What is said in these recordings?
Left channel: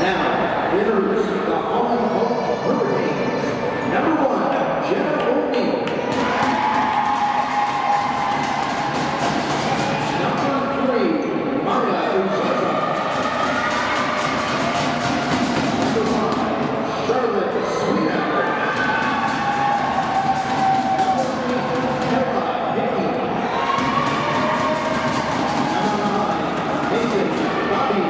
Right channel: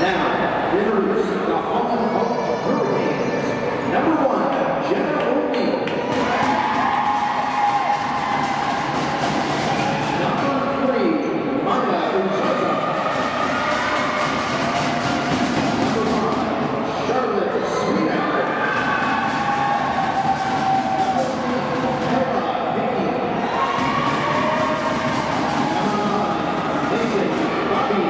Now, introduce the Holland College Hurricanes. Number 1, Jenna O'Neill. Number 3, Maya Uzaza. Number 5, Charlotte Sweetout. Number 8, Ella Hickey. Number 9, Nathan Bobby.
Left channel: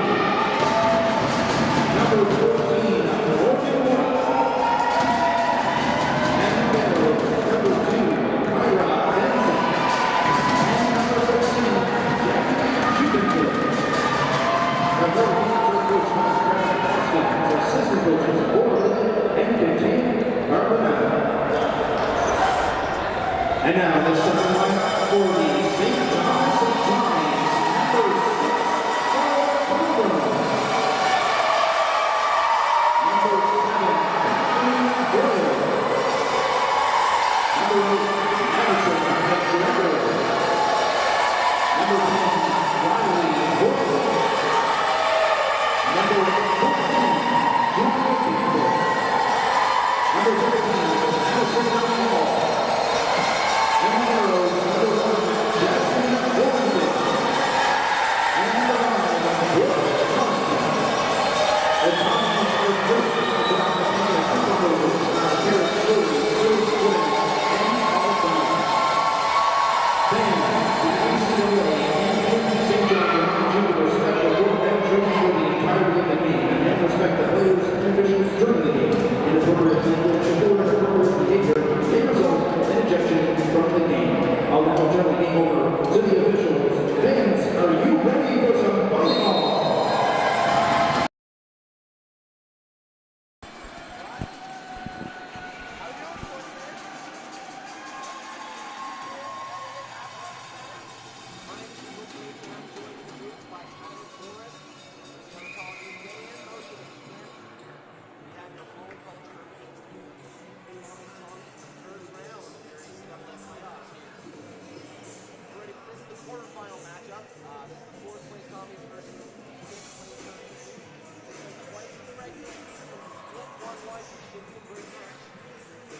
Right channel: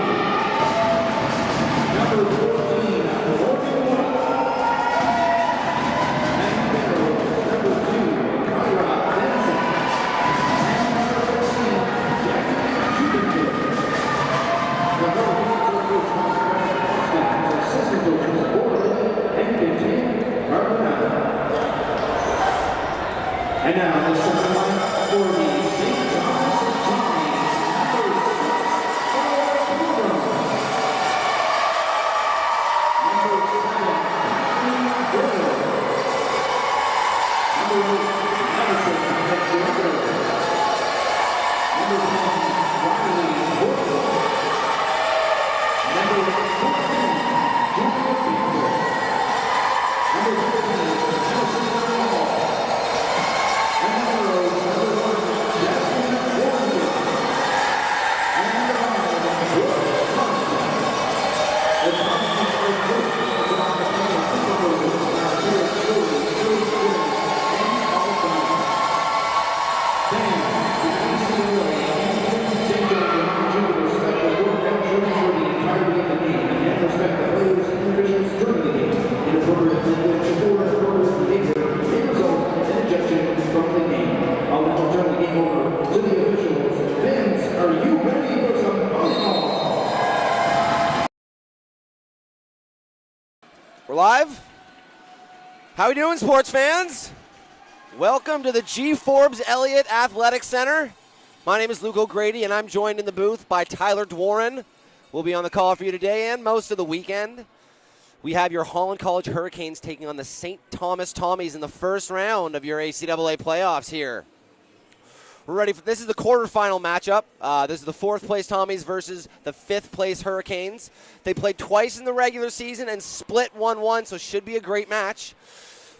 Number 14, Morgan White. And number 2, Kyra Benson. And number 13, Jackie Judenberg. The Hurricanes are coached by Brad Boston, assistant coaches Borland and Contain Carbonell. And now the second line for the St. John's Tommies, number 6, Ella Kilburn. Number 7, Kathleen Gray. Number 8, Madison Alexander. Number 10, Riley Portland. Number 14, Julia Campbell. Number 15, Allison Hall. And number 1, Jasmine Warrington. And number 9, Brooke Thompson. The Tommies are coached by the supervisors Sarah Story, Joyce Wood, and Paul Brown. Then, the ACAA and St. John Junior Special Board members for the entirety of the game and respect the players and officials during the game. Inappropriate language or inappropriate behavior may result in ejection from the game. I'll now turn the game over to the officials. Fans, are you ready for some volleyball? We're live. How we doing, sports fans? Welcome to the G. Forbes Elliott Athletic Center. My name is Luke O'Grady, and I'm joined in the booth by Tyler Dworin. We'll be on the call for you today and most of the weekend. We have your Holland College Hurricanes taking on the St. Thomas Tommies in the first round of your ACAA playoffs here. We're ready for this. Is the quarterfinal matchup. This is the 4th place Tommies versus the 5th place Hurricanes. They played twice in the regular season and split 1-1, so should be a great match.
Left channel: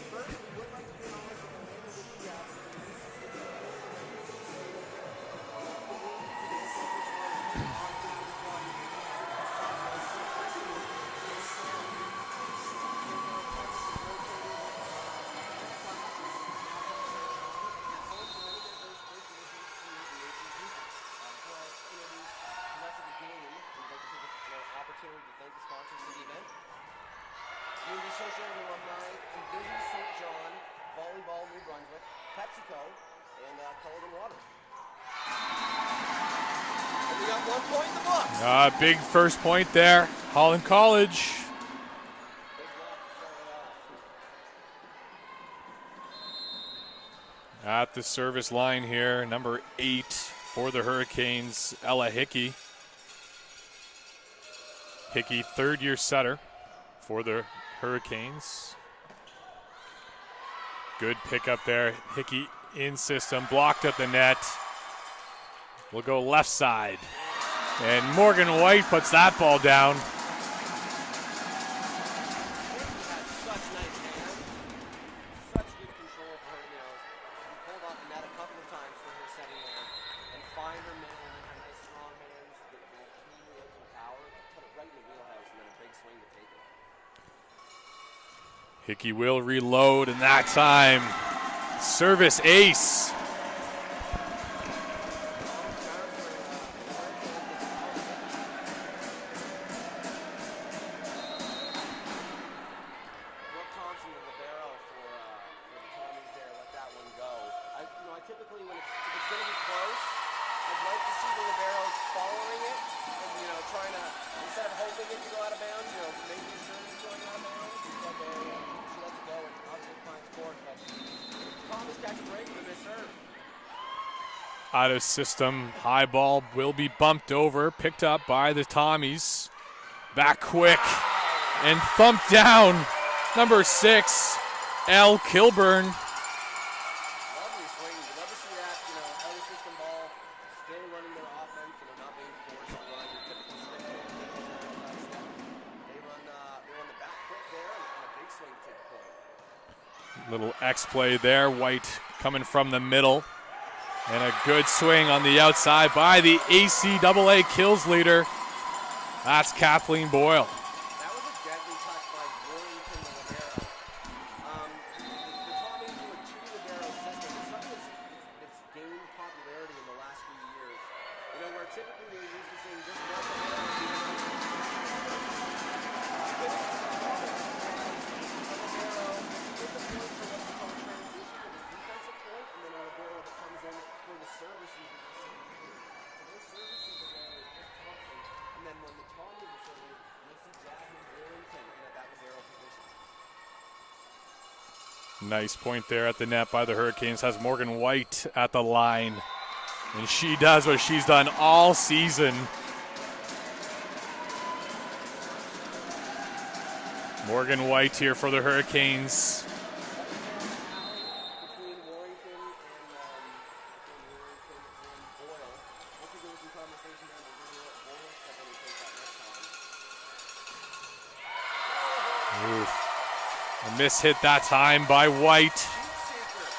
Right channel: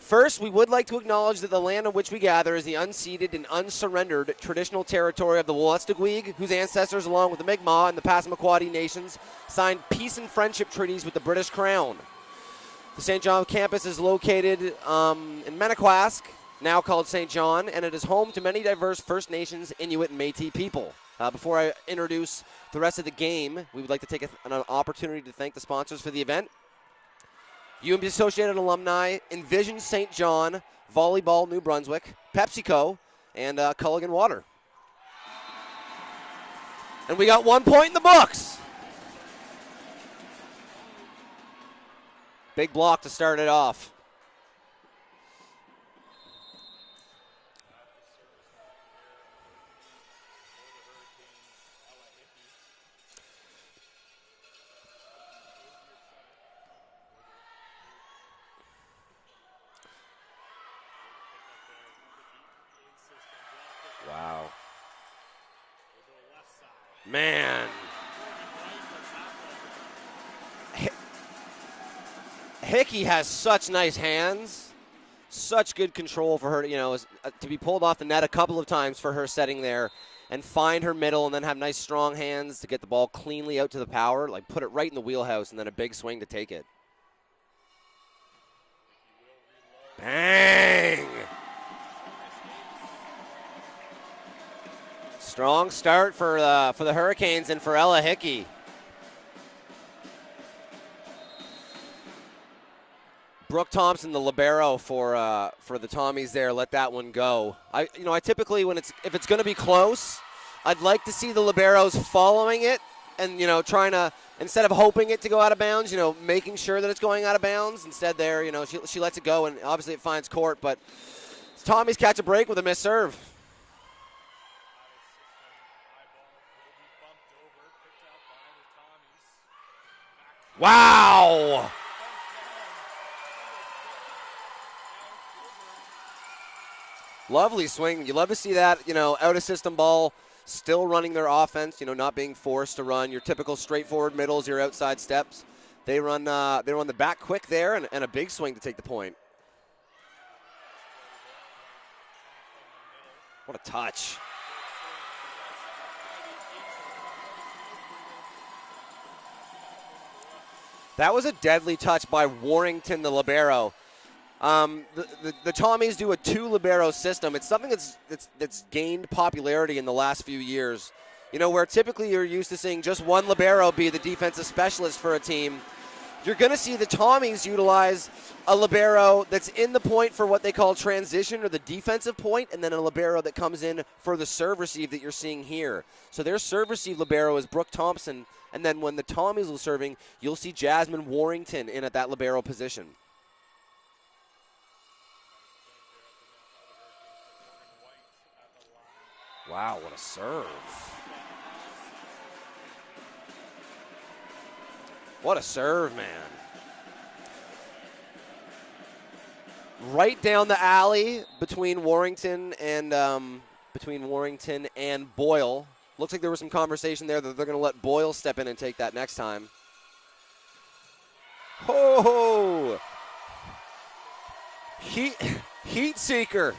First, we would like to acknowledge that the land on which we gather is the unceded and unsurrendered traditional territory of the Wolastoqiyik, whose ancestors, along with the Mi'kmaq and the Passamaquoddy nations, signed peace and friendship treaties with the British Crown. The St. John campus is located in Manaquask, now called St. John, and it is home to many diverse First Nations, Inuit, and Métis people. Before I introduce the rest of the game, we would like to take an opportunity to thank the sponsors for the event. UMB Associated Alumni, Envision St. John, Volleyball New Brunswick, PepsiCo, and Culligan Water. And we got 1 point in the books. Big first point there, Holland College. Big block to start it off. At the service line here, number 8 for the Hurricanes, Ella Hickey. Hickey, third-year setter for the Hurricanes. Good pickup there. Hickey in system, blocked at the net. We'll go left side. Man. And Morgan White puts that ball down. Hickey has such nice hands. Such good control for her, to be pulled off the net a couple of times for her setting there and find her middle and then have nice strong hands to get the ball cleanly out to the power, like put it right in the wheelhouse and then a big swing to take it. Hickey will reload, and that time, service ace. Strong start for the Hurricanes and for Ella Hickey. Brooke Thompson, the libero for the Tommies there, let that one go. I typically if it's going to be close, I'd like to see the liberos following it and trying to, instead of hoping it to go out of bounds, making sure that it's going out of bounds. Instead, there, she lets it go, and obviously it finds court. But Tommies catch a break with a missed serve. Out of system, high ball will be bumped over, picked up by the Tommies. Back quick. Wow! And thumped down. Number 6, Elle Kilburn. Lovely swing. You love to see that, out of system ball, still running their offense, not being forced to run your typical straightforward middles, your outside steps. They run the back quick there and a big swing to take the point. Little X play there. White coming from the middle. What a touch. And a good swing on the outside by the ACAA kills leader. That's Kathleen Boyle. That was a deadly touch by Warrington, the libero. The Tommies do a 2 libero system. It's something that's gained popularity in the last few years. Where typically you're used to seeing just one libero be the defensive specialist for a team. You're going to see the Tommies utilize a libero that's in the point for what they call transition or the defensive point, and then a libero that comes in for the serve receive that you're seeing here. So their serve receive libero is Brooke Thompson, and then when the Tommies are serving, you'll see Jasmine Warrington in at that libero position. Nice point there at the net by the Hurricanes. Has Morgan White at the line. Wow. And she does what she's done all season. What a serve, man. Morgan White here for the Hurricanes. Right down the alley between Warrington and Boyle. Looks like there was some conversation there that they're going to let Boyle step in and take that next time. Oh! A miss hit that time by White. Heat seeker.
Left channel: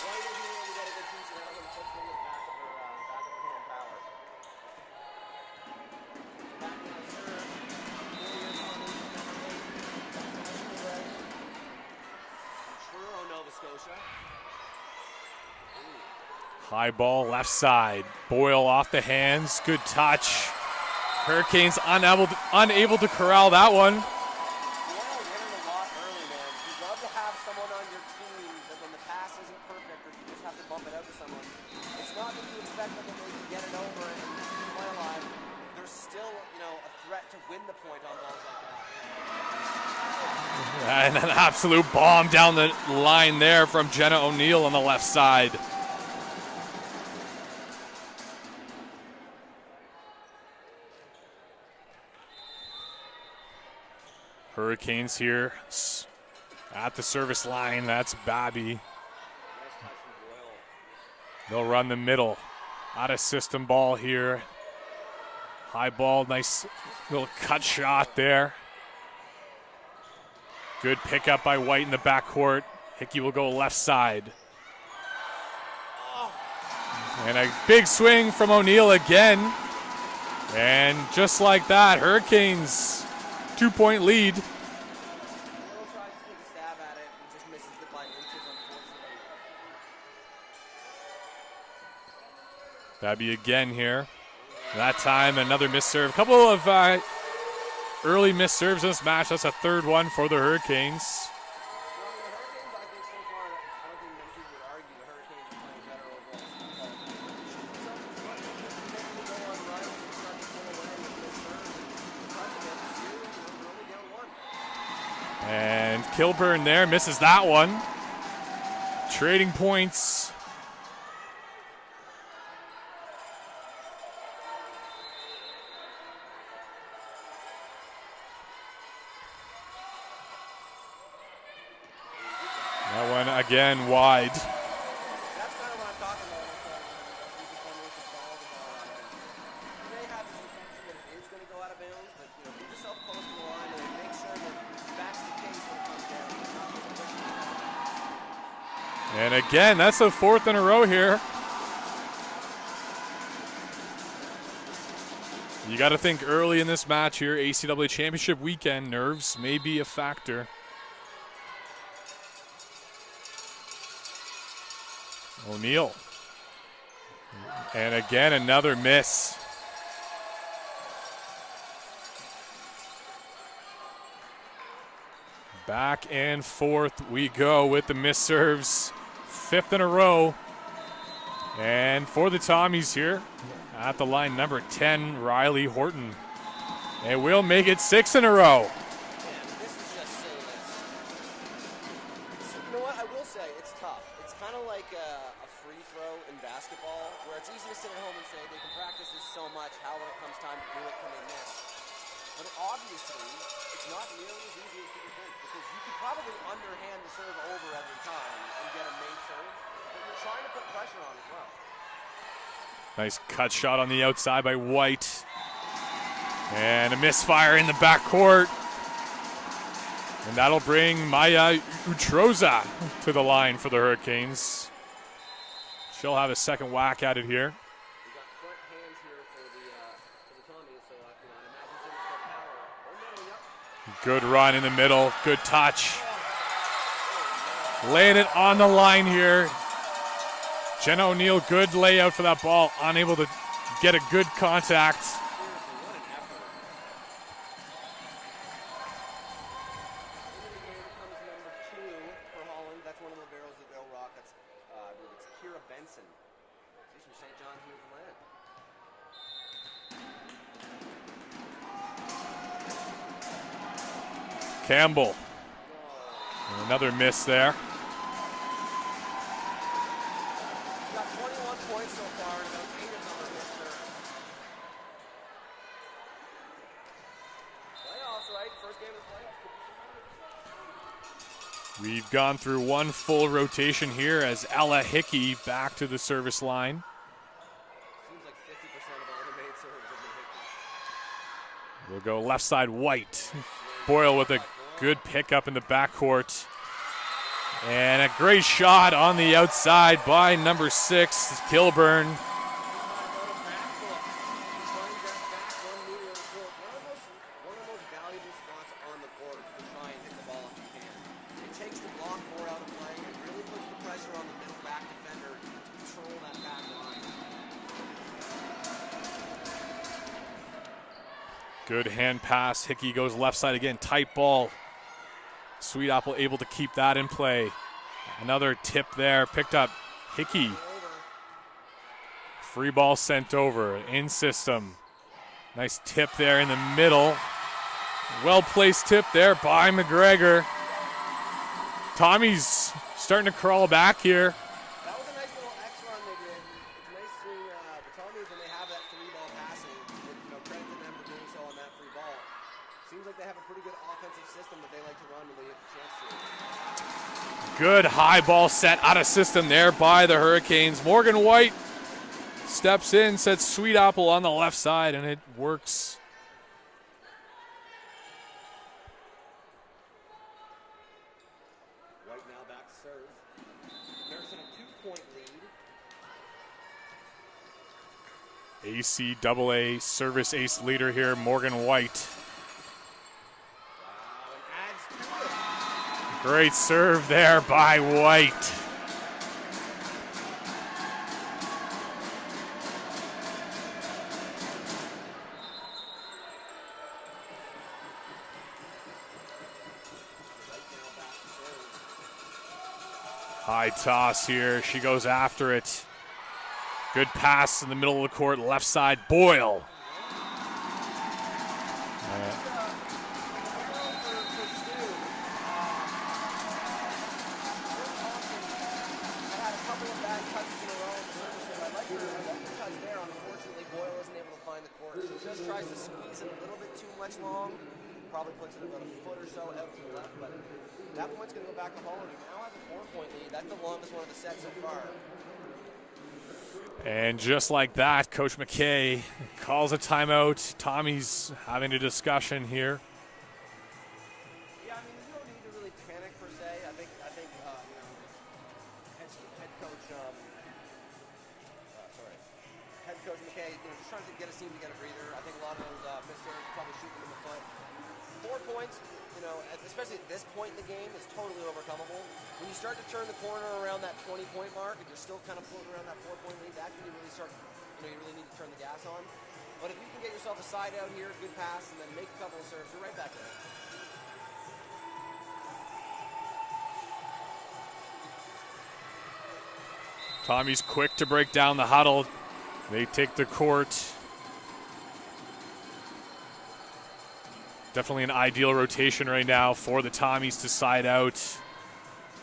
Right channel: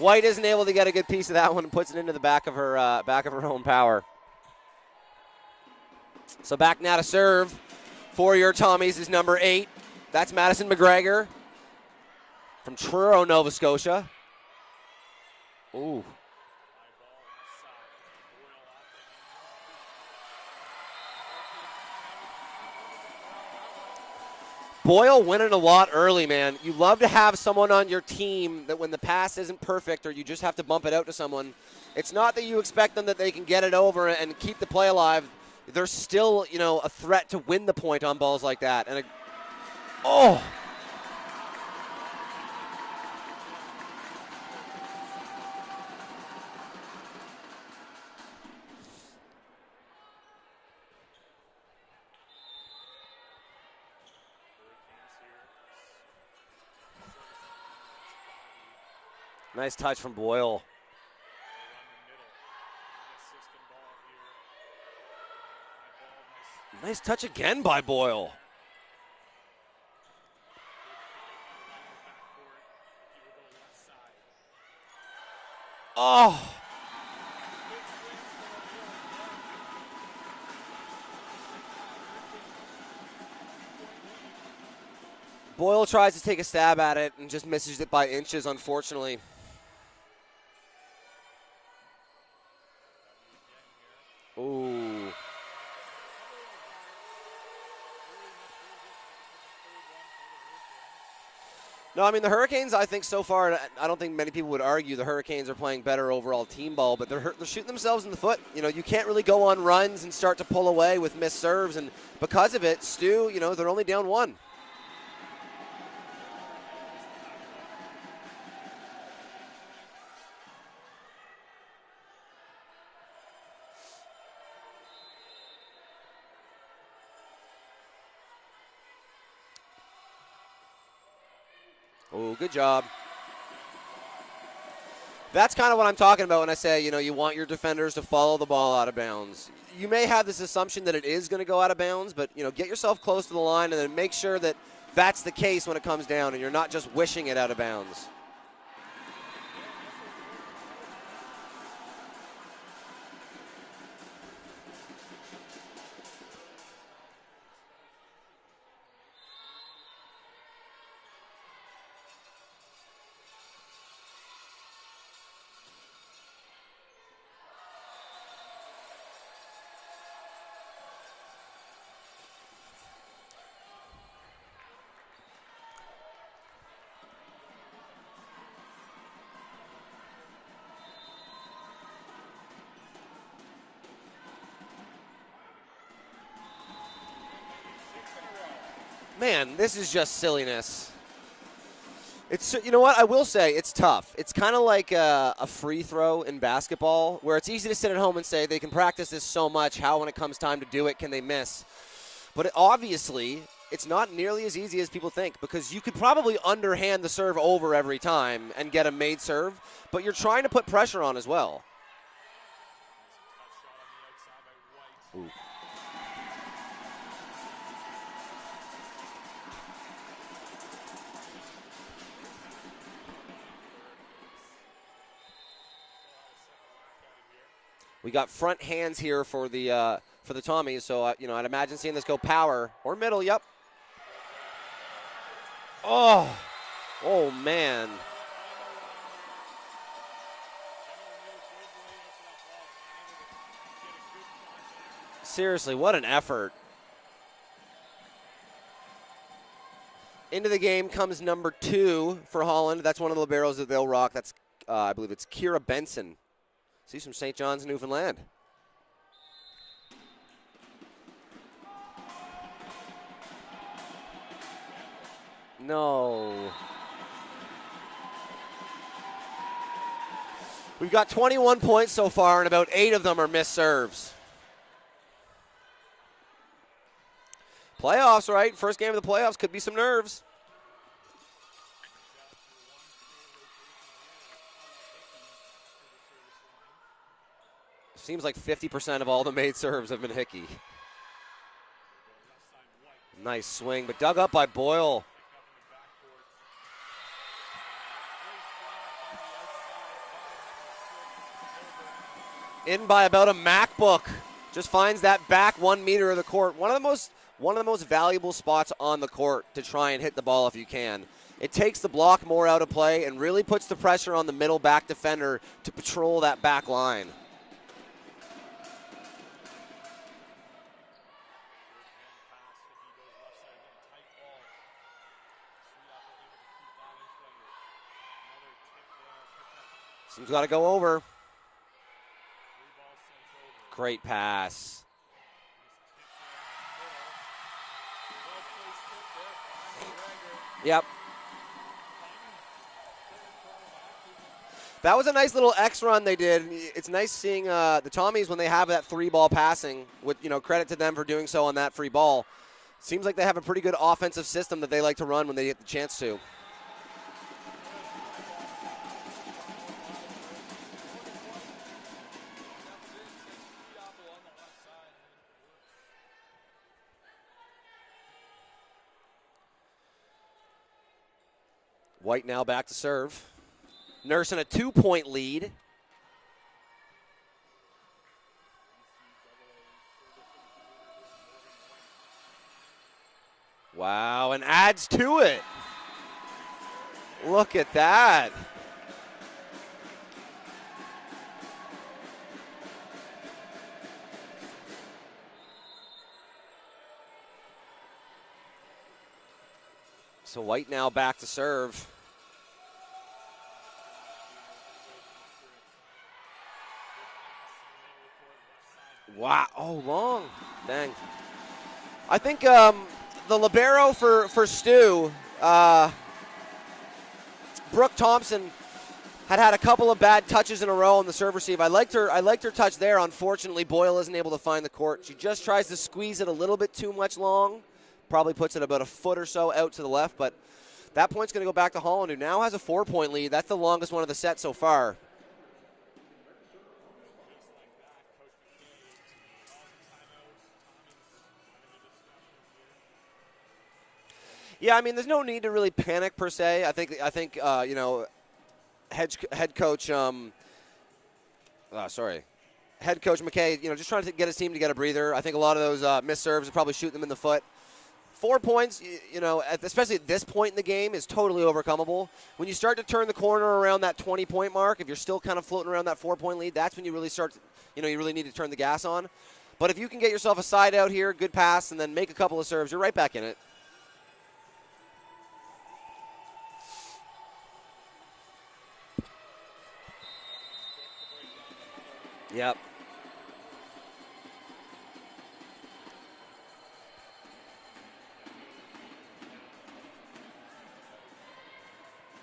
White isn't able to get a good piece of that one and puts it into the back of her own power. So back now to serve for your Tommies is number 8. That's Madison McGregor from Truro, Nova Scotia. Ooh. High ball left side. Boyle off the hands. Good touch. Hurricanes unable to corral that one. Boyle winning a lot early, man. You love to have someone on your team that when the pass isn't perfect or you just have to bump it out to someone, it's not that you expect them that they can get it over and keep the play alive. There's still, a threat to win the point on balls like that. And and an absolute bomb down the line there from Jenna O'Neill on the left side. Hurricanes here at the service line. That's Babby. Nice touch from Boyle. They'll run the middle. Out of system ball here. High ball, nice touch again cut by shot Boyle. there. Good pickup by White in the backcourt. Hickey will go left side. Oh! And a big swing from O'Neill again. And just like that, Hurricanes 2-point lead. Boyle tries to take a stab at it and just misses it by inches, unfortunately. Babby again here. Ooh. That time, another miss serve. A couple of early miss serves in this match. That's a third one for the Hurricanes. No, the Hurricanes, I think so far, I don't think many people would argue the Hurricanes are playing better overall team ball, but they're shooting themselves in the foot. You can't really go on runs and start to pull away with missed serves, and because of it, Stu, they're only down 1. And Kilburn there misses that one. Trading points. Oh, good job. That one again wide. That's kind of what I'm talking about when I say, you want your defenders to follow the ball out of bounds. You may have this assumption that it is going to go out of bounds, but, get yourself close to the line and then make sure that that's the case when it comes down and you're not just wishing it out of bounds. And again, that's the 4th in a row here. You got to think early in this match here, ACAA Championship weekend, nerves may be a factor. O'Neill. And again, another miss. Back and forth we go with the miss serves. 5th in a row. And for the Tommies here, at the line, number 10, Riley Horton. And we'll make it 6 in a row. Man, this is just silliness. It's, you know what, I will say, it's tough. It's kind of like a free throw in basketball where it's easy to sit at home and say they can practice this so much, how when it comes time to do it can they miss? But obviously, it's not nearly as easy as people think, because you could probably underhand the serve over every time and get a made serve, but you're trying to put pressure on as well. Nice cut shot on the outside by White. Ooh. And a misfire in the backcourt. And that'll bring Maya Utroza to the line for the Hurricanes. She'll have a second whack at it here. We got front hands here for the Tommies, so I'd imagine seeing this go power or middle. Yep. Good run in the middle. Good touch. Oh man. Laying it on the line here. Jenna O'Neill, good layout for that ball. Unable to get a good contact. Seriously, what an effort. Into the game comes number 2 for Holland. That's one of the liberos that they'll rock. That's, I believe it's Kira Benson. She's from St. John's, Newfoundland. Campbell. No. Another miss there. We've got 21 points so far, and about 8 of them are missed serves. Playoffs, right? First game of the playoffs, could be some nerves. We've gone through one full rotation here as Ella Hickey back to the service line. Seems like 50% of all the made serves have been Hickey. We'll go left side White. Nice swing. Boyle with by a Boyle. good pickup in the backcourt. And a great shot on the outside by number 6, Kilburn. In by about a MacBook. Just finds that back 1 meter of the court. One of the most valuable spots on the court to try and hit the ball if you can. It takes the block more out of play and really puts the pressure on the middle back defender to patrol that back line. Good hand pass. Hickey goes left side again. Tight ball. Sweet Apple able to keep that in play. Another tip there. Picked up Hickey. Gotta go over. Free ball sent over. Great in pass. system. Nice tip there in the middle. Well placed tip there by McGregor. Yep. Tommy's starting to crawl back here. That was a nice little X run they did. It's nice seeing the Tommies when they have that 3-ball passing. With credit to them for doing so on that free ball. Seems like they have a pretty good offensive system that they like to run when they get the chance to. Good high ball set out of system there by the Hurricanes. Morgan White steps in, sets Sweet Apple on the left side, and it works. White now back to serve. Nursing a 2-point lead. ACAA service ace leader here, Morgan White. Wow, and adds to it. Great serve there Look by at White. So White now back to serve. High toss here. She goes after it. Good pass in the middle of the court, left side. Boyle. Wow. Oh, long. Dang. I think the libero for STU, Brooke Thompson, had a couple of bad touches in a row on the serve receive. I liked her touch there. Unfortunately, Boyle isn't able to find the court. She just tries to squeeze it a little bit too much long. Probably puts it about a foot or so out to the left, but that point's going to go back to Holland, who now has a 4-point lead. That's the longest one of the set so far. And just like that, Coach McKay calls a timeout. Tommy's having a discussion here. Yeah, I mean, there's no need to really panic per se. I think head coach McKay, just trying to get his team to get a breather. I think a lot of those missed serves are probably shooting them in the foot. 4 points, especially at this point in the game, is totally overcomable. When you start to turn the corner around that 20-point mark, if you're still kind of floating around that 4-point lead, that's when you really start, you really need to turn the gas on. But if you can get yourself a side out here, good pass, and then make a couple of serves, you're right back in it. Tommy's quick to break down the huddle. Yep. They take the court. Definitely an ideal rotation right now for the Tommies to side out.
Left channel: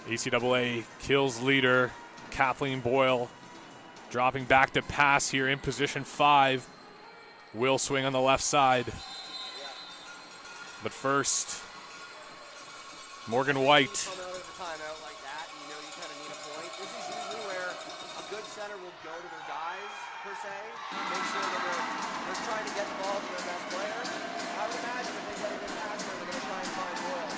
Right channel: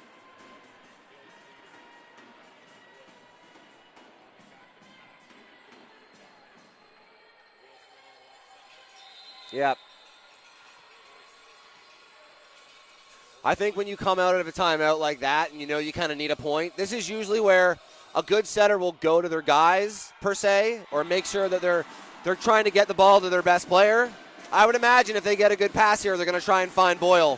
ACAA kills leader Kathleen Boyle dropping back to pass here in position 5. Will swing on the left side. Yep. But first, I Morgan think White. when you come out of a timeout like that, and you know you kind of need a point, this is usually where a good setter will go to their guys, per se, or make sure that they're trying to get the ball to their best player. I would imagine if they get a good pass here, they're going to try and find Boyle.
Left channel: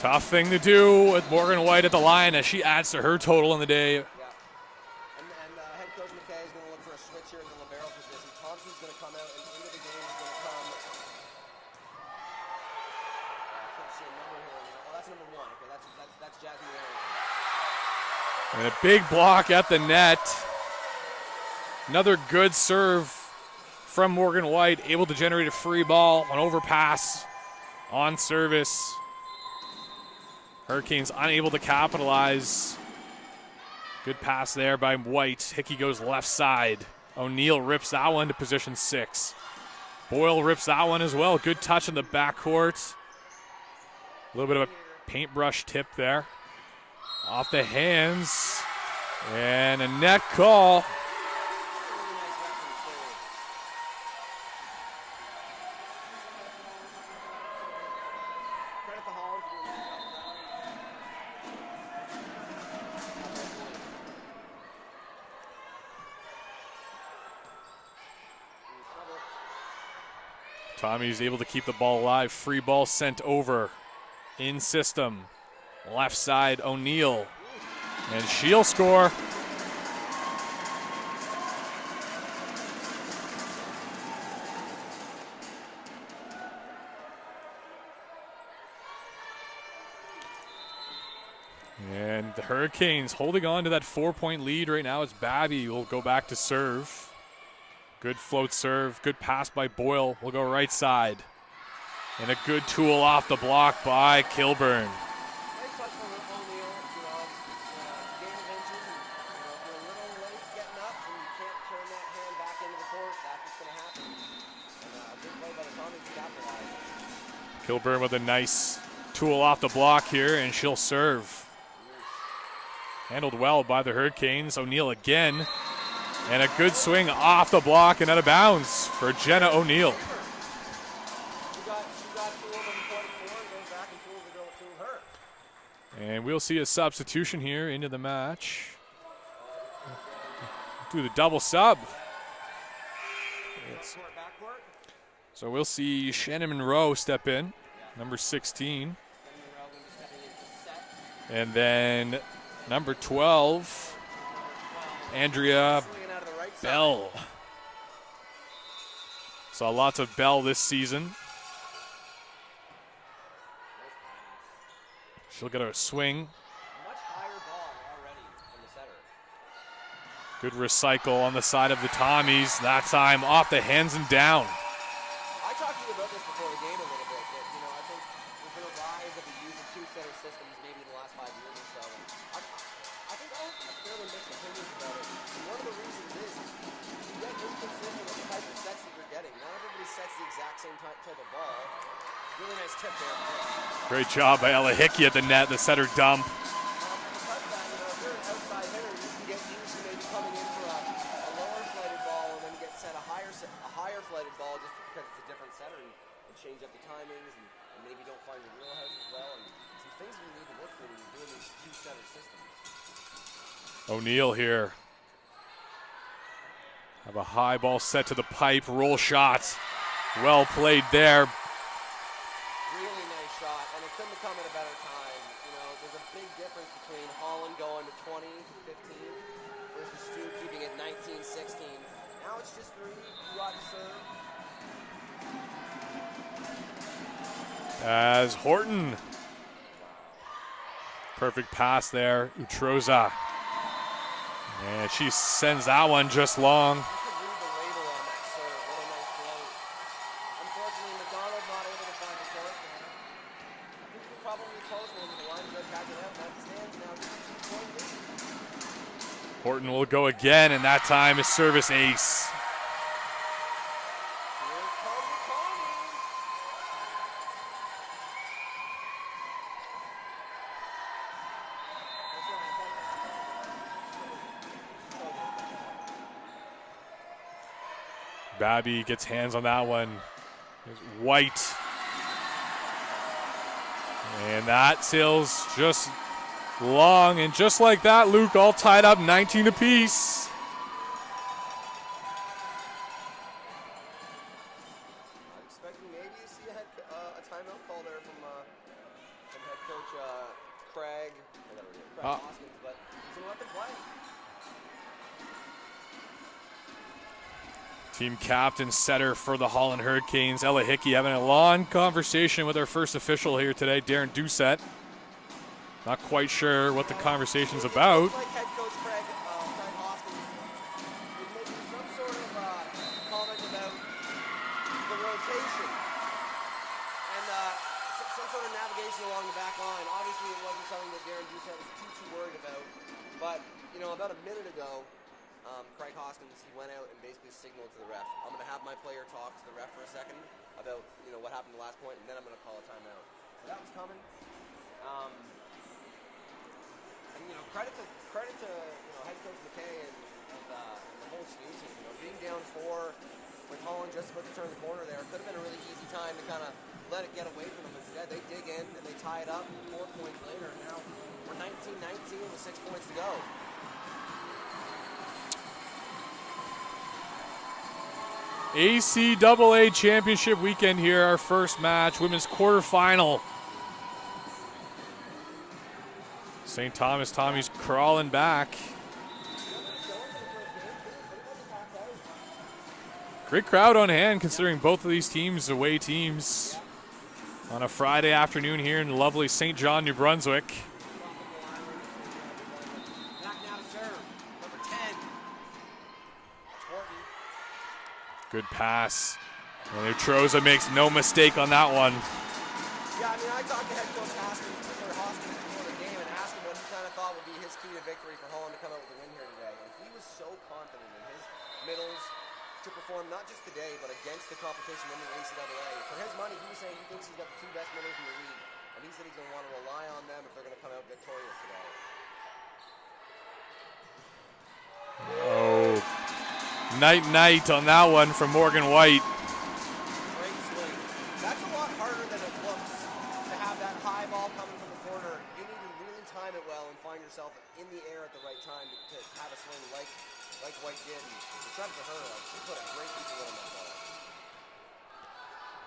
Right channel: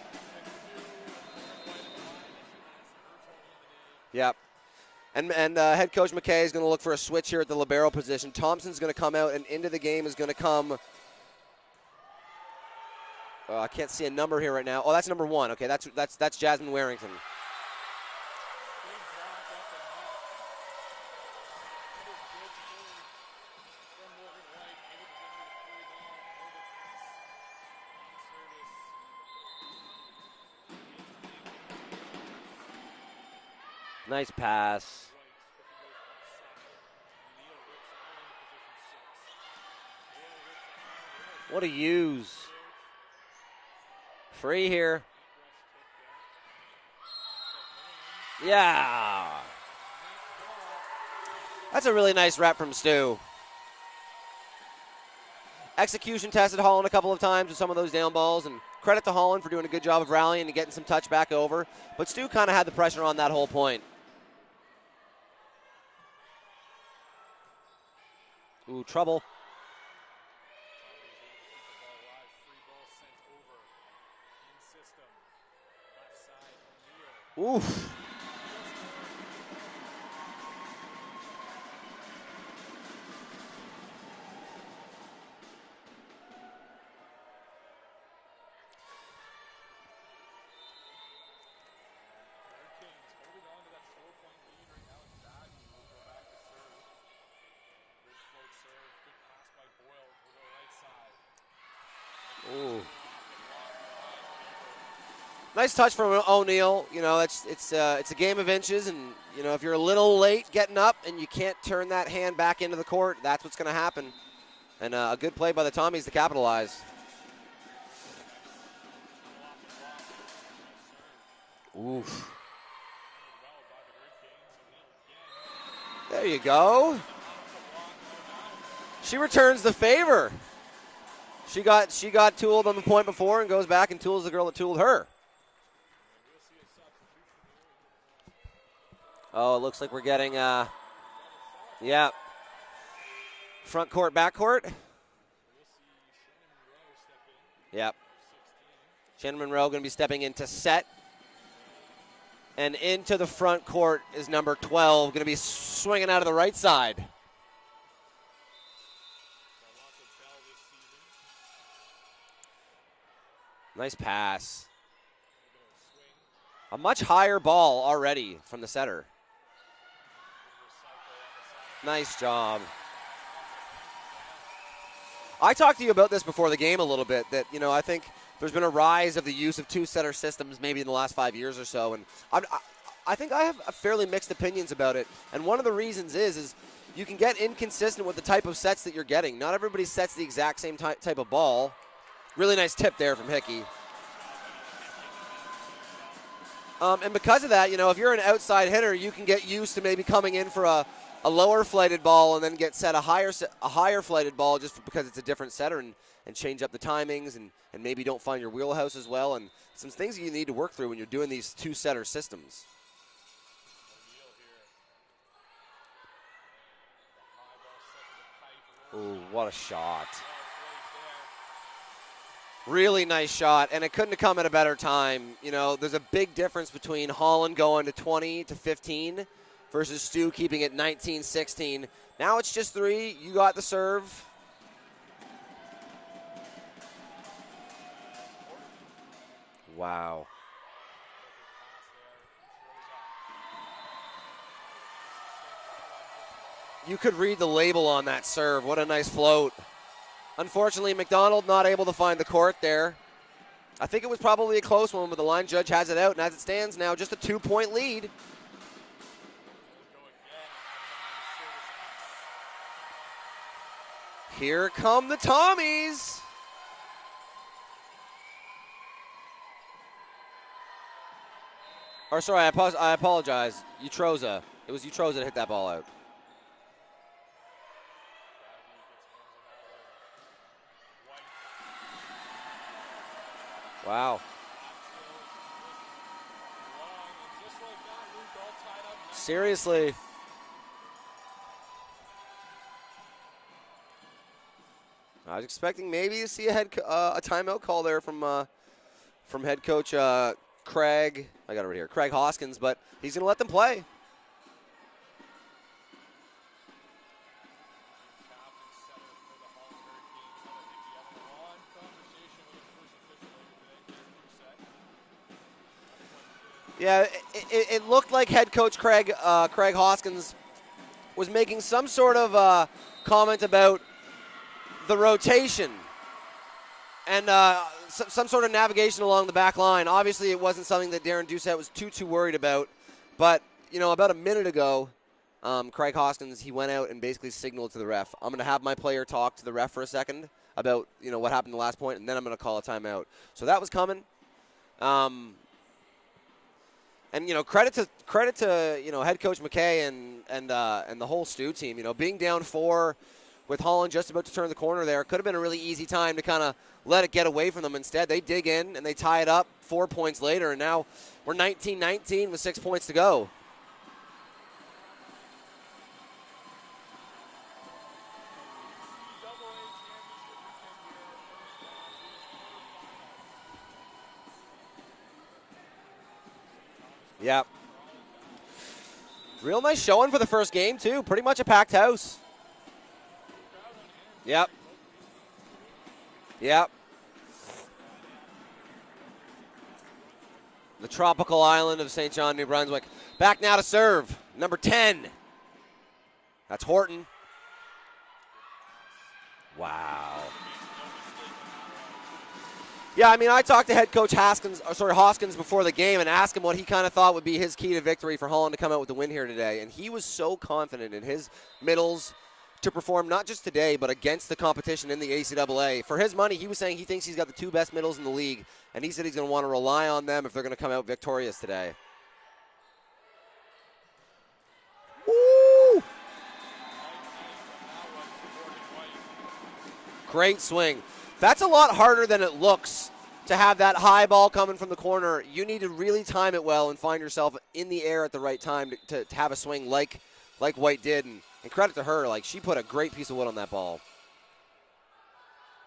Tough thing to do with Morgan White at the line as she adds to her total in the day. Yep. And head coach McKay is going to look for a switch here at the libero position. Thompson's going to come out, and into the game is going to come. I can't see a number here right now. Oh, that's number 1. Okay, that's Jasmine Warrington. And a big block at the net. Another good serve from Morgan White, able to generate a free ball, an overpass on service. Hurricanes unable to capitalize. Good Nice pass there by White. Hickey goes left side. O'Neill rips that one to position 6. Boyle rips that one as well. Good touch in the backcourt. A little bit of a paintbrush tip there. Off the hands. Yeah. And a net call. That's a really nice rep from Stu. Execution tested Holland a couple of times with some of those down balls, and credit to Holland for doing a good job of rallying and getting some touch back over. But Stu kind of had the pressure on that whole point. Ooh, trouble. Tommy's able to keep the ball alive. Free ball sent over in system. Left side, O'Neill. Oof. And she'll score. And the Hurricanes holding on to that 4-point lead right now. It's Babby will go back to serve. Good float serve. Good pass by Boyle. Will go right side. And a good tool off the block by Kilburn. Nice touch from O'Neill. You know, it's a game of inches, and you know if you're a little late getting up and you can't turn that hand back into the court, that's what's going to happen. And a good play by the Tommies to capitalize. Kilburn with a nice tool off the block here, and she'll serve. Oof. Handled well by the Hurricanes. O'Neill again. There you a go. good swing off the block and out of bounds for She Jenna returns O'Neill. the favor. She got tooled on the point before and goes back and tools the girl that tooled her. And we'll see a substitution here into the match. Oh, it looks like we're getting Do the double sub. yeah. Front court, back court. So we'll see Shannon Monroe step in. Yeah. Number 16. Shannon Monroe going to be stepping into set. And then And number into 12, the front court is number 12. Andrea swinging out of the right side. Bell. Saw lots of Bell this season. Nice pass. She'll get a swing. A much higher ball already from the setter. Good recycle on the side of the Nice Tommies. job. That time off the hands and down. I talked to you about this before the game a little bit, that, you know, I think there's been a rise of the use of two-setter systems maybe in the last 5 years or so, and I think I have fairly mixed opinions about it. And one of the reasons is you can get inconsistent with the type of sets that you're getting. Not everybody sets the exact same type of ball. Really nice tip there from Hickey. Great job by Ella Hickey at the net, the setter dump. And because of that, you know, if you're an outside hitter, you can get used to maybe coming in for a lower flighted ball and then get set a higher flighted ball just because it's a different setter, and change up the timings and maybe don't find your wheelhouse as well, and some things that you need to work through when you're doing these two-setter systems. O'Neill here. Have a high ball set to the pipe, roll shot. What a shot. Well played there. Really nice shot, and it couldn't have come at a better time. You know, there's a big difference between Holland going to 20 to 15 versus Stu keeping it 19-16. Now it's just 3. You got the serve. As Horton. Wow. Perfect pass there, Utroza. And she sends that one just long. You could read the label on that serve. What a nice float. Unfortunately, McDonald not able to find the court there. I think it was probably a close one, but the line judge has it out, and as it stands now, just a 2-point lead. Horton will go again, and that time is service ace. Here come the Tommies. Or sorry, I apologize. Utroza. It was Utroza that hit that ball out. Babby gets hands on that one. Here's White. Wow. And that sails just long, and just like that, Luke, all tied up 19 Seriously. apiece. I was expecting maybe to see a timeout call there from head coach Craig. I got it right here, Craig Hoskins, but he's going to let them play. Team captain setter for the Holland Hurricanes, Ella Hickey, having a long conversation with our first official here today, Darren Doucette. Not quite sure what the conversation's about. It looked like head coach Craig Hoskins was making some sort of comment about the rotation and some sort of navigation along the back line. Obviously, it wasn't something that Darren Doucette was too worried about. But, you know, about a minute ago, Craig Hoskins, he went out and basically signaled to the ref. I'm going to have my player talk to the ref for a second about, you know, what happened the last point, and then I'm going to call a timeout. So that was coming. And, you know, credit to you know, head coach McKay and the whole STU team. You know, being down 4 with Holland just about to turn the corner there, could have been a really easy time to kind of let it get away from them. Instead, they dig in and they tie it up 4 points later, and now we're 19-19 with 6 points to go. ACAA championship weekend here, our first match, women's quarterfinal. St. Thomas Tommy's crawling back. Real nice showing for the first game, too. Pretty much a packed house. Great crowd on hand, considering both of these teams away teams. Yep. On a Friday afternoon here in lovely St. John, New Brunswick. The tropical island of St. John, New Brunswick. Back now to serve, number 10. That's Horton. Good pass. Wow. And Troza makes no mistake on that one. Yeah, I mean, I talked to head coach Hoskins before the game and asked him what he kind of thought would be his key to victory for Holland to come out with the win here today. And he was so confident in his middles to perform not just today, but against the competition in the ACAA. For his money, he was saying he thinks he's got the 2 best middles in the league, and he said he's going to want to rely on them if they're going to come out victorious today. Oh. Night on that one from Morgan White. Great swing. That's a lot harder than it looks to have that high ball coming from the corner. You need to really time it well and find yourself in the air at the right time to have a swing like White did. And credit to her, like, she put a great piece of wood on that ball.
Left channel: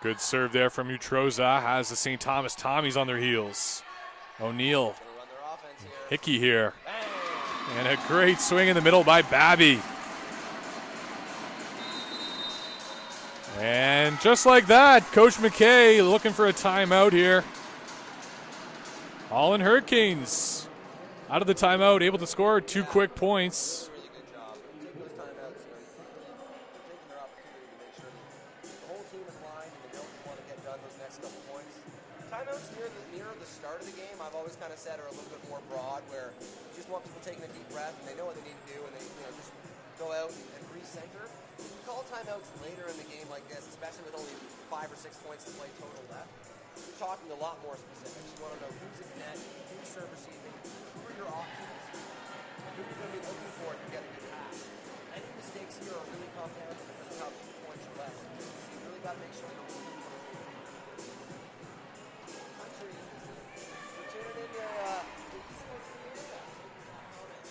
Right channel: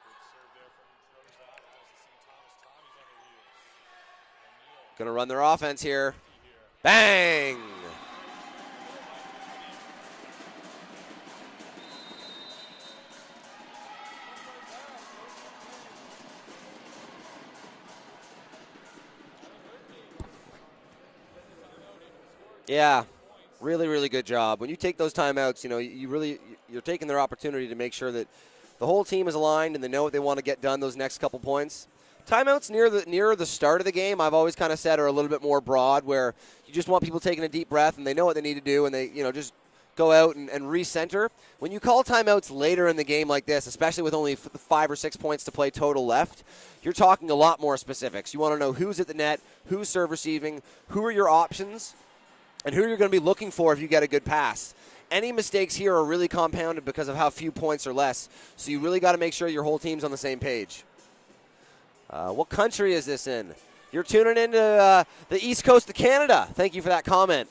Good serve there from Utroza. Has the St. Thomas Tommies on their heels. O'Neill. Gonna run their offense here. Hickey here. Bang! And a great swing in the middle by Babby. And just like that, Coach McKay looking for a timeout here. Holland Hurricanes out of the timeout, able to score 2 quick points. Really, really good job. When you take those timeouts, you know, you're taking their opportunity to make sure that the whole team is aligned and they know what they want to get done those next couple points. Timeouts nearer the start of the game, I've always kind of said, are a little bit more broad, where you just want people taking a deep breath and they know what they need to do, and they, you know, just go out and recenter. When you call timeouts later in the game like this, especially with only 5 or 6 points to play total left, you're talking a lot more specifics. You want to know who's at the net, who's serve receiving, who are your options, and who you're going to be looking for if you get a good pass. Any mistakes here are really compounded because of how few points or less, so you really got to make sure your whole team's on the same page. What country is this in? You're tuning into the East Coast of Canada. Thank you for that comment.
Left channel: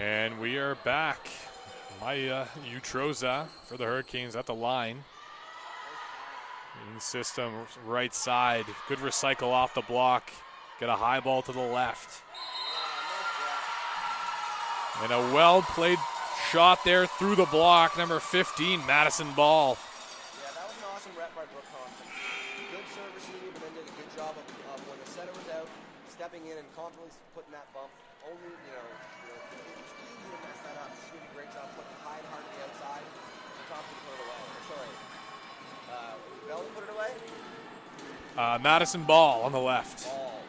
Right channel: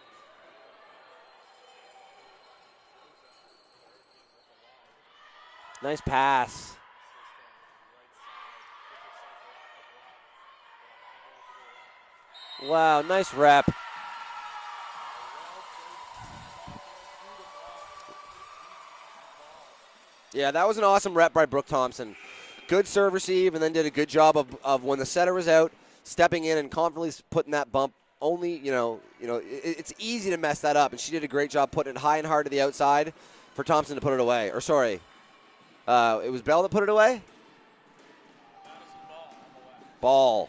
And we are back. Maya Utroza for the Hurricanes at the line. Nice pass. In the system, right side. Good recycle off the block. Get a high ball to the left. Wow, nice rep. And a well-played shot there through the block. Number 15, Madison Ball. Yeah, that was an awesome rep by Brooke Thompson. Good serve receive, and then did a good job of when the setter was out, stepping in and confidently putting that bump. Only, it's easy to mess that up, and she did a great job putting it high and hard to the outside for Thompson to put it away. Or sorry, it was Bell that put it away? Madison Ball on the left. Ball.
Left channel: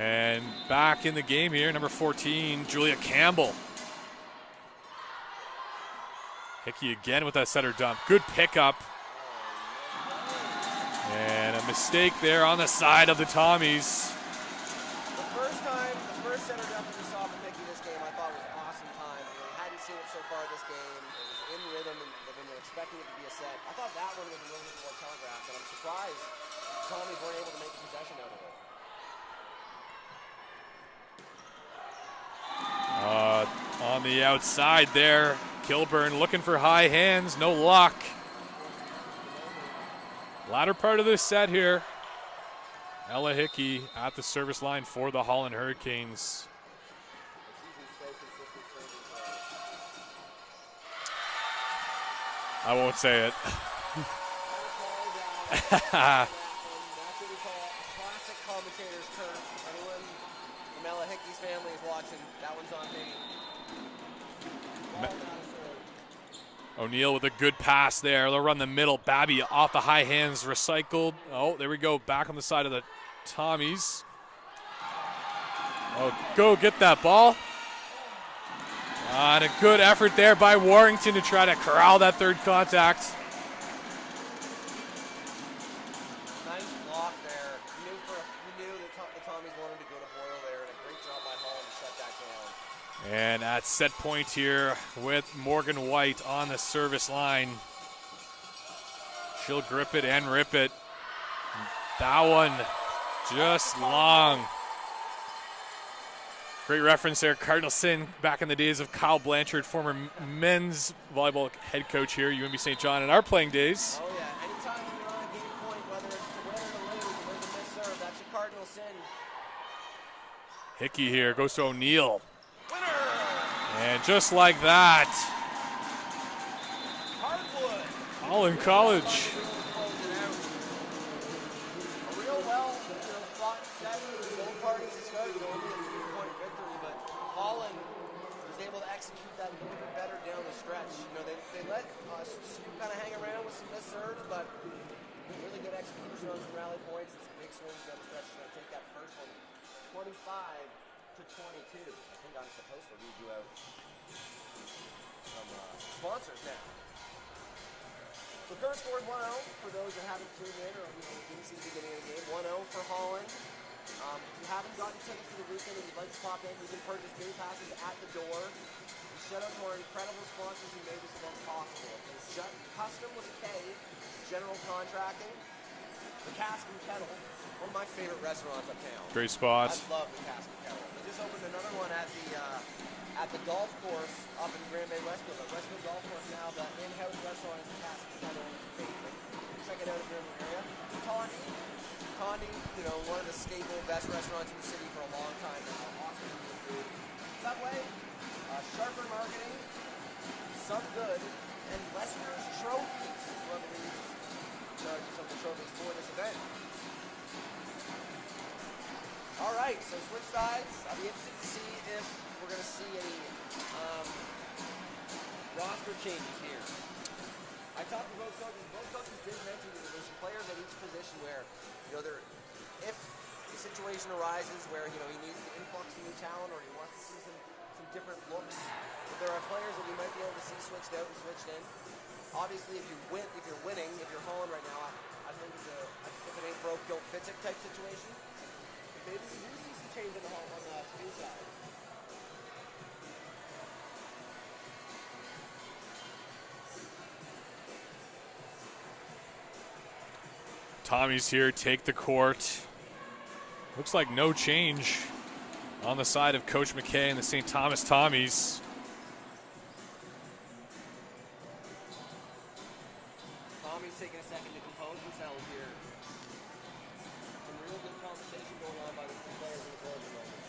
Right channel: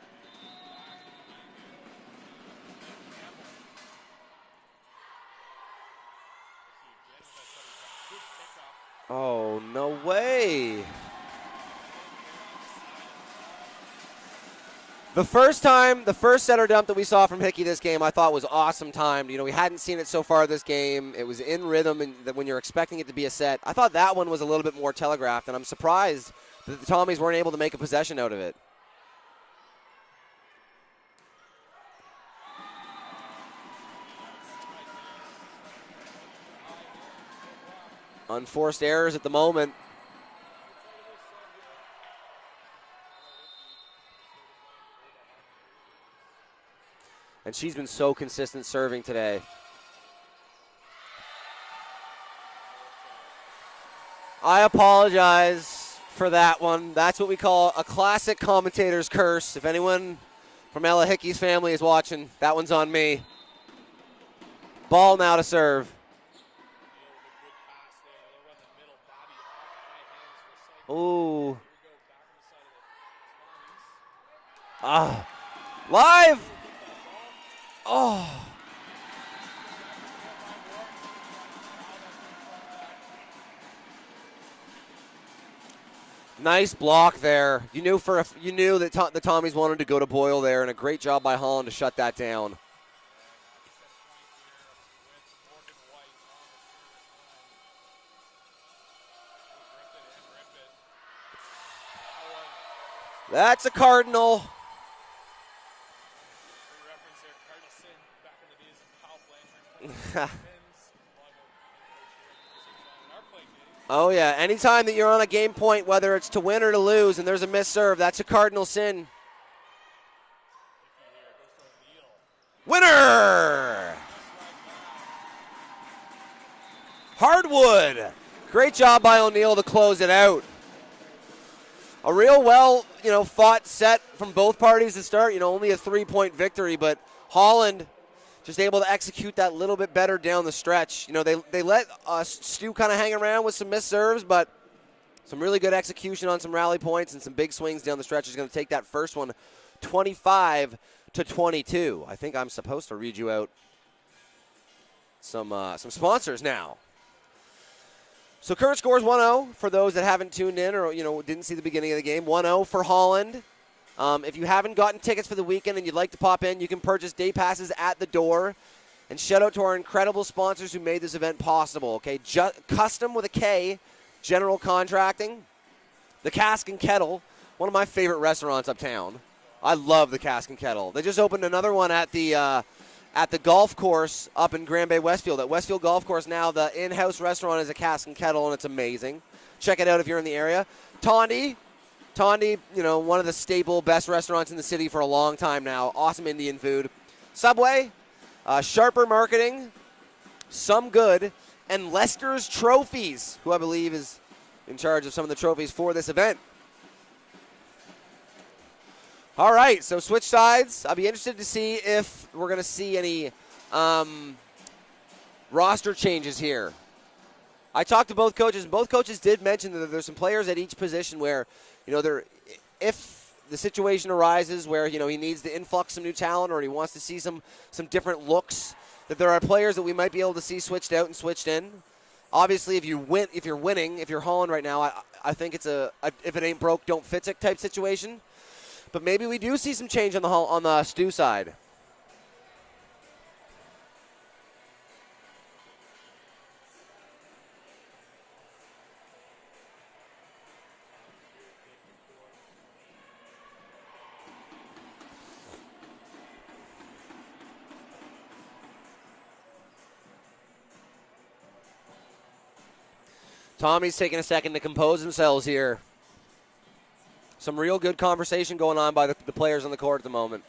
And back in the game here, number 14, Julia Campbell. Hickey again with that setter dump. Good pickup. Oh, no way. And a mistake there on the side of the Tommies. The first setter dump that we saw from Hickey this game, I thought was awesome timed. You know, we hadn't seen it so far this game. It was in rhythm, and when you're expecting it to be a set, I thought that one was a little bit more telegraphed, and I'm surprised that the Tommies weren't able to make a possession out of it. On the outside there, Kilburn looking for high hands, no luck. Unforced errors at the moment. Latter part of this set here. Ella Hickey at the service line for the Holland Hurricanes. And she's been so consistent serving today. I won't say it. I apologize for that one. That's what we call a classic commentator's curse. If anyone from Ella Hickey's family is watching, that one's on me. Ball now to serve. O'Neill with a good pass there. They'll run the middle. Babby off the high hands, recycled. Ooh. Oh, there we go. Back on the side of the Tommies. Live. Let's go get that ball. Oh. And a good effort there by Warrington to try to corral that third contact. Nice block there. You knew that the Tommies wanted to go to Boyle there, and a great job by Holland to shut that down. And at set point here with Morgan White on the service line. She'll grip it and rip it. That one. That's a Cardinal. Long. Great reference there. Cardinal Sin back in the days of Kyle Blanchard, former men's volleyball head coach here, UNB St. John, in our playing days. Oh, yeah. Anytime that you're on a game point, whether it's to win or to lose, and there's a missed serve, that's a Cardinal Sin. Hickey here goes to O'Neill. Winner! And just like that. Hardwood. Great job by O'Neill to close it out. A real fought set from both parties to start. Only a 3-point victory, but Holland just able to execute that little bit better down the stretch. They let STU kind of hang around with some missed serves, but some really good execution on some rally points and some big swings down the stretch is going to take that first one 25-22. I think I'm supposed to read you out some sponsors now. So current score is 1-0 for those that haven't tuned in or didn't see the beginning of the game. 1-0 for Holland. If you haven't gotten tickets for the weekend and you'd like to pop in, you can purchase day passes at the door. And shout out to our incredible sponsors who made this event possible. Okay, Custom with a K, General Contracting, the Cask and Kettle, one of my favorite restaurants uptown. Great spot. I love the Cask and Kettle. They just opened another one at the golf course up in Grand Bay Westfield. At Westfield Golf Course now, the in-house restaurant is a Cask and Kettle, and it's amazing. Check it out if you're in the area. Tondi, one of the staple best restaurants in the city for a long time now. Awesome Indian food. Subway, Sharper Marketing, Some Good, and Lester's Trophies, who I believe is in charge of some of the trophies for this event. All right, so switch sides. I'll be interested to see if we're going to see any roster changes here. I talked to both coaches, and both coaches did mention that there's some players at each position where, if the situation arises where, he needs to influx some new talent or he wants to see some different looks, that there are players that we might be able to see switched out and switched in. Obviously, if you're winning, if you're Holland right now, I think it's a if it ain't broke, don't fix it type situation. But maybe we do see some change on the STU side. Tommy's here, take the court. Looks like no change on the side of Coach McKay and the St. Thomas Tommies. Tommy's taking a second to compose themselves here. Some real good conversation going on by the players on the court at the moment.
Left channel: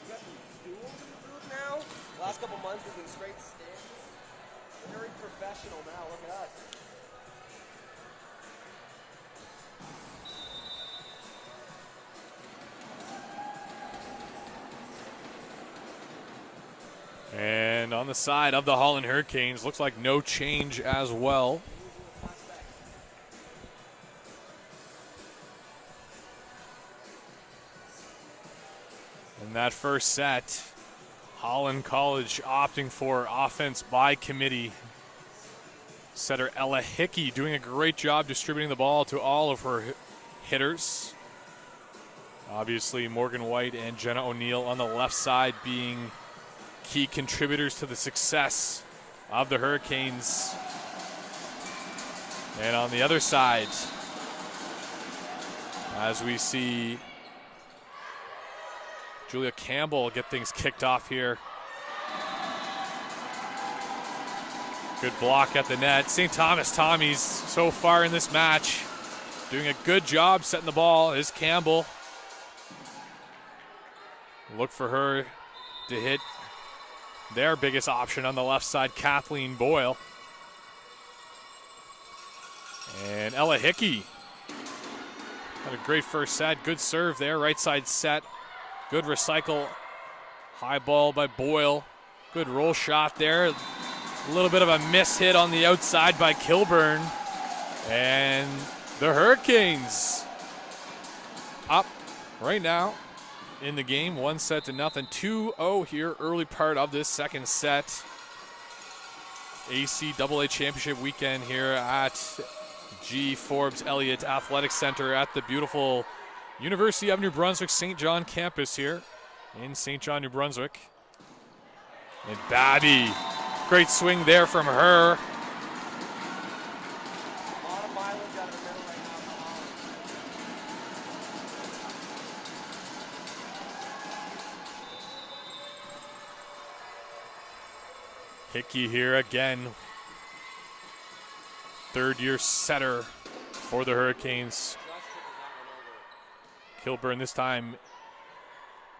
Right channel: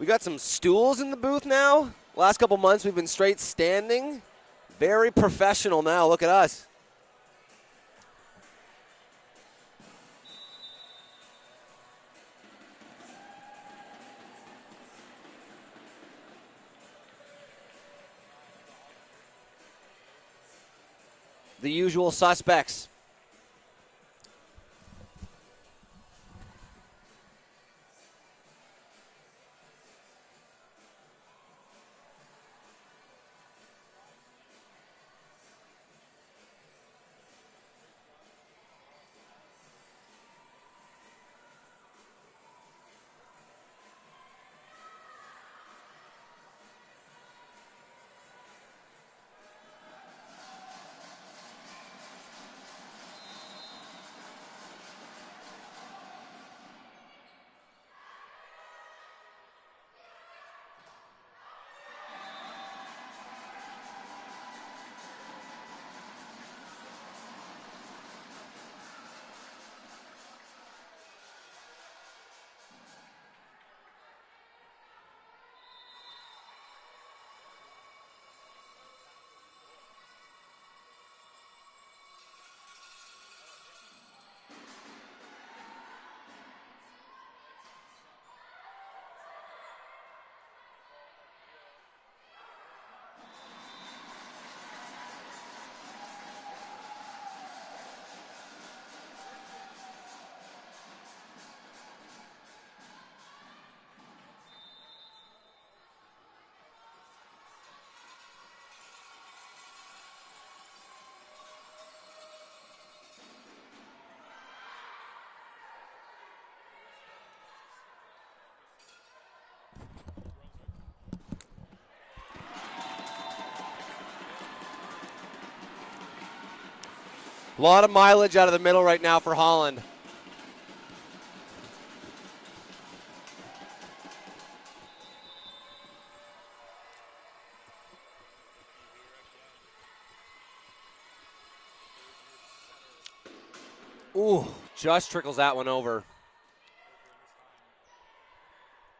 We got some stools in the booth now. Last couple months we've been straight standing. Very professional now. Look at us. And on the side of the Holland Hurricanes, looks like no change as well. The usual suspects. In that first set, Holland College opting for offense by committee. Setter Ella Hickey doing a great job distributing the ball to all of her hitters. Obviously, Morgan White and Jenna O'Neill on the left side being key contributors to the success of the Hurricanes. And on the other side, as we see Julia Campbell get things kicked off here. Good block at the net. St. Thomas Tommies so far in this match doing a good job setting the ball is Campbell. Look for her to hit their biggest option on the left side, Kathleen Boyle. And Ella Hickey had a great first set. Good serve there, right side set. Good recycle. High ball by Boyle. Good roll shot there. A little bit of a miss hit on the outside by Kilburn. And the Hurricanes up right now in the game, 1-0. 2-0 here, early part of this second set. ACAA Championship weekend here at G. Forbes Elliott Athletic Center at the beautiful University of New Brunswick St. John campus here in St. John, New Brunswick. And Babby, great swing there from her. A lot of mileage out of the middle right now for Holland. Hickey here again. Third-year setter for the Hurricanes. Ooh, just trickles that one over. Kilburn this time.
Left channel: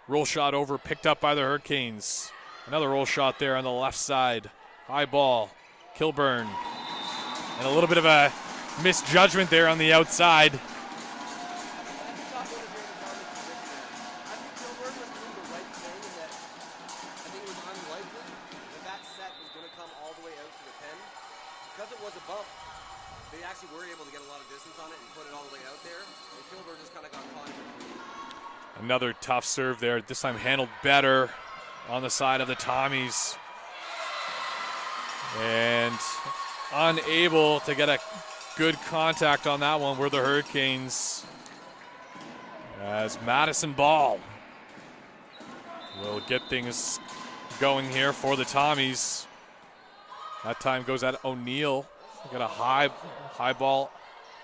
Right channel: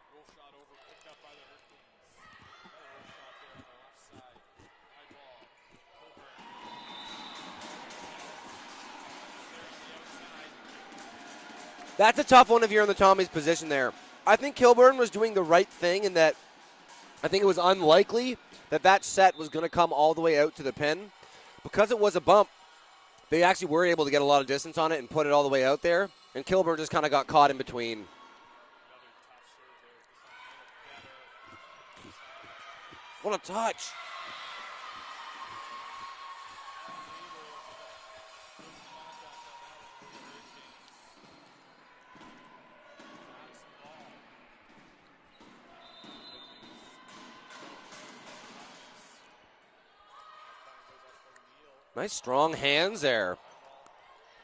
Roll shot over, picked up by the Hurricanes. Another roll shot there on the left side. High ball. Kilburn. And a little bit of a misjudgment there on the outside. That's a tough one if you're in the Tommy's position there. I think Kilburn was doing the right thing in that I think it was unlikely that that set was going to come all the way out to the pin. Because it was a bump, they actually were able to get a lot of distance on it and put it all the way out there. And Kilburn just kind of got caught in between. Another tough serve there. This time handled better on the side of the Tommies. What a touch. And unable to get a good contact on that one were the Hurricanes. As Madison Ball will get things going here for the Tommies. That time goes at O'Neill. Nice strong hands there. High ball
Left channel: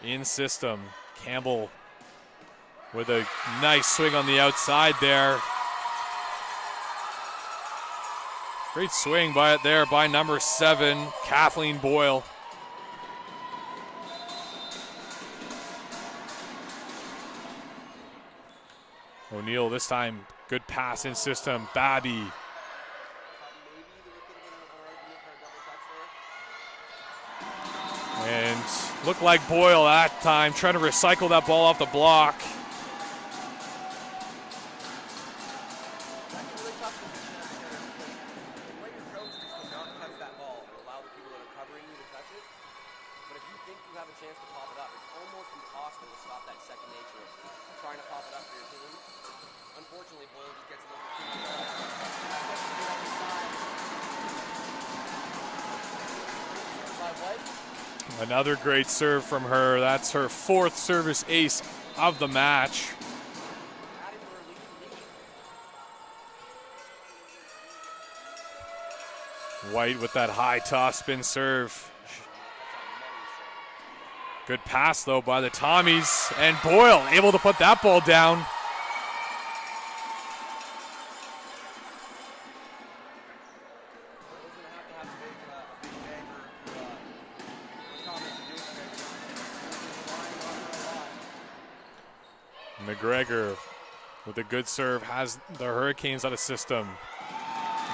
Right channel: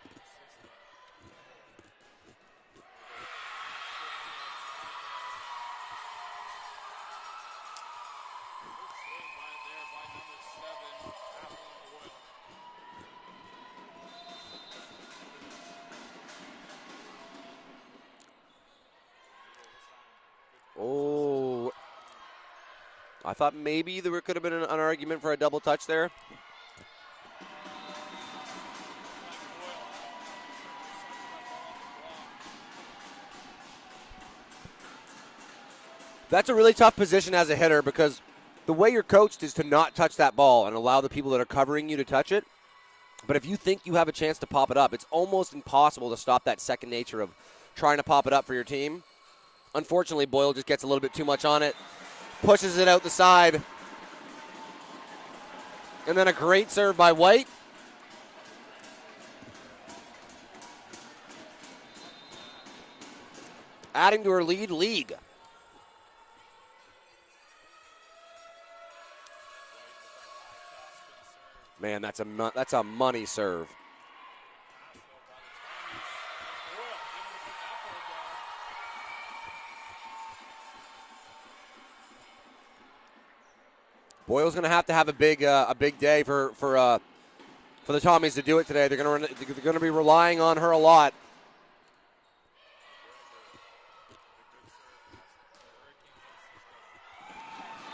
in system. Campbell with a nice swing on the outside there. Great swing by number 7, Kathleen Boyle. O'Neill this time, good pass in system. Babby. I thought maybe there could have been an argument for a double touch there. And looked like Boyle that time, trying to recycle that ball off the block. That's a really tough position as a hitter because the way you're coached is to not touch that ball and allow the people that are covering you to touch it. But if you think you have a chance to pop it up, it's almost impossible to stop that second nature of trying to pop it up for your team. Unfortunately, Boyle just gets a little bit too much on it, pushes it out the side. And then a great serve by White. Another great serve from her. That's her 4th service ace of the match. Adding to her league. White with that high toss spin serve. Man, that's a money serve. Good pass, though, by the Tommies. And Boyle able to put that ball down. Boyle's going to have a big day for the Tommies to do it today. They're going to be relying on her a lot. McGregor with a good serve has the Hurricanes out of system.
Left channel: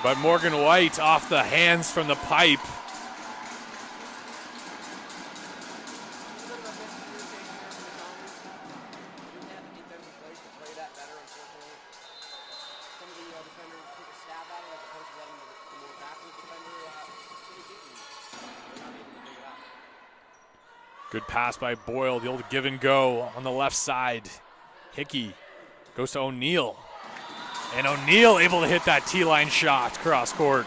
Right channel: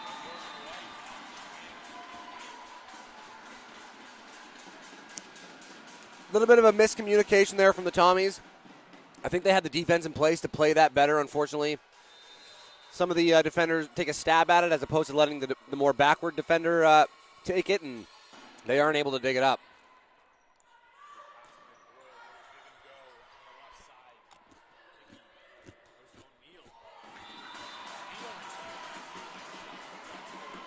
But Morgan White off the hands from the pipe. A little bit of a miscommunication there from the Tommies. I think they had the defense in place to play that better. Unfortunately, some of the defenders take a stab at it as opposed to letting the more backward defender take it, and they aren't able to dig it up. Good pass by Boyle, the old give and go on the left side. Hickey goes to O'Neill. And O'Neal able to hit that T-line shot cross court.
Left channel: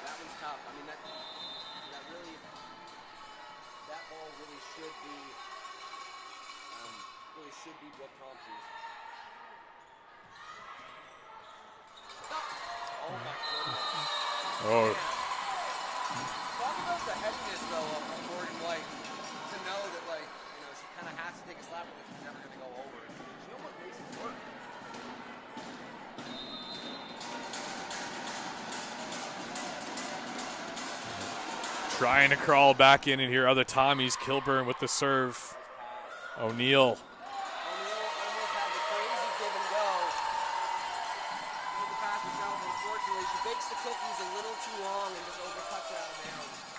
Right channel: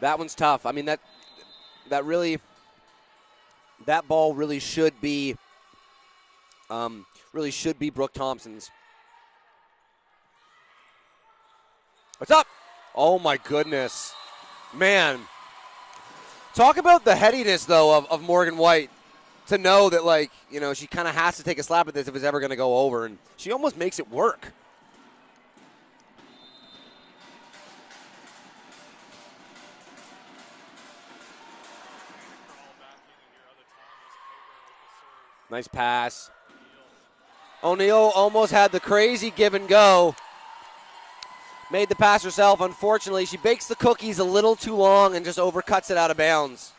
That one's tough. I mean, that ball really should be Brooke Thompson's. What's up? Oh my goodness. Oh. Man. Talk about the headiness though of Morgan White to know that, like, you know, she kind of has to take a slap at this if it's ever going to go over, and she almost makes it work. Trying to crawl back in here. Other Tommies. Kilburn with the serve. Nice pass. O'Neal. O'Neal almost had the crazy give and go. Made the pass herself. Unfortunately, she bakes the cookies a little too long and just overcuts it out of bounds.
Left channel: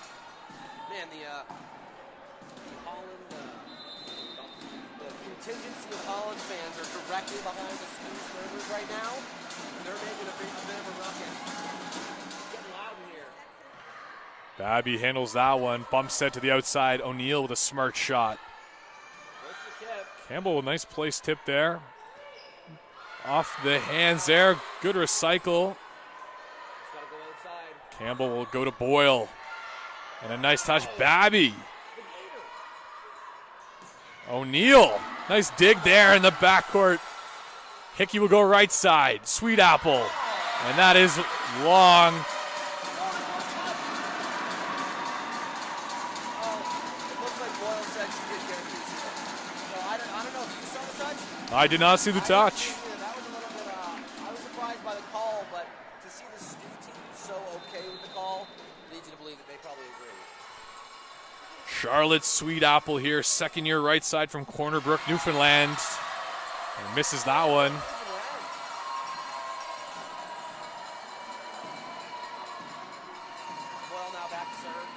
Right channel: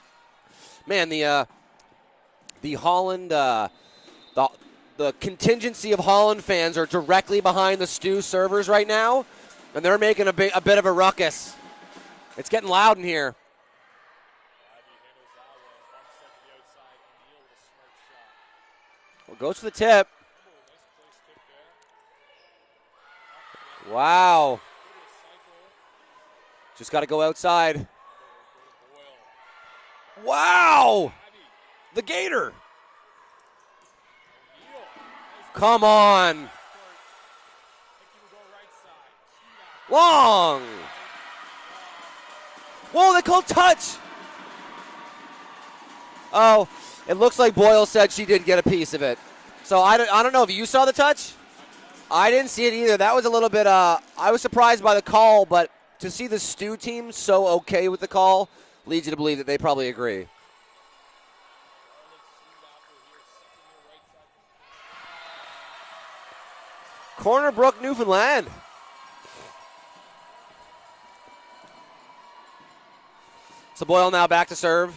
Man, the Holland, the contingency of Holland fans are directly behind the STU servers right now, and they're making a bit of a ruckus. It's getting loud in here. Babby handles that one. Bump set to the outside. O'Neal with a smart shot. Goes to the tip. Campbell, a nice place tip there. Off the hands there. Good recycle. Just got to go outside. Campbell will go to Boyle. Wow. Nice touch, Babby. The Gator. O'Neal. Nice dig there in the backcourt. Hickey will go right side. Sweet apple. Long. And that is long. Whoa, they called touch. Oh, it looks like Boyle said she did get a piece of it. So I don't know if you saw the touch. I did not see the touch. I didn't see it either. That was a little bit, I was surprised by the call, but to see the STU team so okay with the call leads you to believe that they probably agree. Charlotte Sweet Apple here, second year right side from Corner Brook, Newfoundland. And misses that one. Corner Brook, Newfoundland. So Boyle now back to serve,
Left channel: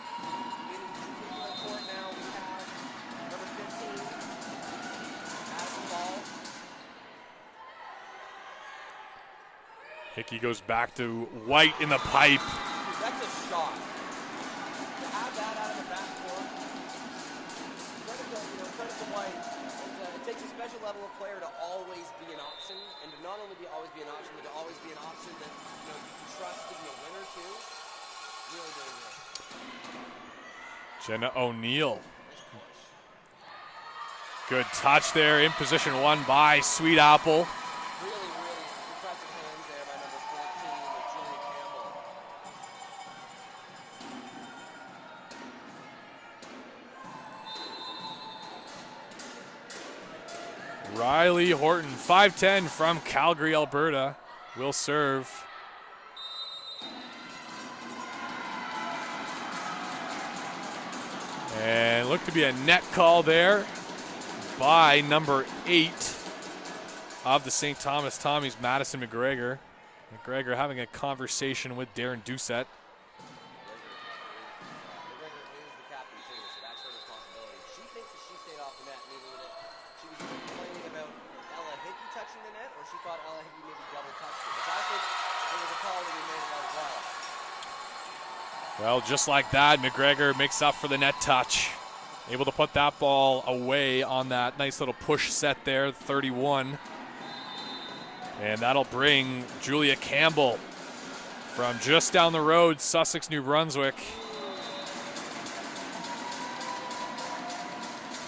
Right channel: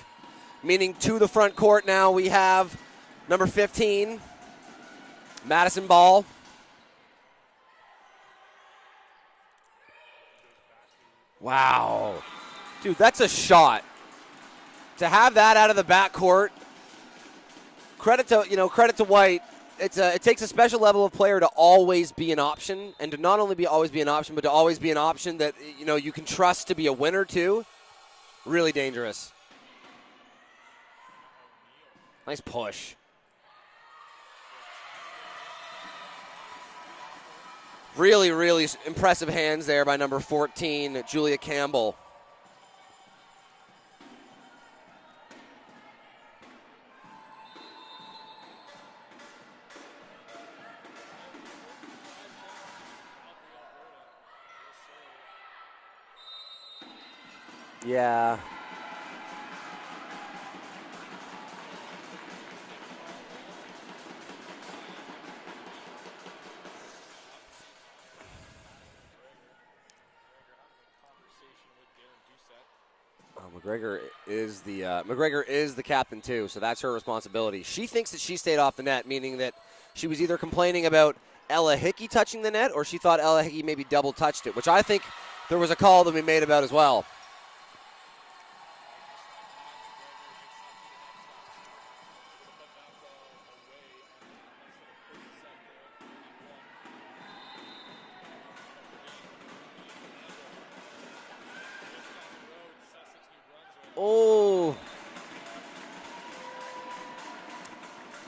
meaning to the front court now we have number 15, Madison Ball. Hickey goes back to White in the pipe. Dude, that's a shot. To have that out of the backcourt, credit to White. It takes a special level of player to always be an option, and to not only always be an option, but to always be an option that you can trust to be a winner too. Really dangerous. Jenna O'Neal. Nice push. Good touch there in position one by Sweet Apple. Really, really impressive hands there by number 14, Julia Campbell. Riley Horton, 5'10", from Calgary, Alberta, will serve. Yeah. And looked to be a net call there by number 8 of the St. Thomas Tommies, Madison McGregor. McGregor having a conversation with Darren Doucette. McGregor is the captain too, so that's her responsibility. She thinks that she stayed off the net, meaning that she was either complaining about Ella Hickey touching the net, or she thought Ella Hickey maybe double touched it, which I think there was a call that we made about as well. Well, just like that, McGregor makes up for the net touch. Able to put that ball away on that nice little push set there, 31. And that'll bring Julia Campbell from just down the road, Sussex, New Brunswick. Oh.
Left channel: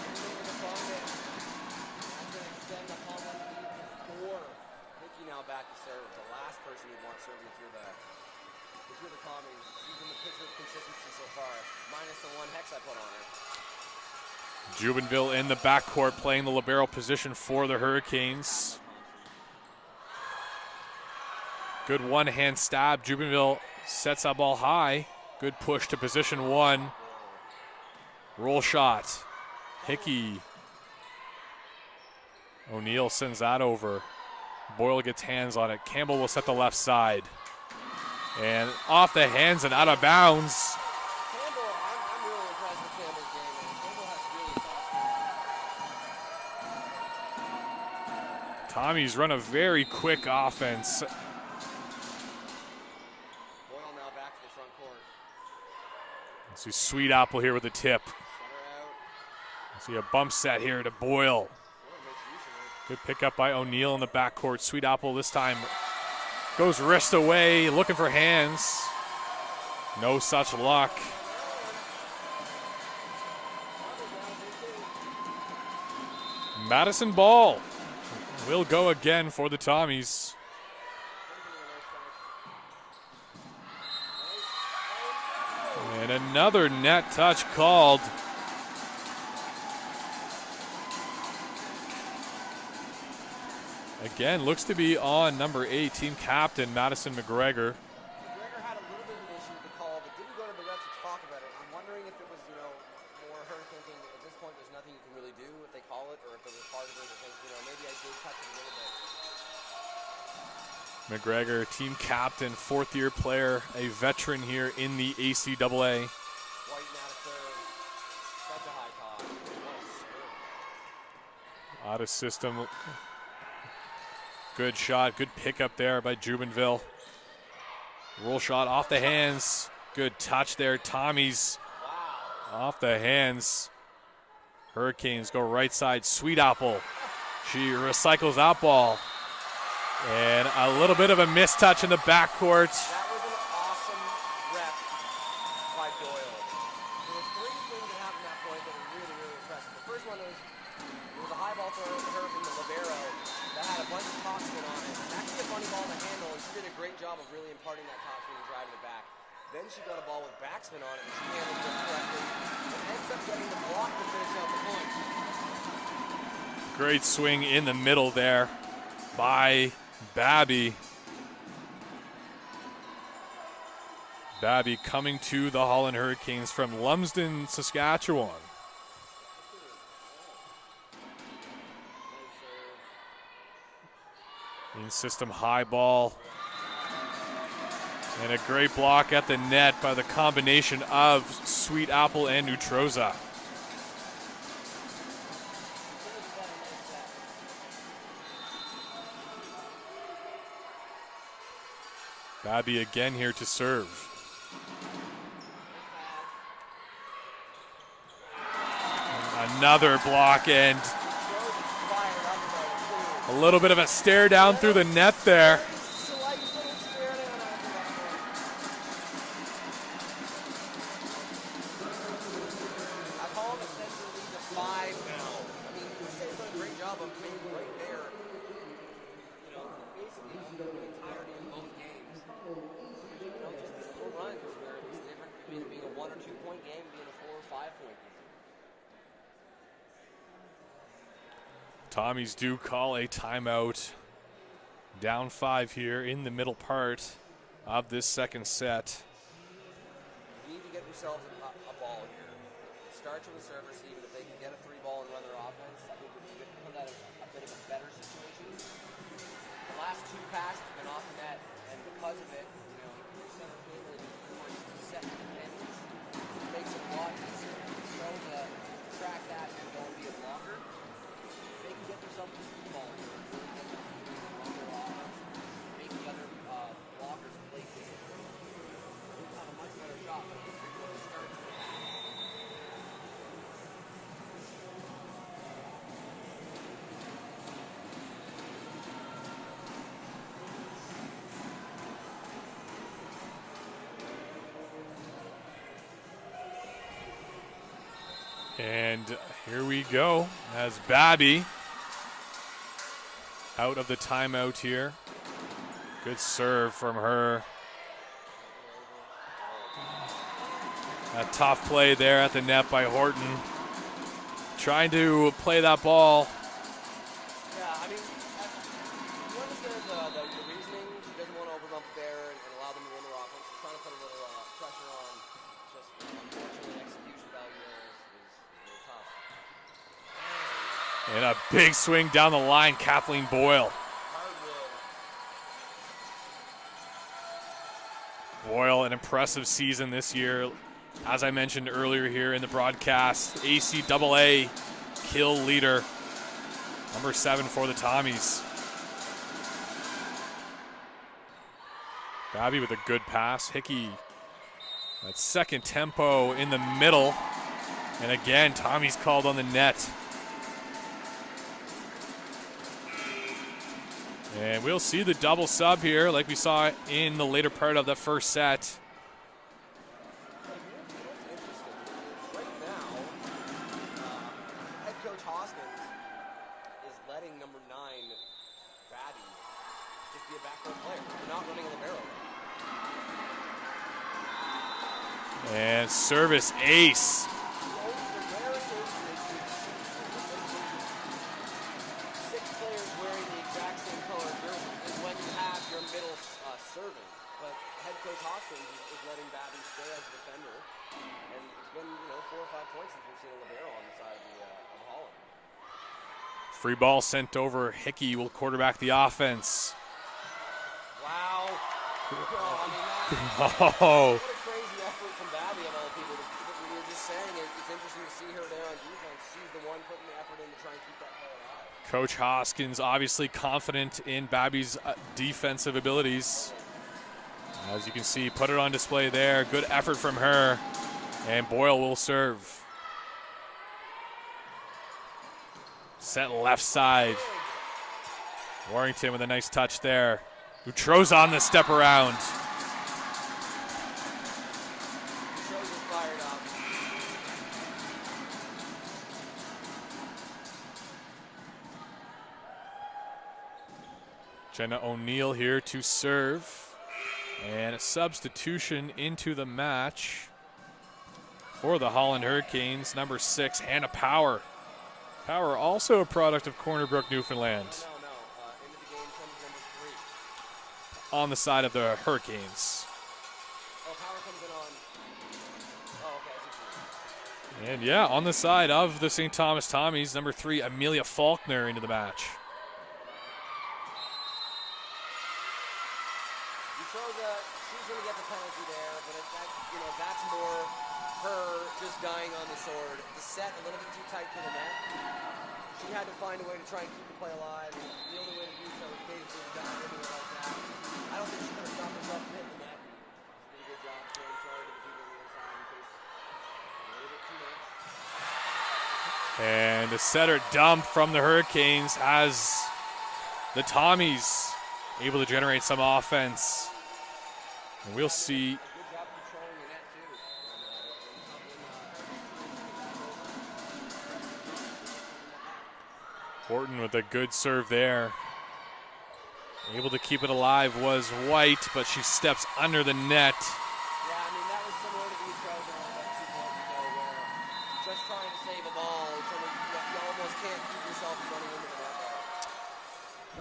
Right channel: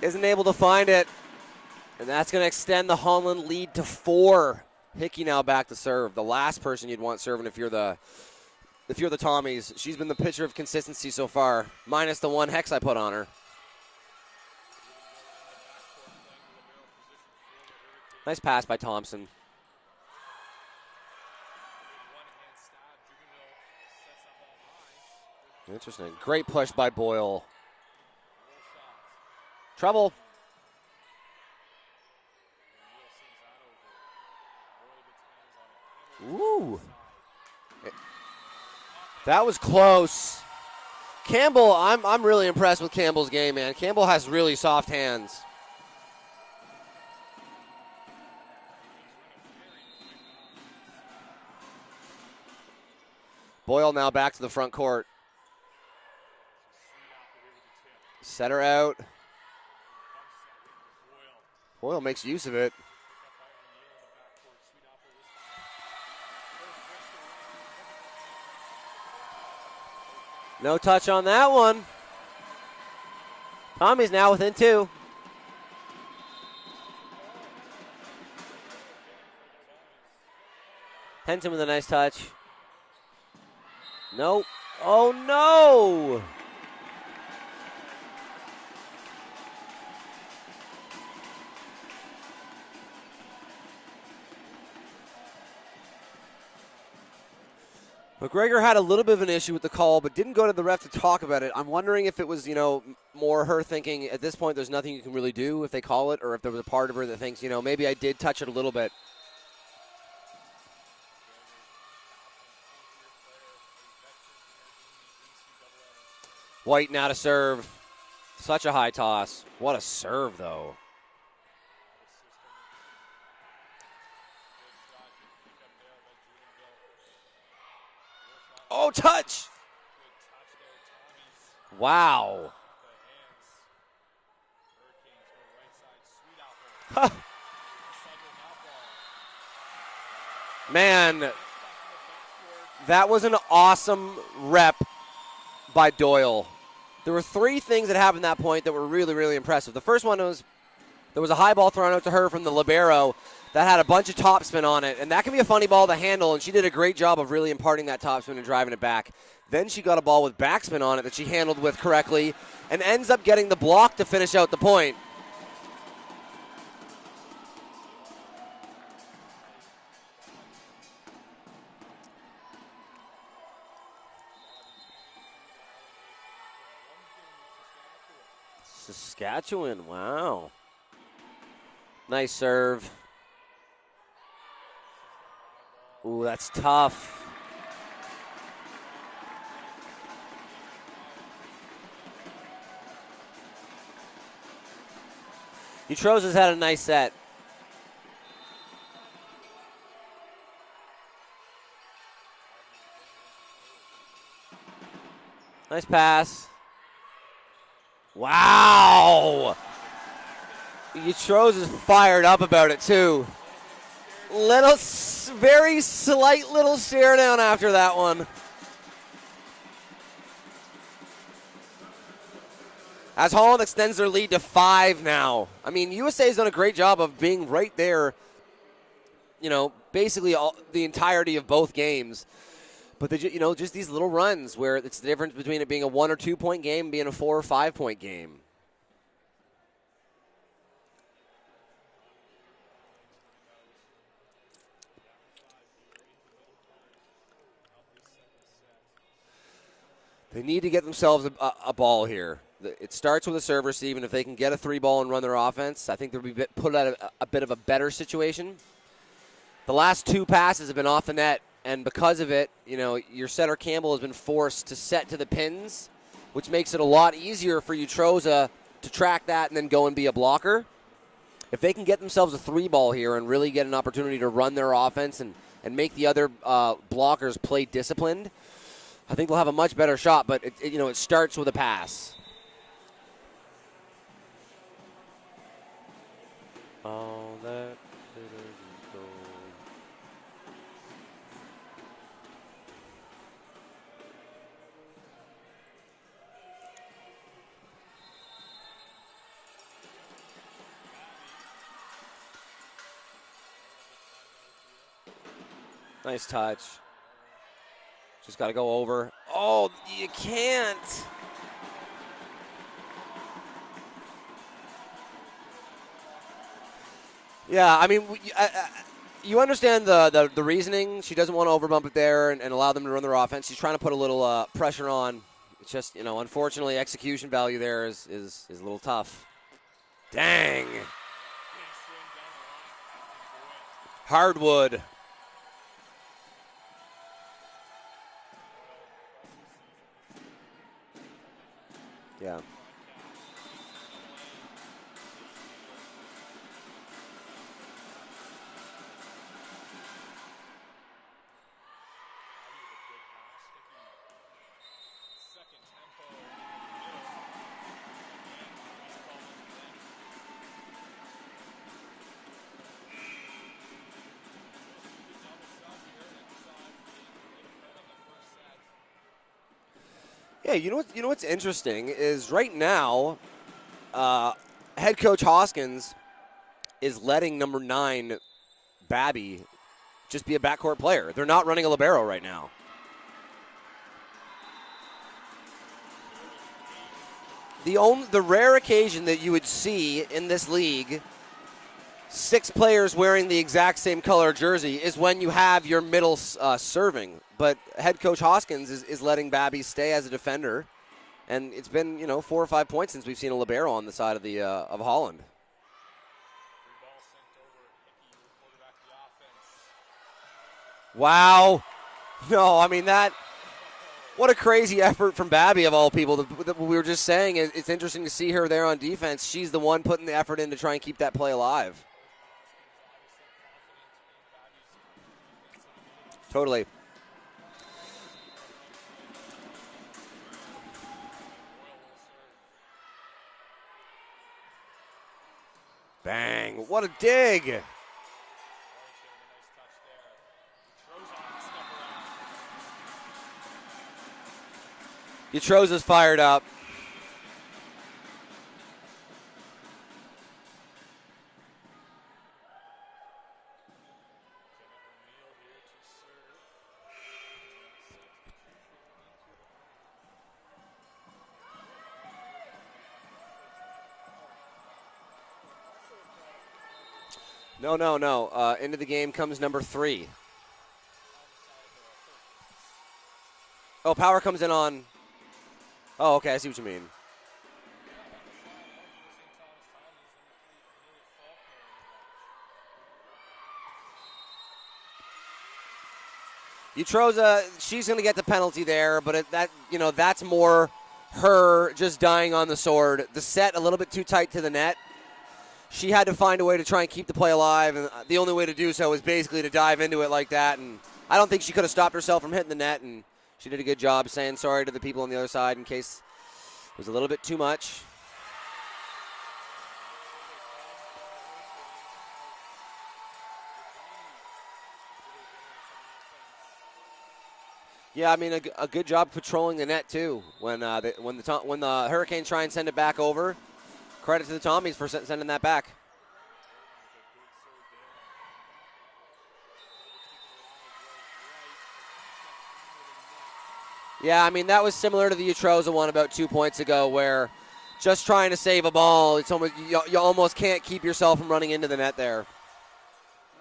Isn't able to find it. And that's going to extend the Holland lead to 4. Hickey now back to serve. The last person you'd want serving if you're the Tommies. She's been the pitcher of consistency so far, minus the 1 hex I put on her. Jubenville in the backcourt playing the libero position for the Hurricanes. Nice pass by Thompson. Good one-hand stab. Jubenville sets that ball high. Good push to position great one. Push by Boyle. Roll shot. Trouble. Hickey. O'Neal sends that over. Boyle gets hands on it. Campbell will set the left side. And off the hands and out of bounds. Campbell, I'm really impressed with Campbell's game, man. Campbell has really soft hands. Tommy's run a very quick offense. Boyle now back to the front court. See Sweet Apple here with the tip. Set her out. See a bump set here to Boyle. Boyle makes use of it. Good pickup by O'Neal in the backcourt. Sweet Apple this time goes wrist away, looking for hands. No such luck. No touch on that one. Tommy's now within 2. Madison ball will go again for the Tommies. Henson with a nice touch. Nope. Oh, no. And another net touch called. Again, looks to be on number 8, team captain Madison McGregor. McGregor had a little bit of an issue with the call, but didn't go to the ref to talk about it. I'm wondering if it was, more her thinking at this point there's nothing you can really do if they call it, or if there was a part of her that thinks, maybe I did touch it a little bit. McGregor, team captain, 4th-year player, a veteran here in the ACAA. White now to serve. Such a high toss. What a serve, though. Out of system. Good shot, good pickup there by Jubenville. Roll shot off the hands. Good touch there. Tommies. Wow. Off the hands. Hurricanes go right side. Sweet Apple. She recycles that ball. And a little bit of a mistouch in the backcourt. That was an awesome rep by Doyle. There were 3 things that happened at that point that were really, really impressive. The first one was there was a high ball thrown out to her from the libero that had a bunch of topspin on it, and that can be a funny ball to handle, and she did a great job of really imparting that topspin and driving it back. Then she got a ball with backspin on it that she handled with correctly and ends up getting the block to finish out the point. Great swing in the middle there by Babby. Babby coming to the Holland Hurricanes from Lumsden, Saskatchewan. Saskatchewan, wow. Nice serve. In system high ball. Ooh, that's tough. And a great block at the net by the combination of Sweet Apple and Neutroza. Neutroza's had a nice set. Babby again here to serve. Nice pass. Wow! Another block, and Neutroza is fired up about it too. a little bit of a stare down through the net there. Very slight little stare down after that one. As Holland extends their lead to 5 now. I mean, USA's done a great job of being right there, basically the entirety of both games. But just these little runs where it's the difference between it being a 1 or 2 point game and being a 4 or 5 point game. Tommies do call a timeout. Down 5 here in the middle part of this second set. They need to get themselves a ball here. It starts with a serve receive, and if they can get a 3 ball and run their offense, I think they'll be put at a bit of a better situation. The last 2 passes have been off the net, and because of it, your setter Campbell has been forced to set to the pins, which makes it a lot easier for Neutroza to track that and then go and be a blocker. If they can get themselves a 3 ball here and really get an opportunity to run their offense and make the other blockers play disciplined, I think they'll have a much better shot, but it starts with a pass. And here we go as Babby out of the timeout here. Nice serve from her. Just got to go over. Oh, you can't. A tough play there at the net by Horton. Trying to play that ball. Yeah, I mean, you understand the reasoning. She doesn't want to overbump it there and allow them to run their offense. She's trying to put a little pressure on. It's just, unfortunately, execution value there is a little tough. Dang. And a big swing down the line, Kathleen Boyle. Hardwood. Boyle, an impressive season this year. As I mentioned earlier here in the broadcast, ACAA kill leader, number 7 for the Tommies. Babby with a good pass. Hickey, that second tempo in the middle. And again, Tommy's called on the net. And we'll see the double sub here like we saw in the later part of the first set. Yeah, you know what's interesting is right now, head coach Hoskins is letting number 9, Babby, just be a backcourt player. They're not running a libero right now. And service ace. The rare occasion that you would see in this league 6 players wearing the exact same color jersey is when you have your middle serving. But head coach Hoskins is letting Babby stay as a defender, and it's been 4 or 5 points since we've seen a libero on the side of the of Holland. Free ball sent over. Hickey will quarterback the offense. Wow. No, I mean that. Oh. What a crazy effort from Babby of all people. We were just saying it's interesting to see her there on defense. She's the one putting the effort in to try and keep that play alive. Coach Hoskins obviously confident in Babby's defensive abilities. Totally. As you can see, put it on display there. Good effort from her. And Boyle will serve. Sent left side. What a dig. Warrington with a nice touch there. Utroza on the step around. Utroza's fired up. Jenna O'Neill here to serve. And a substitution into the match for the Holland Hurricanes. Number 6, Hannah Power. Power also a product of Corner Brook, Newfoundland. No. Into the game comes number 3. On the side of the Hurricanes. Oh, Power comes in on. Oh, okay, I see what you mean. And yeah, on the side of the St. Thomas Tommies, number 3, Amelia Faulkner into the match. Utroza, she's going to get the penalty there, but that's more her just dying on the sword. The set a little bit too tight to the net. She had to find a way to try and keep the play alive, and the only way to do so was basically to dive into it like that. And I don't think she could have stopped herself from hitting the net, and she did a good job saying sorry to the people on the other side in case it was a little bit too much. And a setter dump from the Hurricanes has the Tommies able to generate some offense. Yeah, I mean a good job patrolling the net too. When the Hurricanes try and send it back over, credit to the Tommies for sending that back. Horton with a good serve there. Able to keep it alive was White, but she steps under the net. Yeah, I mean that was similar to the Utroza one about 2 points ago, where just trying to save a ball, it's almost you almost can't keep yourself from running into the net there.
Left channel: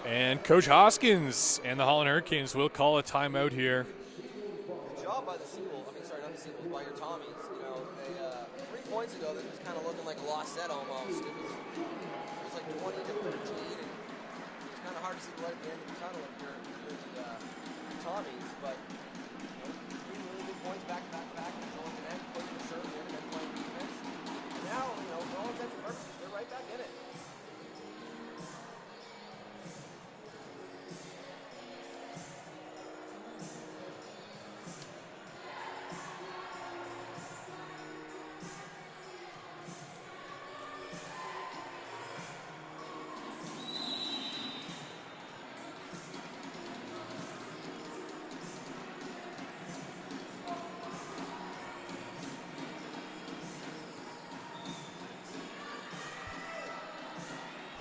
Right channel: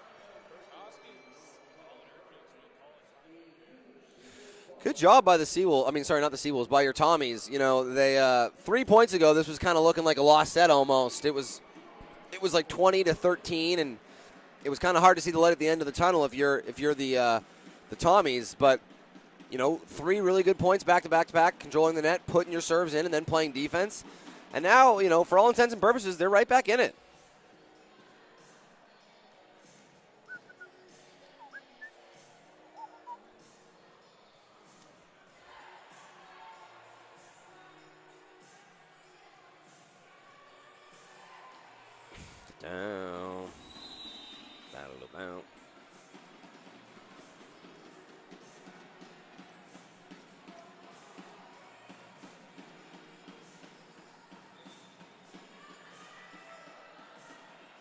And Coach Hoskins and the Holland Hurricanes will call a timeout here. Good job by the Seawolves. I mean, sorry, not the Seawolves, by your Tommies. They 3 points ago, this was kind of looking like a lost set almost. It was like 20-13, and it was kind of hard to see the light at the end of the tunnel if you're the Tommies. But 3 really good points back to back, controlling the net, putting your serves in, and then playing defense. And now, for all intents and purposes, they're right back in it.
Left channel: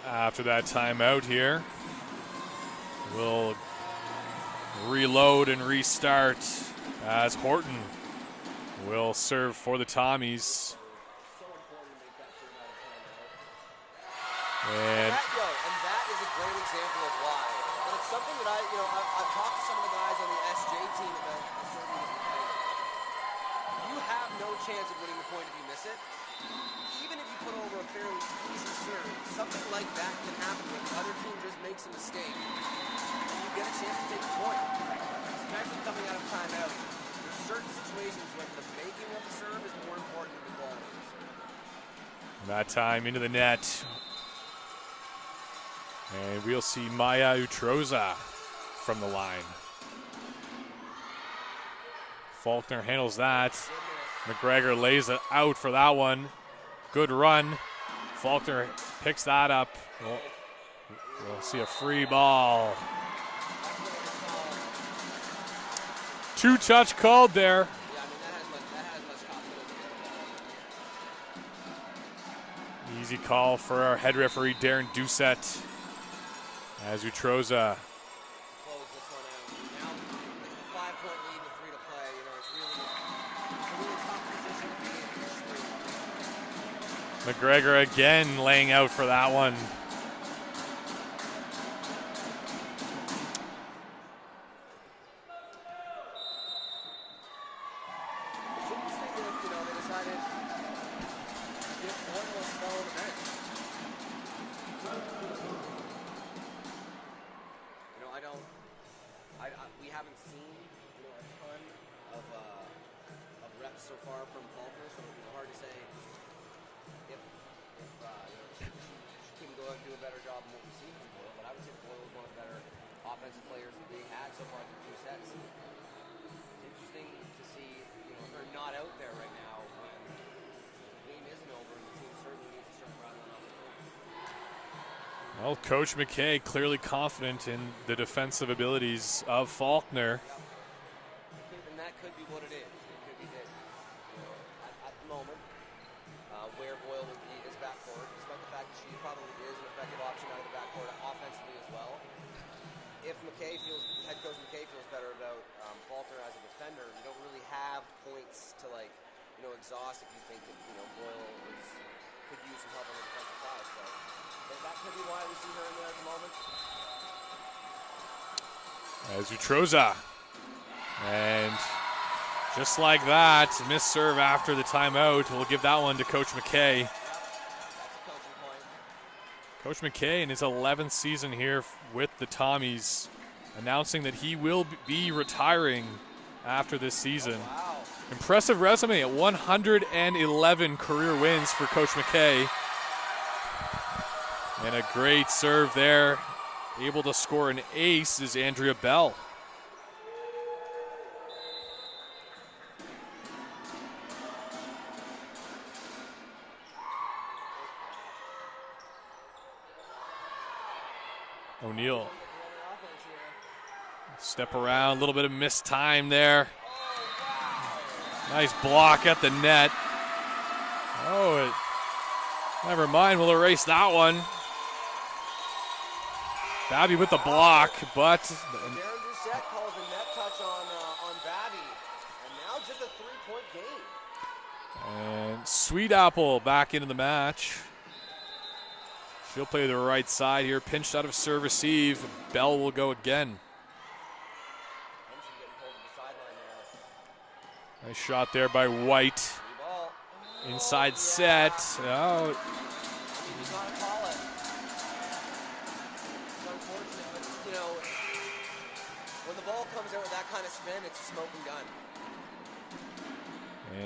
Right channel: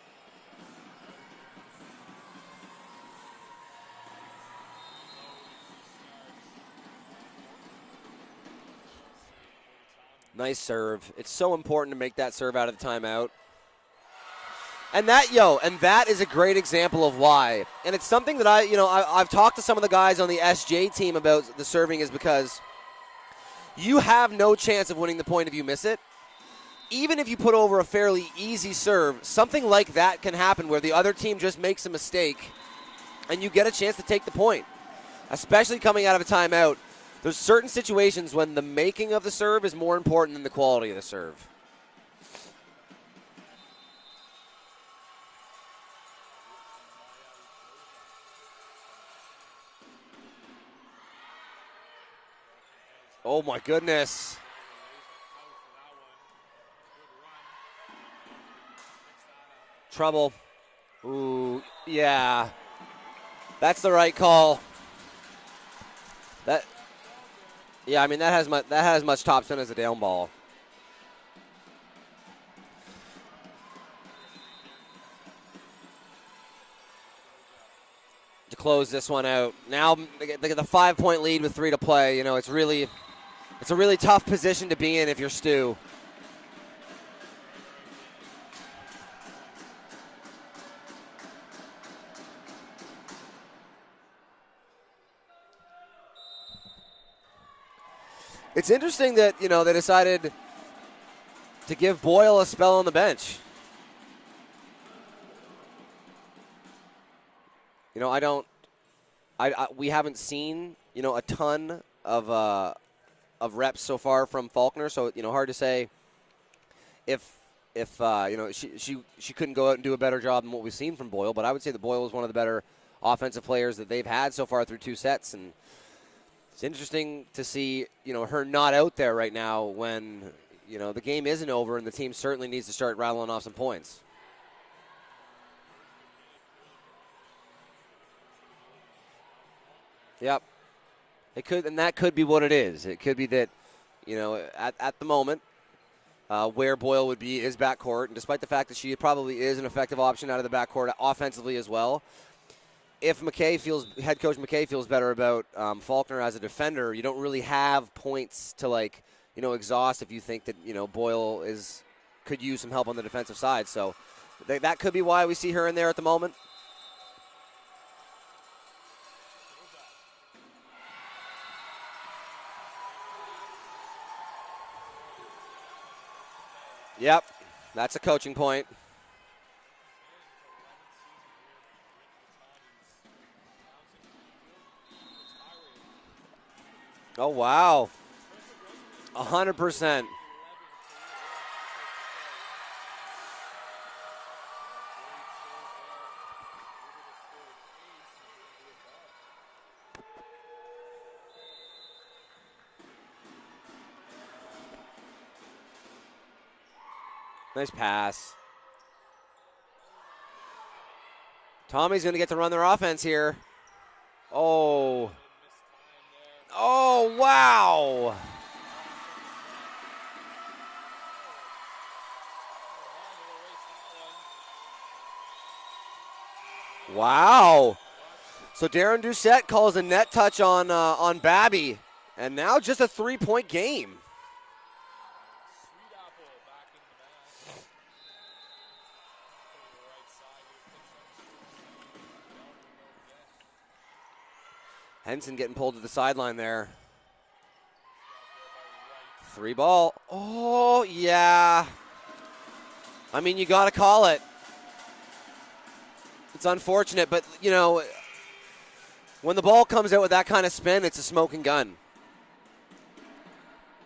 After that timeout here, we'll reload and restart as Horton will serve for the Tommies. Nice serve. It's so important to make that serve out of the timeout. And that is a great example of why. And it's something that I've talked to some of the guys on the SJ team about the serving, is because you have no chance of winning the point if you miss it. Even if you put over a fairly easy serve, something like that can happen where the other team just makes a mistake and you get a chance to take the point, especially coming out of a timeout. There's certain situations when the making of the serve is more important than the quality of the serve. That time into the net. And we'll see Maya Utroza from the line. Faulkner handles that. Oh my goodness. McGregor lays it out for that one. Good run. Faulkner picks that up. Trouble. Ooh, see a free yeah. ball. That's the right call. Touch called there. Yeah, I mean that has much top spin as a down ball. Easy call for our head referee Darren Doucette. As Utroza to close this one out. Now they get the 5-point lead with 3 to play. You know, it's a really tough position to be in if you're Stu. McGregor again laying out for that one. It's interesting that, you know, they decided to give Boyle a spell on the bench. You know, we haven't seen, you know, a ton of reps so far from Faulkner, so, you know, hard to say if you know, she couldn't go out and do a better job than what we've seen from Boyle, but I would say that Boyle is one of the better offensive players that they've had so far through 2 sets, and it's interesting to see, you know, her not out there right now when, you know, the game isn't over and the team certainly needs to start rattling off some points. Well, Coach McKay clearly confident in the defensive abilities of Faulkner. Yep. It could, and that could be what it is. It could be that, you know, at the moment, where Boyle would be is backcourt, and despite the fact that she probably is an effective option out of the backcourt offensively as well. If head coach McKay feels better about Faulkner as a defender, you don't really have points to, like, you know, exhaust if you think that, you know, Boyle could use some help on the defensive side. So that could be why we see her in there at the moment. As Utroza. And just like that, missed serve after the timeout. We'll give that one to Coach McKay. Yep, that's a coaching point. Coach McKay in his 11th season here with the Tommies, announcing that he will be retiring after this season. Oh, wow. Impressive resume at 111 100%. career wins for Coach McKay. And a great serve there. Able to score an ace is Andrea Bell. Nice pass. O'Neal. Tommy's going to get to run their offense here. Step around, a little bit of missed time there. Oh, wow. Nice block at the net. Oh, never mind, we'll erase that one. Babby with the block, but. So Darren Doucette calls a net touch on Babby, and now just a 3-point game. And Sweet Apple back into the match. She'll play the right side here, pinched out of serve receive. Bell will go again. Henson getting pulled to the sideline there. Nice shot there by White. 3-ball. Oh, inside yeah. set. Oh. I mean, you got to call it. It's unfortunate, but, you know, when the ball comes out with that kind of spin, it's a smoking gun.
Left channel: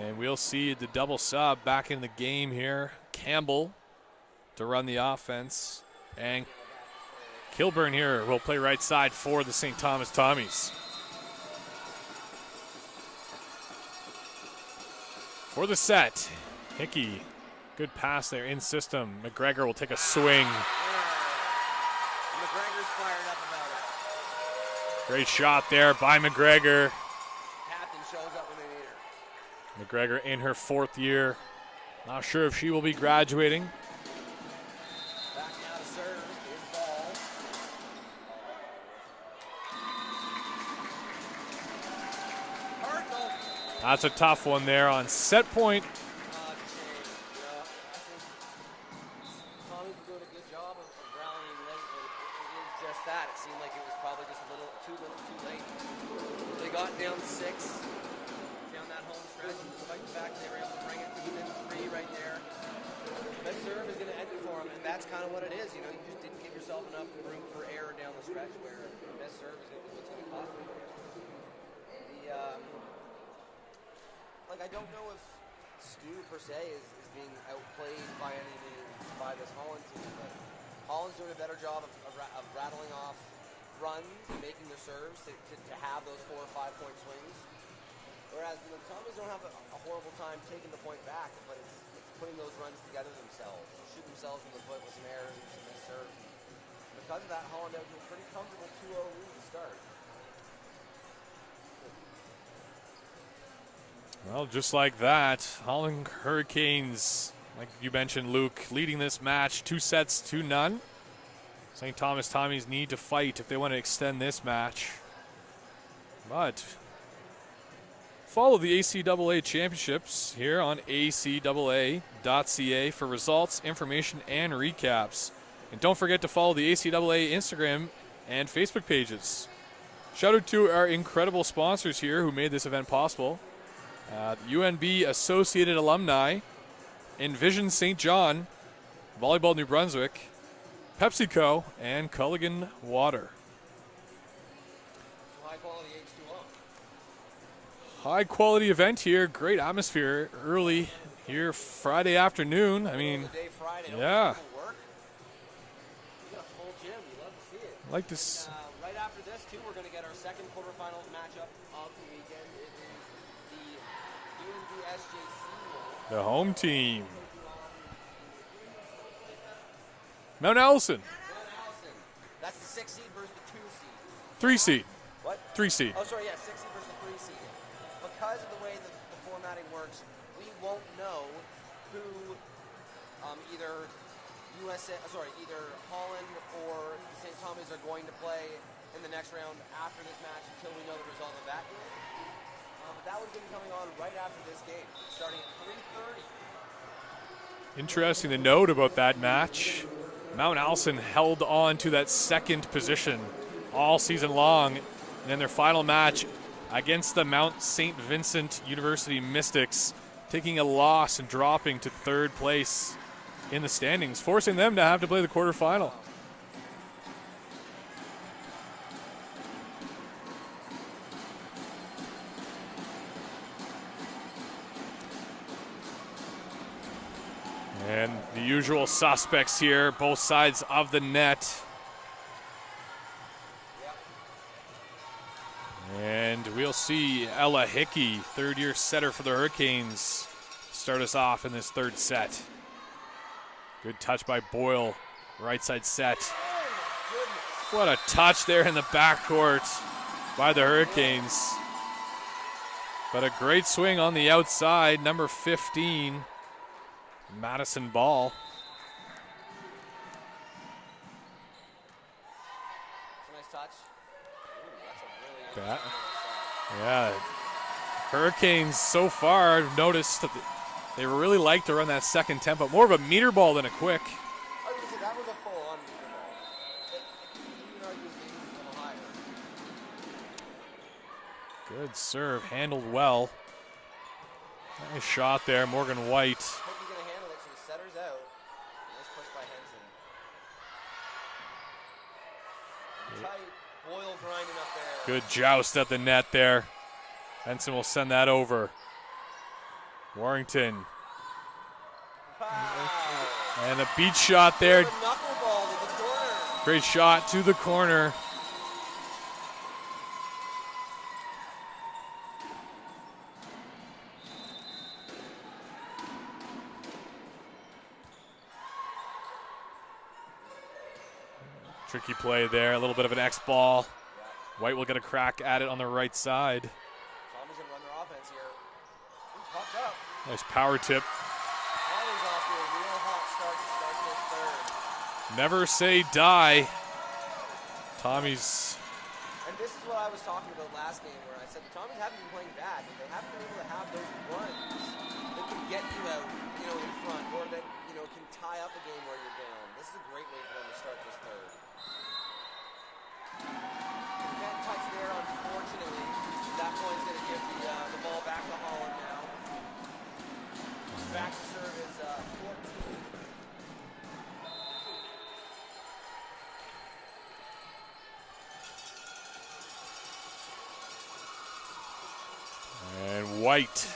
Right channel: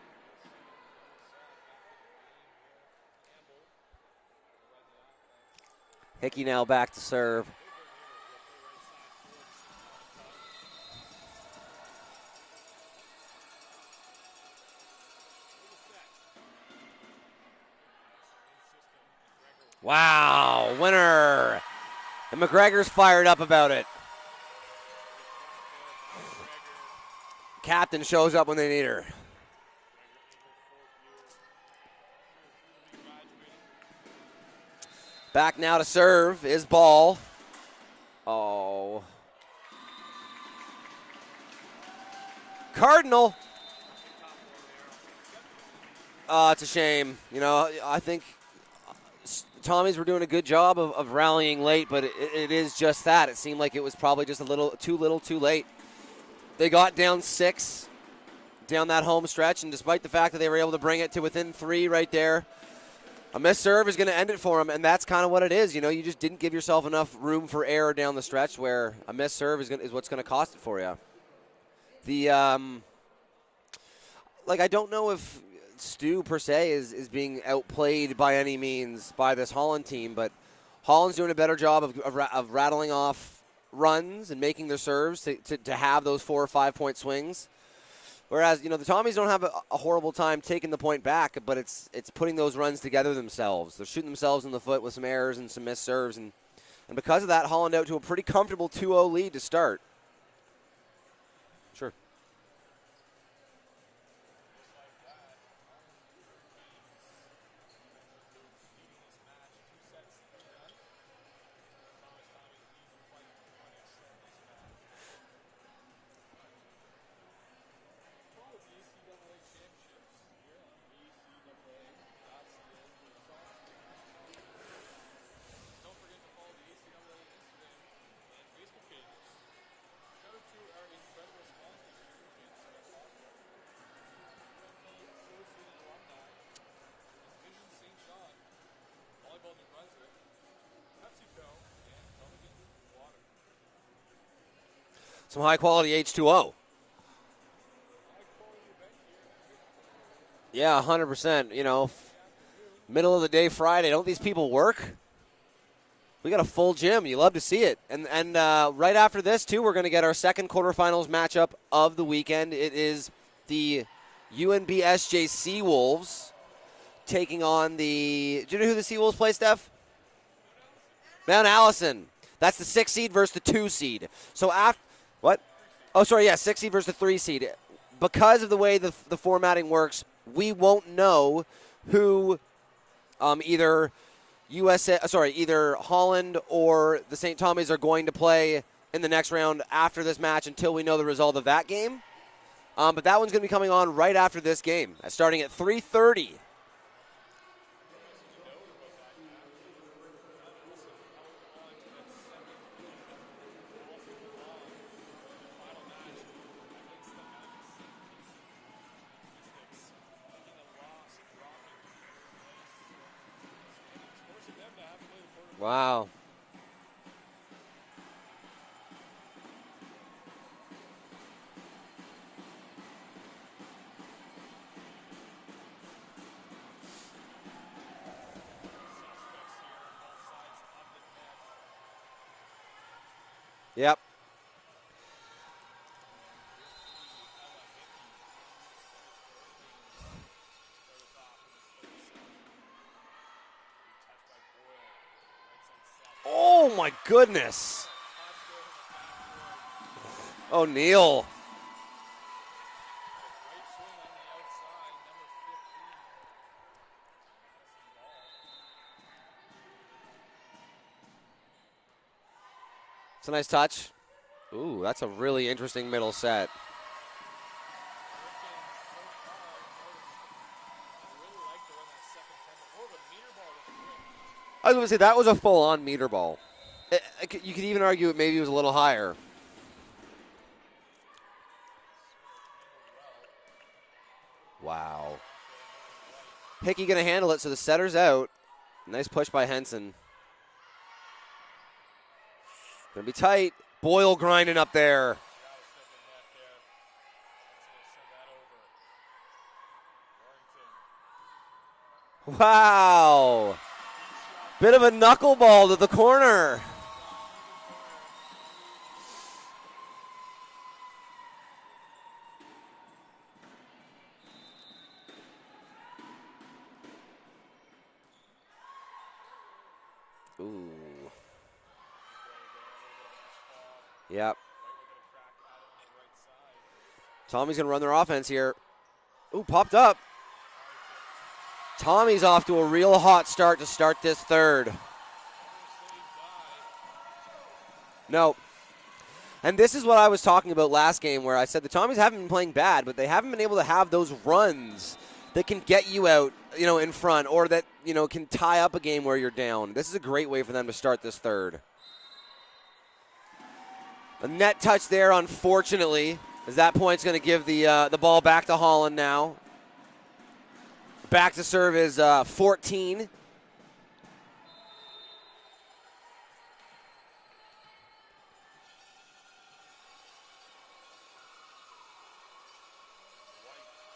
And we'll see the double sub back in the game here. Campbell to run the offense. Hickey now back to serve. Kilburn here will play right side for the St. Thomas Tommies. For the set, Hickey, good pass there in system. McGregor will take a swing. Wow, winner. And McGregor's fired up about it. Great shot there by McGregor. Captain shows up when they need her. McGregor in her 4th year. Not sure if she will be graduating. Back now to serve is Ball. Oh. Cardinal. That's a tough one there on set point. It's a shame. You know, I think Tommies were doing a good job of rallying late, but it is just that. It seemed like it was probably just a little too late. They got down 6 down that home stretch, and despite the fact that they were able to bring it to within 3 right there, a missed serve is going to end it for them, and that's kind of what it is. You know, you just didn't give yourself enough room for error down the stretch where a missed serve is what's going to cost it for you. I don't know if Stu, per se, is being outplayed by any means by this Holland team, but Holland's doing a better job of rattling off runs and making their serves to have those 4 or 5 point swings. Whereas, the Tommies don't have a horrible time taking the point back, but it's putting those runs together themselves. They're shooting themselves in the foot with some errors and some missed serves, and because of that, Holland out to a pretty comfortable 2-0 lead to start. Sure. Well, just like that, Holland Hurricanes, like you mentioned, Luke, leading this match 2-0. St. Thomas Tommies need to fight if they want to extend this match. But follow the ACAA championships here on acaa.ca for results, information, and recaps. And don't forget to follow the ACAA Instagram and Facebook pages. Shout out to our incredible sponsors here who made this event possible. UNB Associated Alumni, Envision St. John, Volleyball New Brunswick, PepsiCo, and Culligan Water. Some high-quality H2O. High-quality event here, great atmosphere early. Yeah, 100%. Here, Friday afternoon. Middle of the day Friday. Don't these people work? We got a full gym. You love to see it. And right after this, too, we're going to get our second quarterfinals matchup of the weekend. It is the UNB SJ Seawolves. The home team. Taking on the... Do you know who the Seawolves play, Steph? Mount Allison. Mount Allison. That's the 6 seed versus the 2 seed. So 3 seed. What? 3 seed. Oh, sorry, yeah, 6 seed versus the 3 seed. Because of the way the formatting works, we won't know who either Holland or the St. Tommies are going to play in the next round after this match until we know the result of that game. But that one's going to be coming on right after this game, starting at 3:30. Interesting to note about that match. Mount Allison held on to that second position all season long. And in their final match against the Mount St. Vincent University Mystics, taking a loss and dropping to 3rd place in the standings, forcing them to have to play the quarterfinal. Wow. And the usual suspects here, both sides of the net. Yep. And we'll see Ella Hickey, 3rd-year setter for the Hurricanes, start us off in this 3rd set. Good touch by Boyle, right side set. Oh my goodness. What a touch there in the backcourt by the O'Neal. Hurricanes. But a great swing on the outside, number 15, Madison Ball. It's a nice touch. Ooh, that's a really interesting middle set. Yeah. Hurricanes so far, I've noticed that they really like to run that second tempo, more of a meter ball than a quick. I was going to say, that was a full-on meter ball. You could even argue it maybe was a little higher. Good serve, handled well. Wow. Nice shot there, Morgan White. Hickey going to handle it, so the setter's out. Nice push by Henson. Going to be tight. Boyle grinding up there. Good joust at the net there. Henson will send that over. Warrington. Wow. And a beat shot Bit there. of a knuckleball to the corner. Great shot to the corner. Ooh. Tricky play there, a little bit of an X ball. Yep. White will get a crack at it on the right side. Tommy's going to run their offense here. Ooh, popped up. Nice power tip. Tommy's off to a real hot start to start this 3rd. Never say die. Tommy's. And this is what I was talking about last game, where I said the Tommies haven't been playing bad, but they haven't been able to have those runs that can get you out, in front, or that, can tie up a game where you're down. This is a great way for them to start this 3rd. A net touch there, unfortunately, as that point's going to give the ball back to Holland now. Back to serve is 14. And White.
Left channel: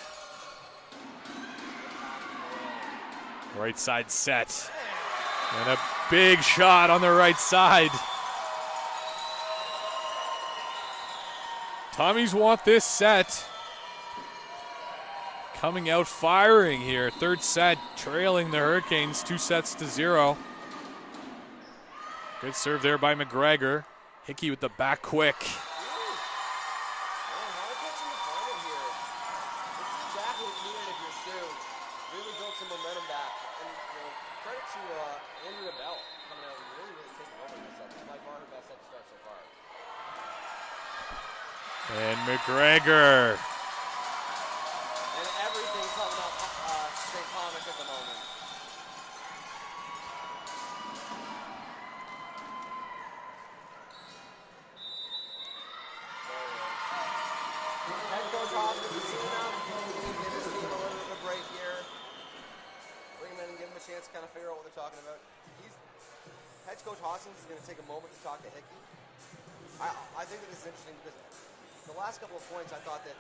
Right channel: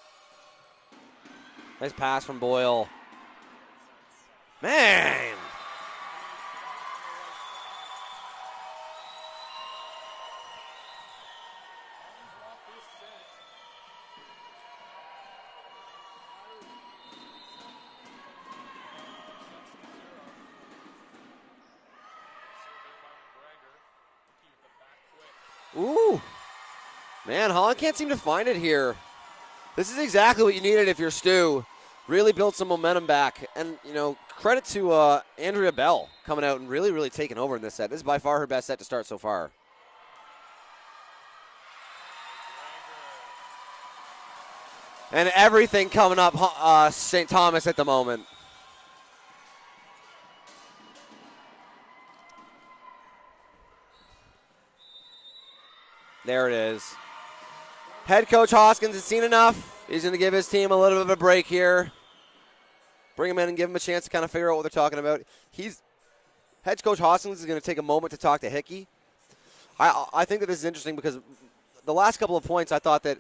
Nice pass from Boyle. Right side set. Man! And a big shot on the right side. Tommies want this set. coming out firing here. Third set, trailing the Hurricanes 2-0. Good serve there by McGregor. Hickey with the back quick. Ooh. Man, Holland can't seem to find it here. This is exactly what you needed if you're STU. Really built some momentum back. And, you know, credit to Andrea Bell coming out and really taking over in this set. This is by far her best set to start so far. And McGregor. And everything coming up St. Thomas at the moment. There it is. Head coach Hoskins has seen enough. He's going to give his team a little bit of a break here. Bring him in and give him a chance to kind of figure out what they're talking about. Head coach Hoskins is going to take a moment to talk to Hickey. I think that this is interesting because the last couple of points I thought that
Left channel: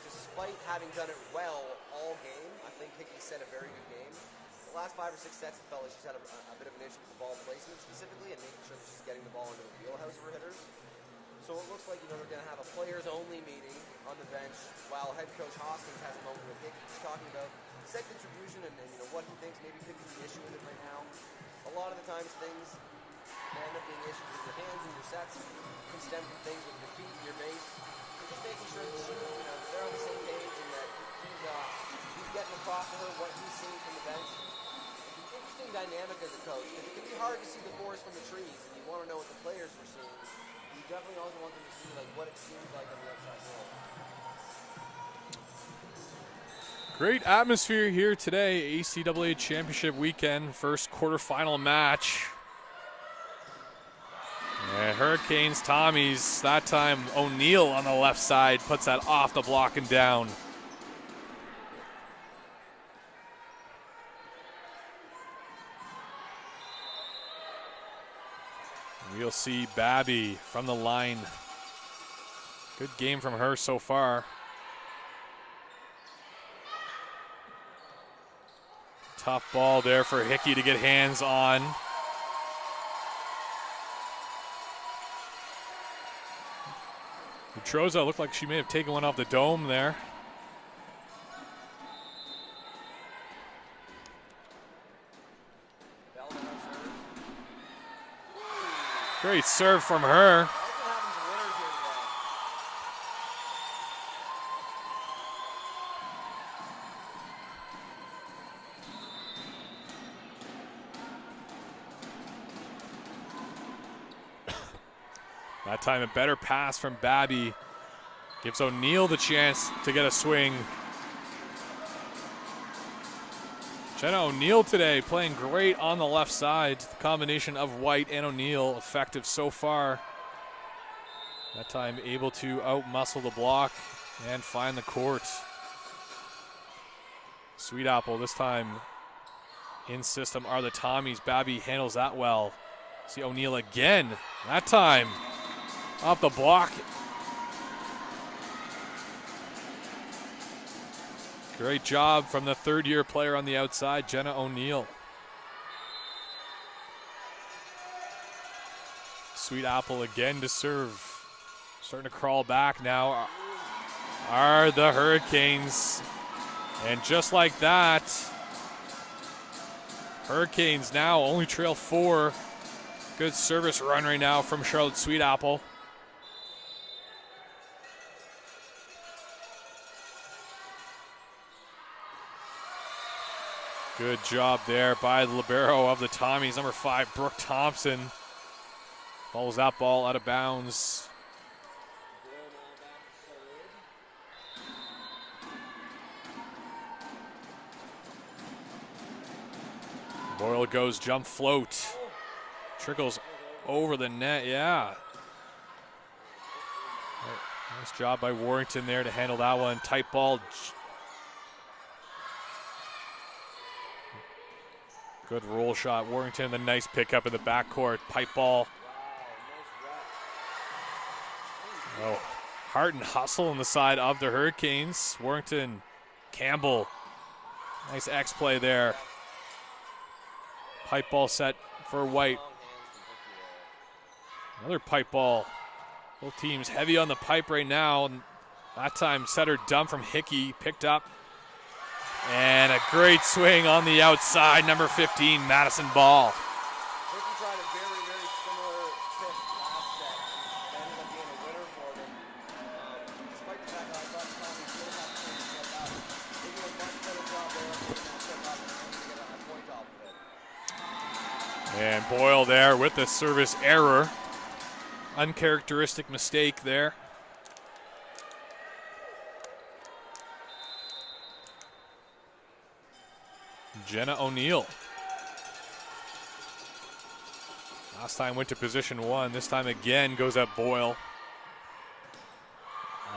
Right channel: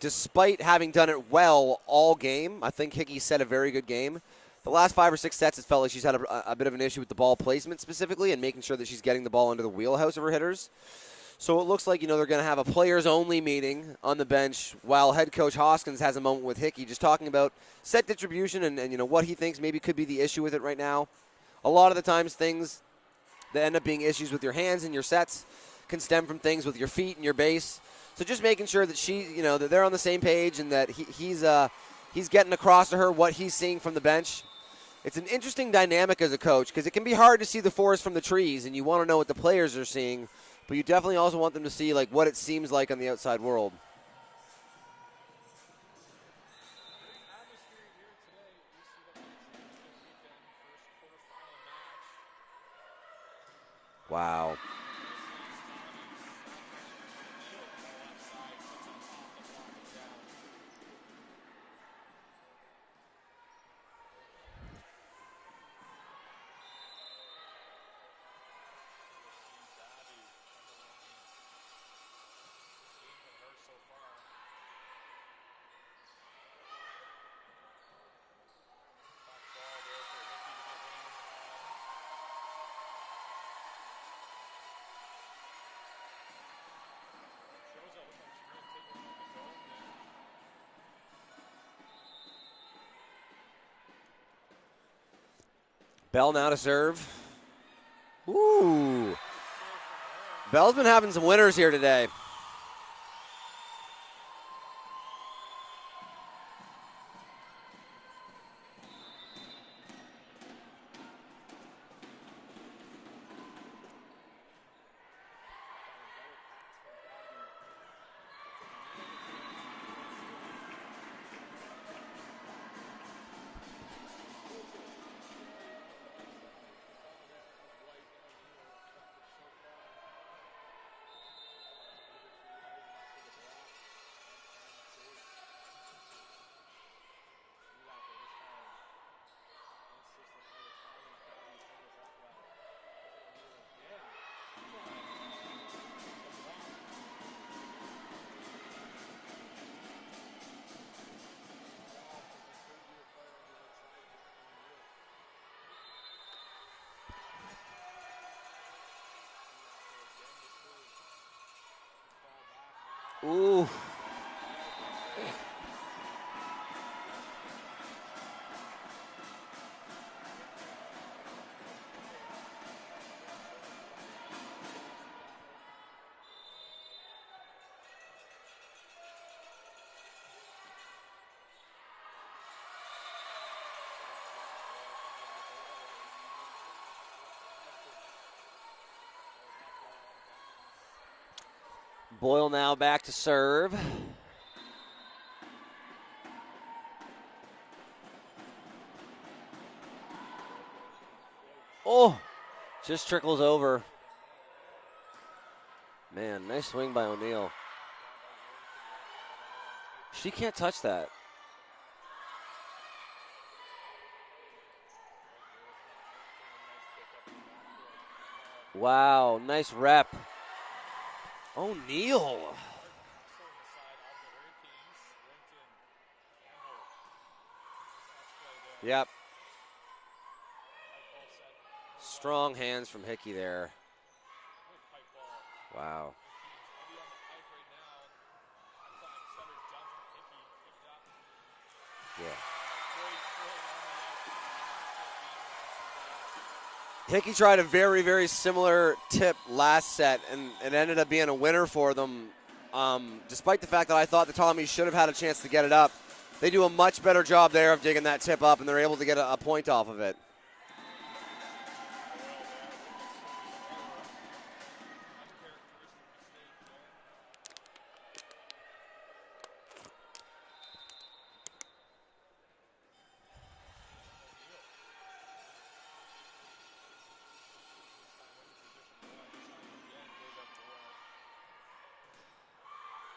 despite having done it well all game, I think Hickey set a very good game. The last 5 or 6 sets, it felt like she's had a bit of an issue with the ball placement specifically and making sure that she's getting the ball into the wheelhouse of her hitters. So it looks like, you know, they're going to have a players-only meeting on the bench while head coach Hoskins has a moment with Hickey just talking about set distribution and you know, what he thinks maybe could be the issue with it right now. A lot of the times things that end up being issues with your hands and your sets can stem from things with your feet and your base. So just making sure that that they're on the same page and that he's getting across to her what he's seeing from the bench. It's an interesting dynamic as a coach because it can be hard to see the forest from the trees and you want to know what the players are seeing, but you definitely also want them to see like what it seems like on the outside world. Great atmosphere here today. ACAA Championship weekend, first quarterfinal match. Wow. And Hurricanes, Tommies, that time O'Neill on the left side puts that off the block and down. We'll see Babby from the line. Good game from her so far. Tough ball there for Hickey to get hands on. Troza looked like she may have taken one off the dome there. Bell now to serve. Ooh. Great serve from her. Bell's been having some winners here today. That time a better pass from Babby. Gives O'Neill the chance to get a swing. Jenna O'Neill today playing great on the left side. The combination of White and O'Neill effective so far. That time able to outmuscle the block and find the court. Sweet Apple this time in system are the Tommies. Babby handles that well. See O'Neill again. That time off the block. Great job from the third-year player on the outside, Jenna O'Neill. Sweet Apple again to serve. Starting to crawl back now. Ooh. Are the Hurricanes. And just like that, Hurricanes now only trail 4. Good service run right now from Charlotte Sweet Apple. Good job there by the libero of the Tommies, number 5, Brooke Thompson. Follows that ball out of bounds. Boyle now back to serve. Boyle goes jump float. Oh, just trickles over. Over the net, yeah. Man, nice swing by O'Neill. Nice job by Warrington there to handle that one. Tight ball. She can't touch that. Good roll shot. Warrington, the nice pickup in the backcourt. Pipe ball. Wow, nice rep. O'Neill. Oh, heart and hustle on the side of the Hurricanes. Warrington, Campbell. Nice X play there. Yep. Pipe ball set for White. Strong hands from Hickey there. Another pipe ball. Wow. Both teams heavy on the pipe right now. And That time setter dump from Hickey, picked up. And a great swing on the outside, number 15, Madison Ball. Hickey tried a very, very similar tip last set, and it ended up being a winner for them. Despite the fact that I thought the Tommies should have had a chance to get it up, they do a much better job there of digging that tip up, and they're able to get a point off of it. And Boyle there with the service error. Uncharacteristic mistake there. Jenna O'Neill. Last time went to position 1. This time again goes at Boyle.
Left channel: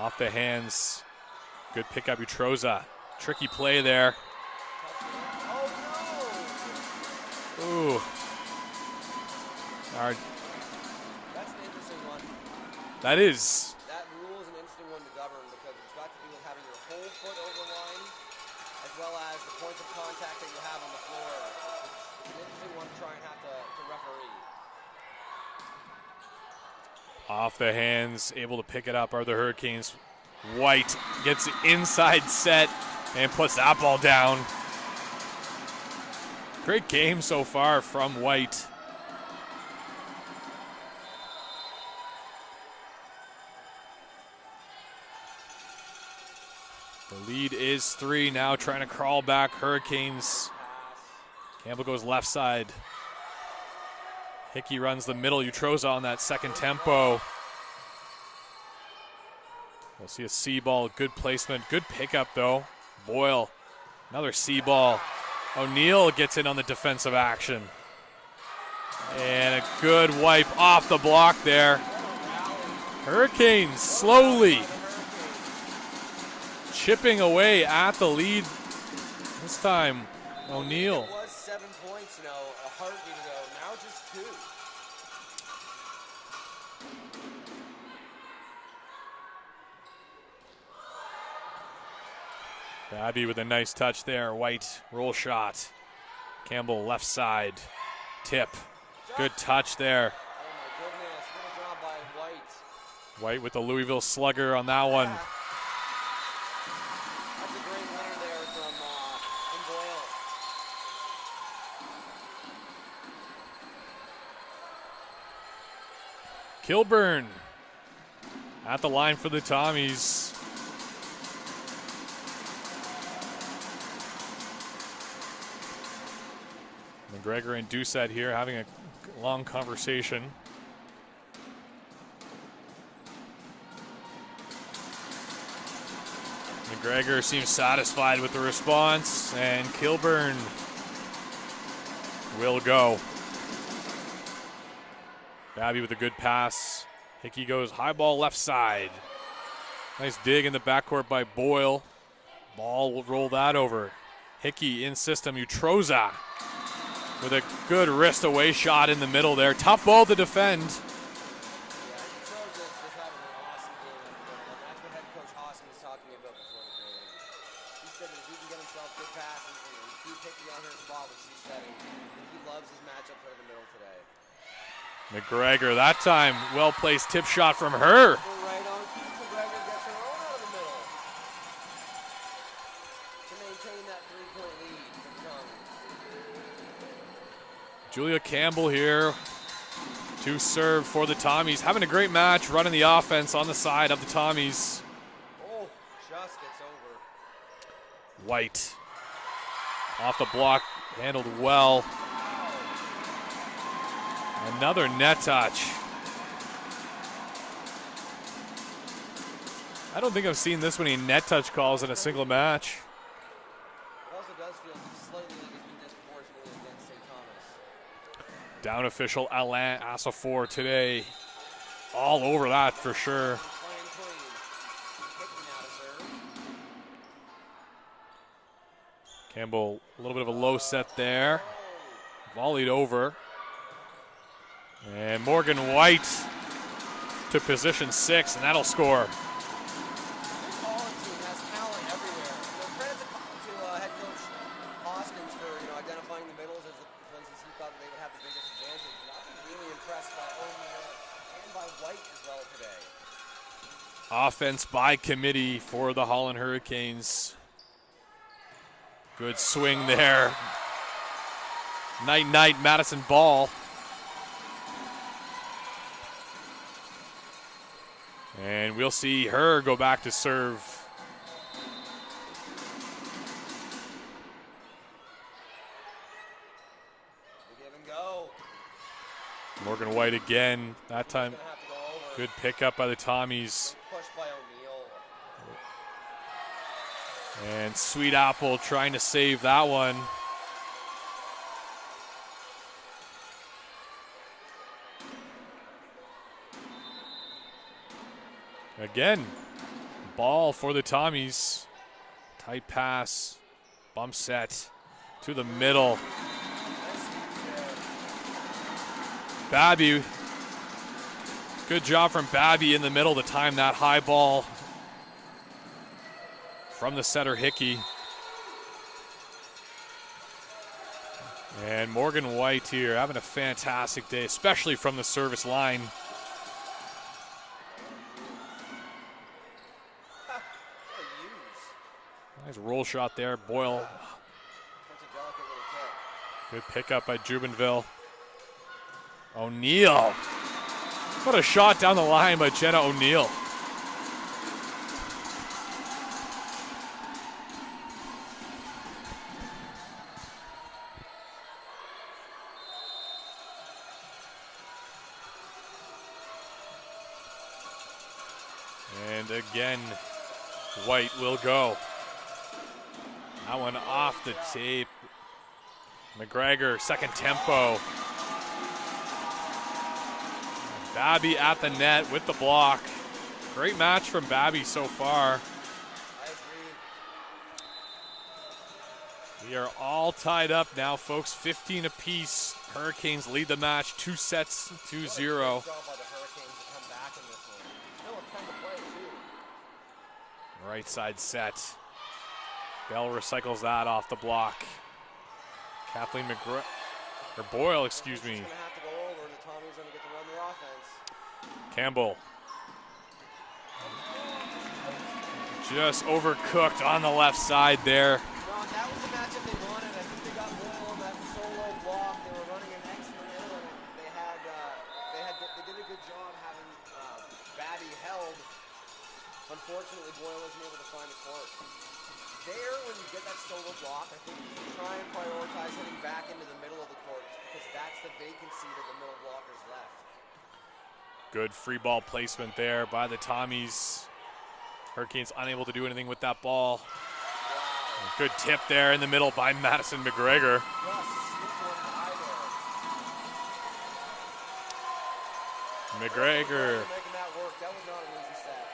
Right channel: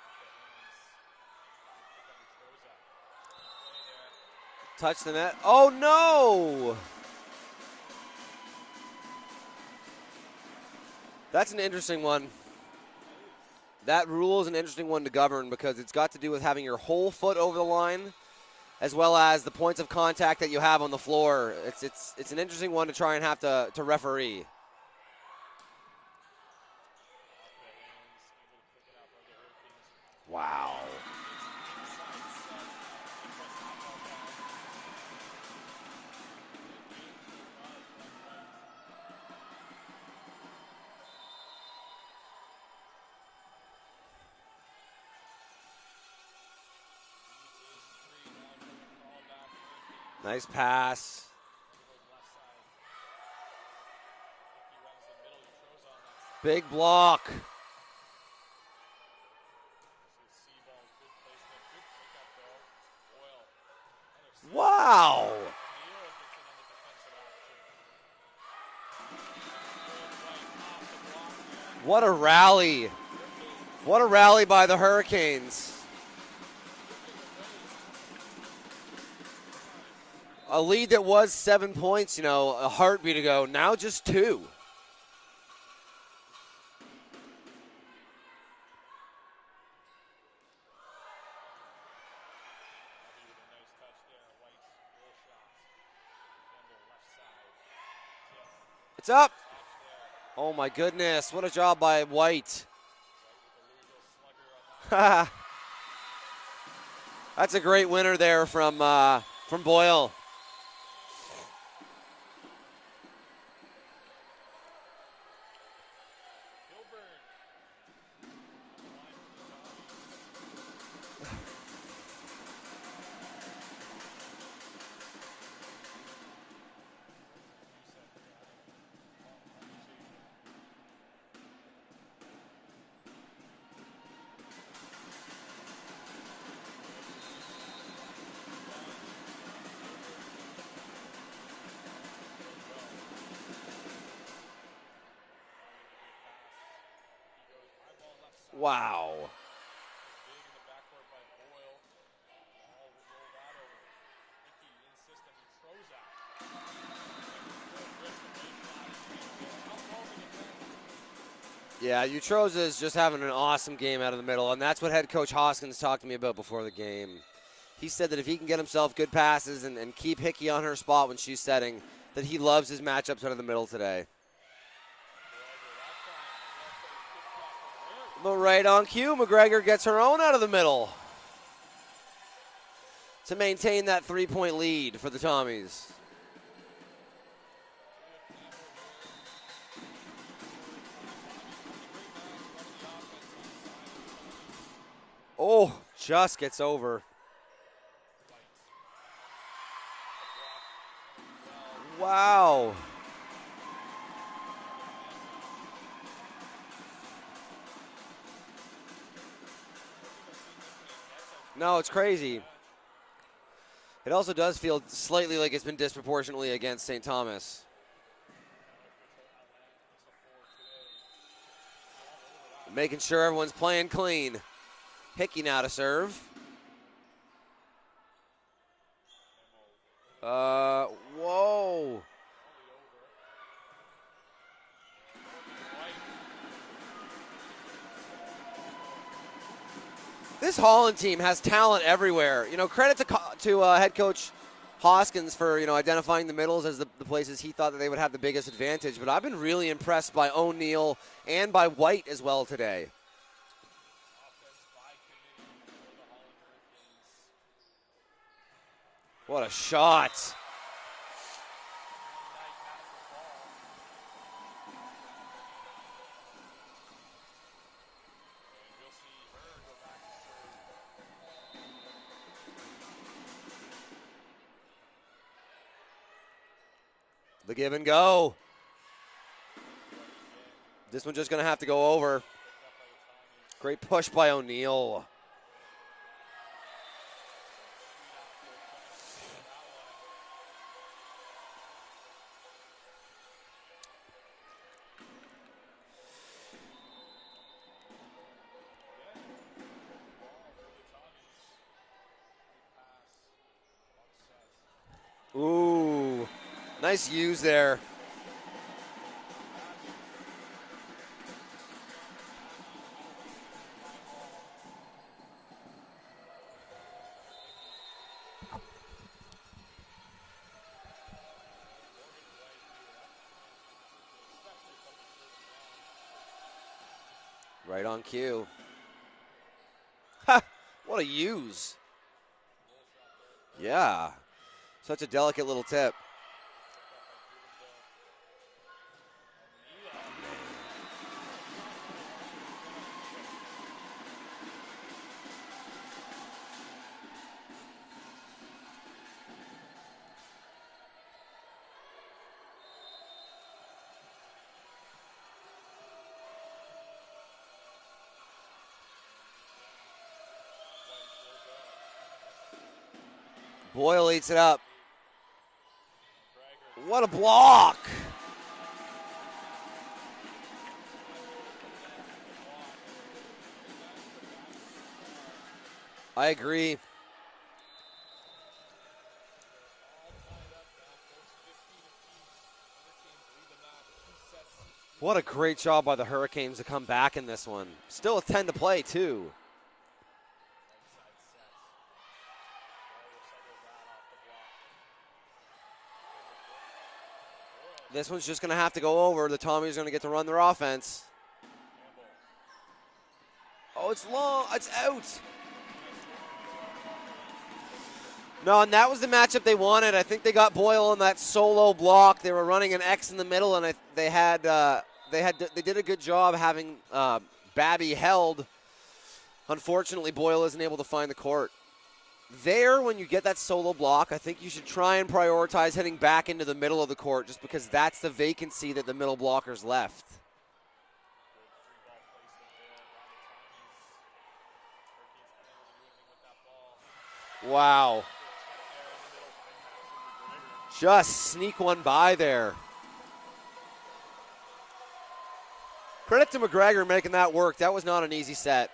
Off the hands. Good pickup, Utroza. Tricky play there. Touch the net. Oh, no! Ooh. That's an interesting one. That is. That rule is an interesting one to govern because it's got to do with having your whole foot over the line as well as the points of contact that you have on the floor. It's an interesting one to try and have to referee. Off the hands, able to pick it up are the Hurricanes. Wow. White gets the inside set and puts that ball down. Great game so far from White. The lead is 3 now, trying to crawl back. Hurricanes. Nice pass. Campbell goes left side. Hickey runs the middle. Utroza on that second Big tempo. block. We'll see a C ball. Good placement. Good pickup though. Boyle. Another C Wow. ball. O'Neill gets in on the defensive action. And a good wipe off the block there. What a rally. Hurricanes What slowly a rally by the Hurricanes. chipping away at the lead. This time, A lead that was 7 points, you know, a heartbeat ago. Now just 2. Abby with a nice touch there. White roll shot. Campbell left side. Tip. It's up. Good touch there. Oh my goodness, what a job by White. White with the Louisville slugger on that one. That's a great winner there from Boyle. Kilburn at the line for the Tommies. McGregor and Doucette here having a long conversation. McGregor seems satisfied with the response, and Kilburn will go. Babby with a good pass. Hickey goes high ball left side. Wow. Nice dig in the backcourt by Boyle. Ball will roll that over. Hickey in system, Utroza with a good wrist away shot in the middle there. Tough ball to defend. Yeah, Utroza is just having an awesome game out of the middle, and that's what head coach Hoskins talked to me about before the game. He said that if he can get himself good passes and keep Hickey on her spot when she's setting, that he loves his matchups out of the middle today. McGregor, that time, well-placed tip shot from her. But right on cue, McGregor gets her own out of the middle to maintain that 3-point lead for the Tommies. Julia Campbell here to serve for the Tommies. Having a great match, running the offense on the side of the Tommies. Oh, just gets over. White off the block, handled well. Wow. Another net touch. I don't think I've seen this many net touch calls in a single match. It also does feel slightly like it's been disproportionately against St. Thomas. Down official Alain Assafour today. All over that Making for sure sure. everyone's playing clean. Hickey now to serve. Campbell, a little bit of a low set there. Whoa. Volleyed over. And Morgan White to position 6, and that'll score. This Holland team has talent everywhere. You know, credit to head coach Hoskins for, you know, identifying the middles as the places he thought that they would have the biggest advantage. But I've been really impressed by O'Neill and by White as well today. Offense by committee for the Holland Hurricanes. Good What a swing shot. there. Night, Madison Ball. And we'll see her go back to serve. The give and go. Morgan White again. This That one's time, just going to have to go over. good pickup by the Tommies. Great push by O'Neill. And Sweet Apple trying to save that one. Again, ball for the Tommies. Tight pass, bump set to the middle. Nice use there. Babby, good job from Babby in the middle to time that high ball from the setter Hickey. And Morgan White here having a fantastic day, especially from the service line. Right on cue. Ha! What a use. Nice roll shot there, Boyle. Yeah. Such a delicate little tip. Good pickup by Jubenville. O'Neill. What a shot down the line by Jenna O'Neill. And again, White will go. That one Boyle off eats the it up. tape. McGregor, What second a tempo. block. Babby at the net with the block. Great match from Babby so far. I agree. We are all tied up now, folks. 15 apiece. Hurricanes lead the match, 2 sets, 2-0. What a great job by the Hurricanes to come back in this one. Still with 10 to play, too. Right side set. Bell recycles that off the block. Kathleen Boyle, This excuse one's me. just going to have to go over. The Tommies are going to get to run their offense. Campbell. Oh, it's long. It's out. Just overcooked on the left side there. No, and that was the matchup they wanted. I think they got Boyle on that solo block. They were running an X in the middle, and they did a good job having Babby held. Unfortunately, Boyle isn't able to find the court. There, when you get that solo block, I think you should try and prioritize heading back into the middle of the court, just because that's the vacancy that the middle blockers left. Good free ball placement there by the Tommies. Hurricanes unable to do anything with that ball. Wow. Good tip there in the middle by Madison McGregor. Just sneak one by there. Credit to McGregor making that work. That was not an easy set.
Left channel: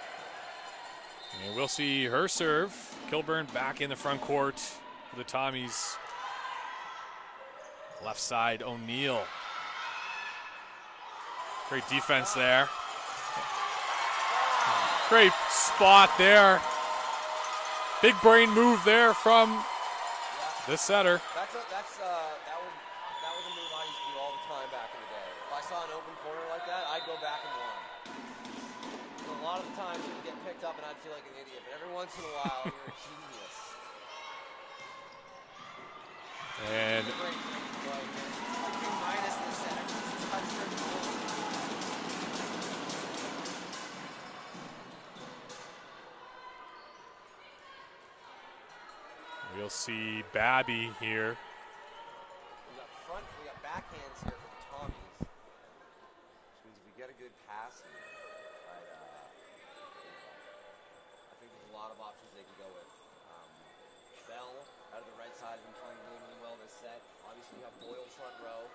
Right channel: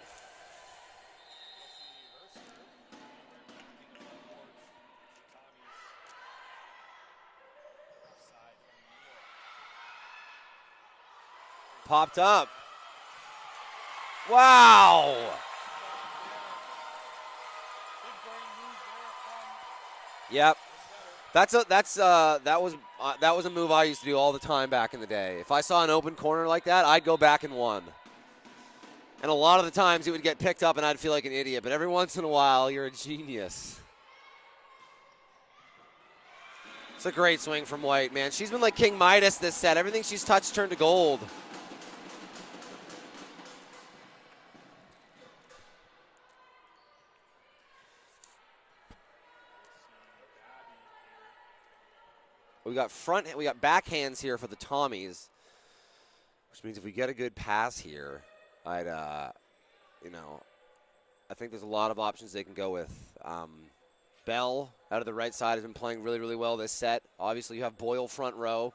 And we'll see her serve. Kilburn back in the front court for the Tommies. Left side, O'Neill. Great Popped defense up. there. Wow. Great spot there. Big brain move there from Yep. the setter. That was a move I used to do all the time back in the day. If I saw an open corner like that, I'd go back and one. And a lot of the times it would get picked up and I'd feel like an idiot. But every once in a while, you're a genius. And It's a great swing from White, man. She's been like King Midas this set. Everything she's touched turned to gold. we'll see Babby here. We got backhands here for the Tommies, which means if we get a good pass here, I think there's a lot of options they can go with. Bell out of the right side has been playing really, really well this set. Obviously, you have Boyle front row.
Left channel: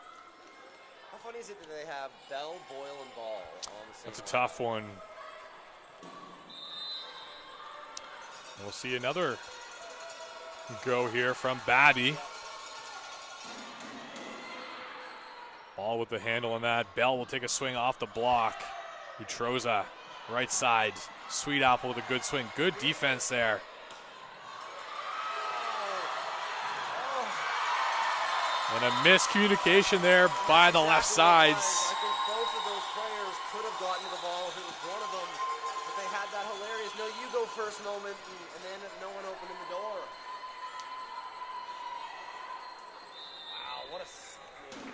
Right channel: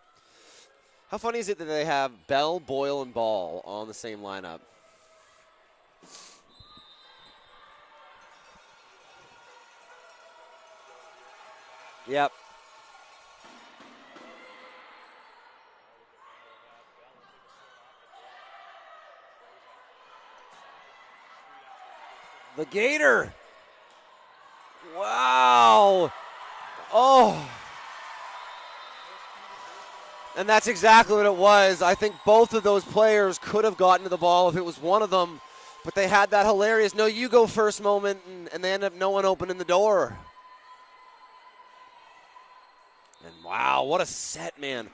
How funny is it that they have Bell, Boyle, and Ball on the same It's a lineup? tough one. We'll see another go here from Babby. Yep. Ball with the handle on that. Bell will take a swing off the block. Utroza, right side. Sweet Apple with a good swing. Good Gator. defense there. Wow. Oh. And a miscommunication there And by that's the exactly left what it side. was. I think both of those players could have gotten to the ball if it was one of them. But they had that hilarious no you go first moment, and they end up no one opening the door. And wow, what a set, man.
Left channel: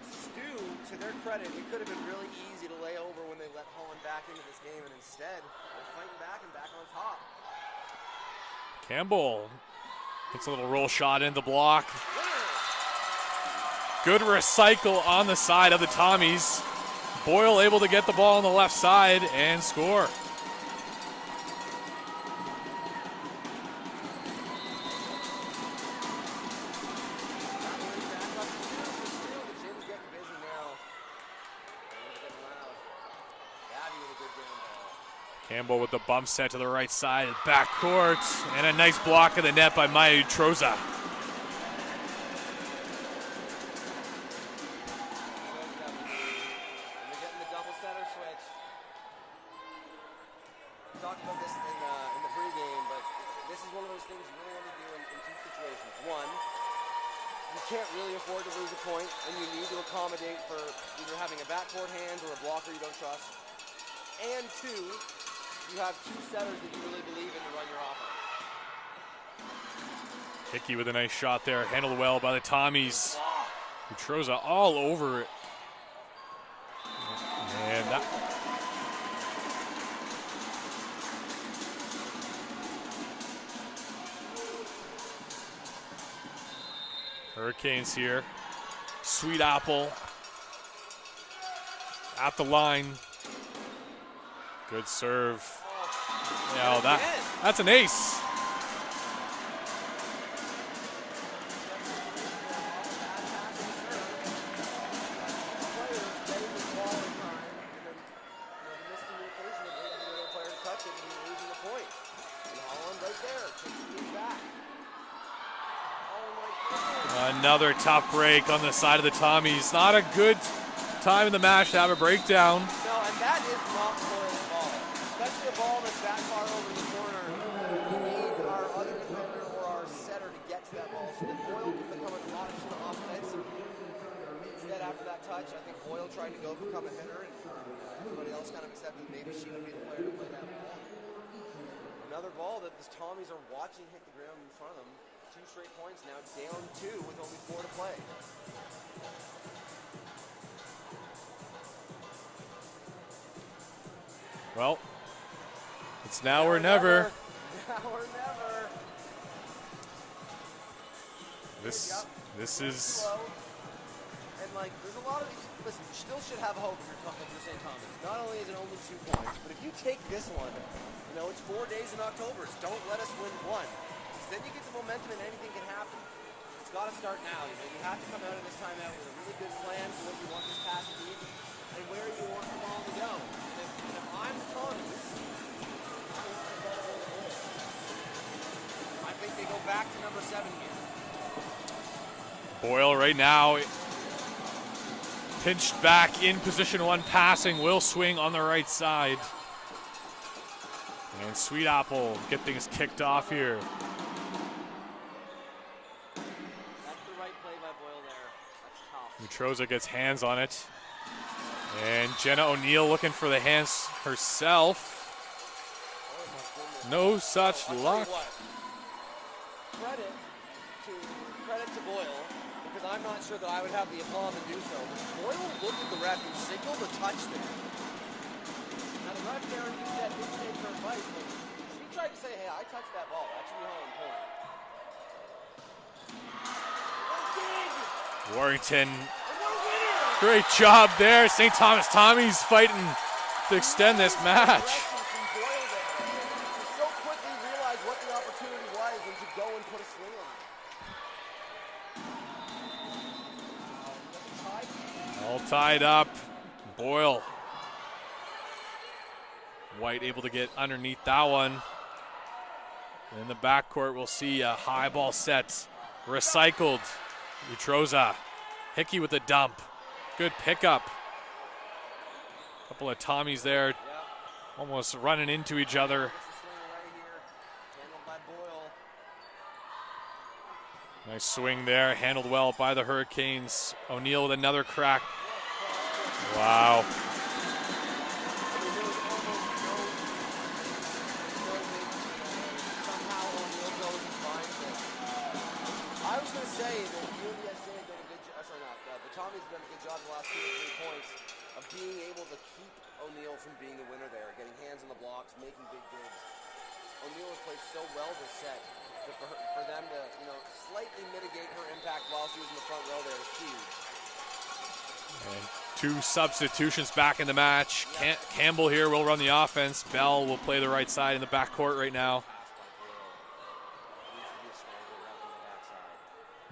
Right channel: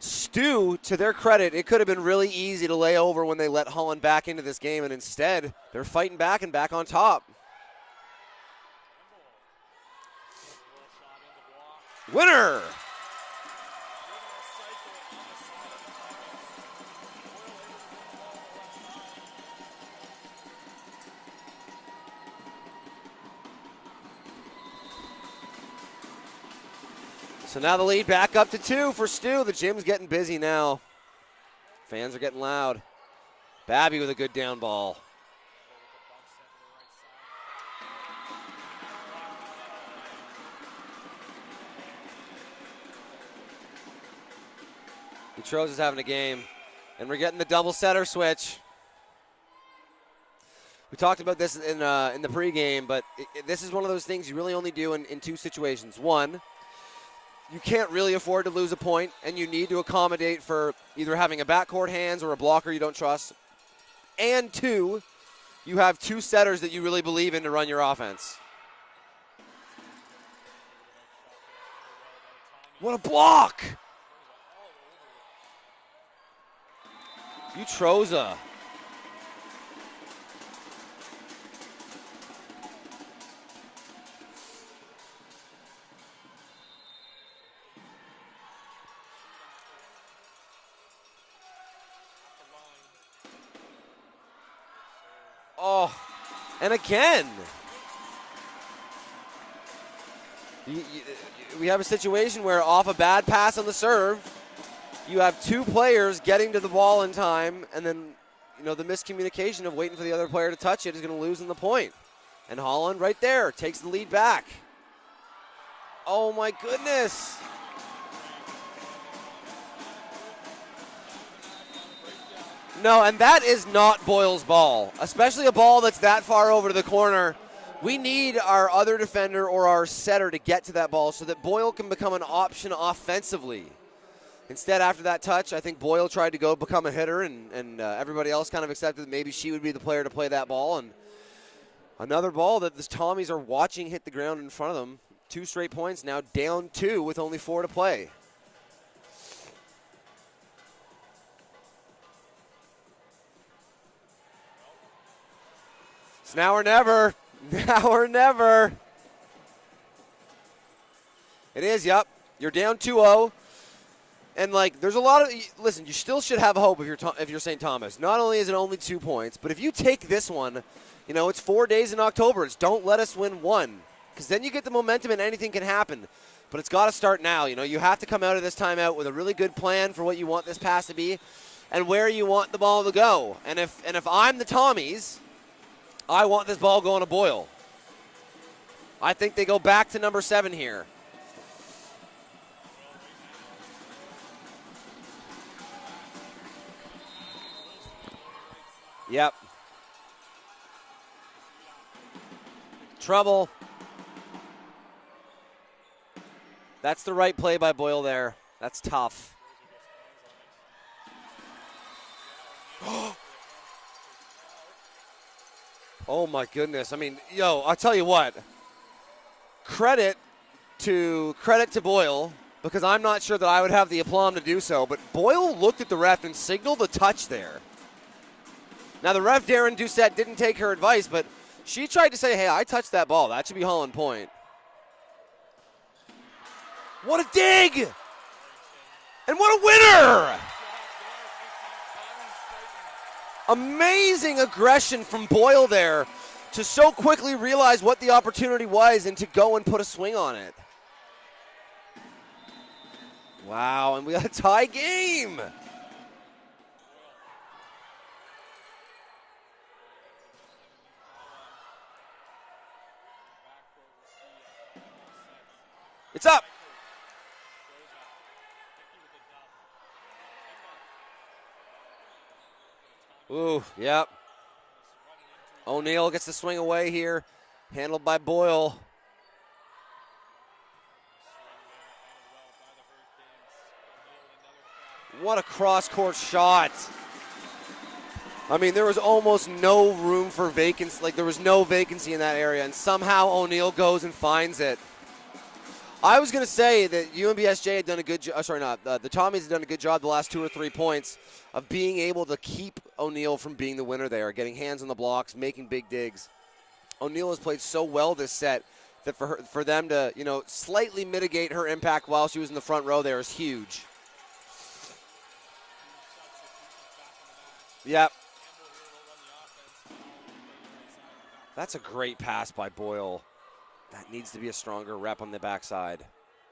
STU, to their credit, it could have been really easy to lay over when they let Holland back into this game, and instead, they're fighting back and back on top. Campbell gets a little roll shot in the block. Winner! Good recycle on the side of the Tommies. Boyle able to get the ball on the left side and score. So now the lead back up to 2 for STU. The gym's getting busy now. Fans are getting loud. Babby with a good down ball. Campbell with the bump set to the right side, back court, and a nice block of the net by Maya Utroza. Utroza's having a game. And we're getting the double setter switch. We talked about this in the pregame, but this is one of those things you really only do in 2 situations. One, you can't really afford to lose a point, and you need to accommodate for either having a backcourt hands or a blocker you don't trust. And 2, you have 2 setters that you really believe in to run your offense. Hickey with a nice shot there, handled well by the Tommies. What a block! Utroza all over it. Utroza. Hurricanes here. Sweet Apple at the line. Good serve. Oh, Yeah, and again. That's an ace. We have a situation where off a bad pass on the serve, you have 2 players getting to the ball in time, and then the miscommunication of waiting for the other player to touch it is going to lose in the point. And Holland right there takes the lead back. Oh my goodness. Another tough break on the side of the Tommies. Not a good time in the match to have a breakdown. No, and that is not Boyle's ball, especially a ball that's that far over to the corner. We need our other defender or our setter to get to that ball so that Boyle can become an option offensively. Instead, after that touch, I think Boyle tried to go become a hitter, and everybody else kind of accepted that maybe she would be the player to play that ball. And another ball that the Tommies are watching hit the ground in front of them. 2 straight points, now down 2 with only 4 to play. Well, it's now or never. Now or never. It is, yep. You're down 2-0. And, there's a lot of – listen, you still should have hope if you're St. Thomas. Not only is it only 2 points, but if you take this one, it's 4 days in October. It's don't let us win 1. Because then you get the momentum and anything can happen. But it's got to start now. You have to come out of this timeout with a really good plan for what you want this pass to be and where you want the ball to go. And if I'm the Tommies, I want this ball going to Boyle. I think they go back to number 7 here. Boyle right now pinched back in position 1 passing. Will swing on the right side. Yep. And Sweet Apple get things kicked Trouble. off here. That's the right play by Boyle there. That's tough. Utroza gets hands on it. And Jenna O'Neill looking for the hands herself. Oh my goodness. No such I'll tell you luck. what. Credit to Boyle, because I'm not sure that I would have the aplomb to do so, but Boyle looked at the ref and signaled a touch there. Now the ref, Darren Doucette, didn't take her advice, but she tried to say, hey, I touched that ball. That should be Holland point. What a dig! Warrington. And what a winner! Great job there. St. Thomas Tommies fighting to extend this match. Amazing aggression from Boyle there to so quickly realize what the opportunity was and to go and put a swing on it. Wow, and we got a tie game. All tied up. Boyle. White able to get underneath that one. In the backcourt, we'll see a high ball set. Recycled. Utroza. Hickey with the dump. Good pickup. Couple of Tommies there. Yep. Almost running into each other. O'Neill gets the swing away here. Handled by Boyle. Nice swing there. Handled well by the Hurricanes. O'Neill with another crack. What a cross-court shot. Wow. I mean, there was almost no room for vacancy. Like, there was no vacancy in that area, and somehow O'Neal goes and finds it. I was going to say that UMBSJ had done a good job, the Tommies had done a good job the last 2 or 3 points of being able to keep O'Neal from being the winner there, getting hands on the blocks, making big digs. O'Neal has played so well this set that for them to, slightly mitigate her impact while she was in the front row there is huge. And 2 substitutions back in the match. Yep. Campbell here will run the offense. Bell will play the right side in the backcourt right now. That's a great pass by Boyle. That needs to be a stronger rep on the backside.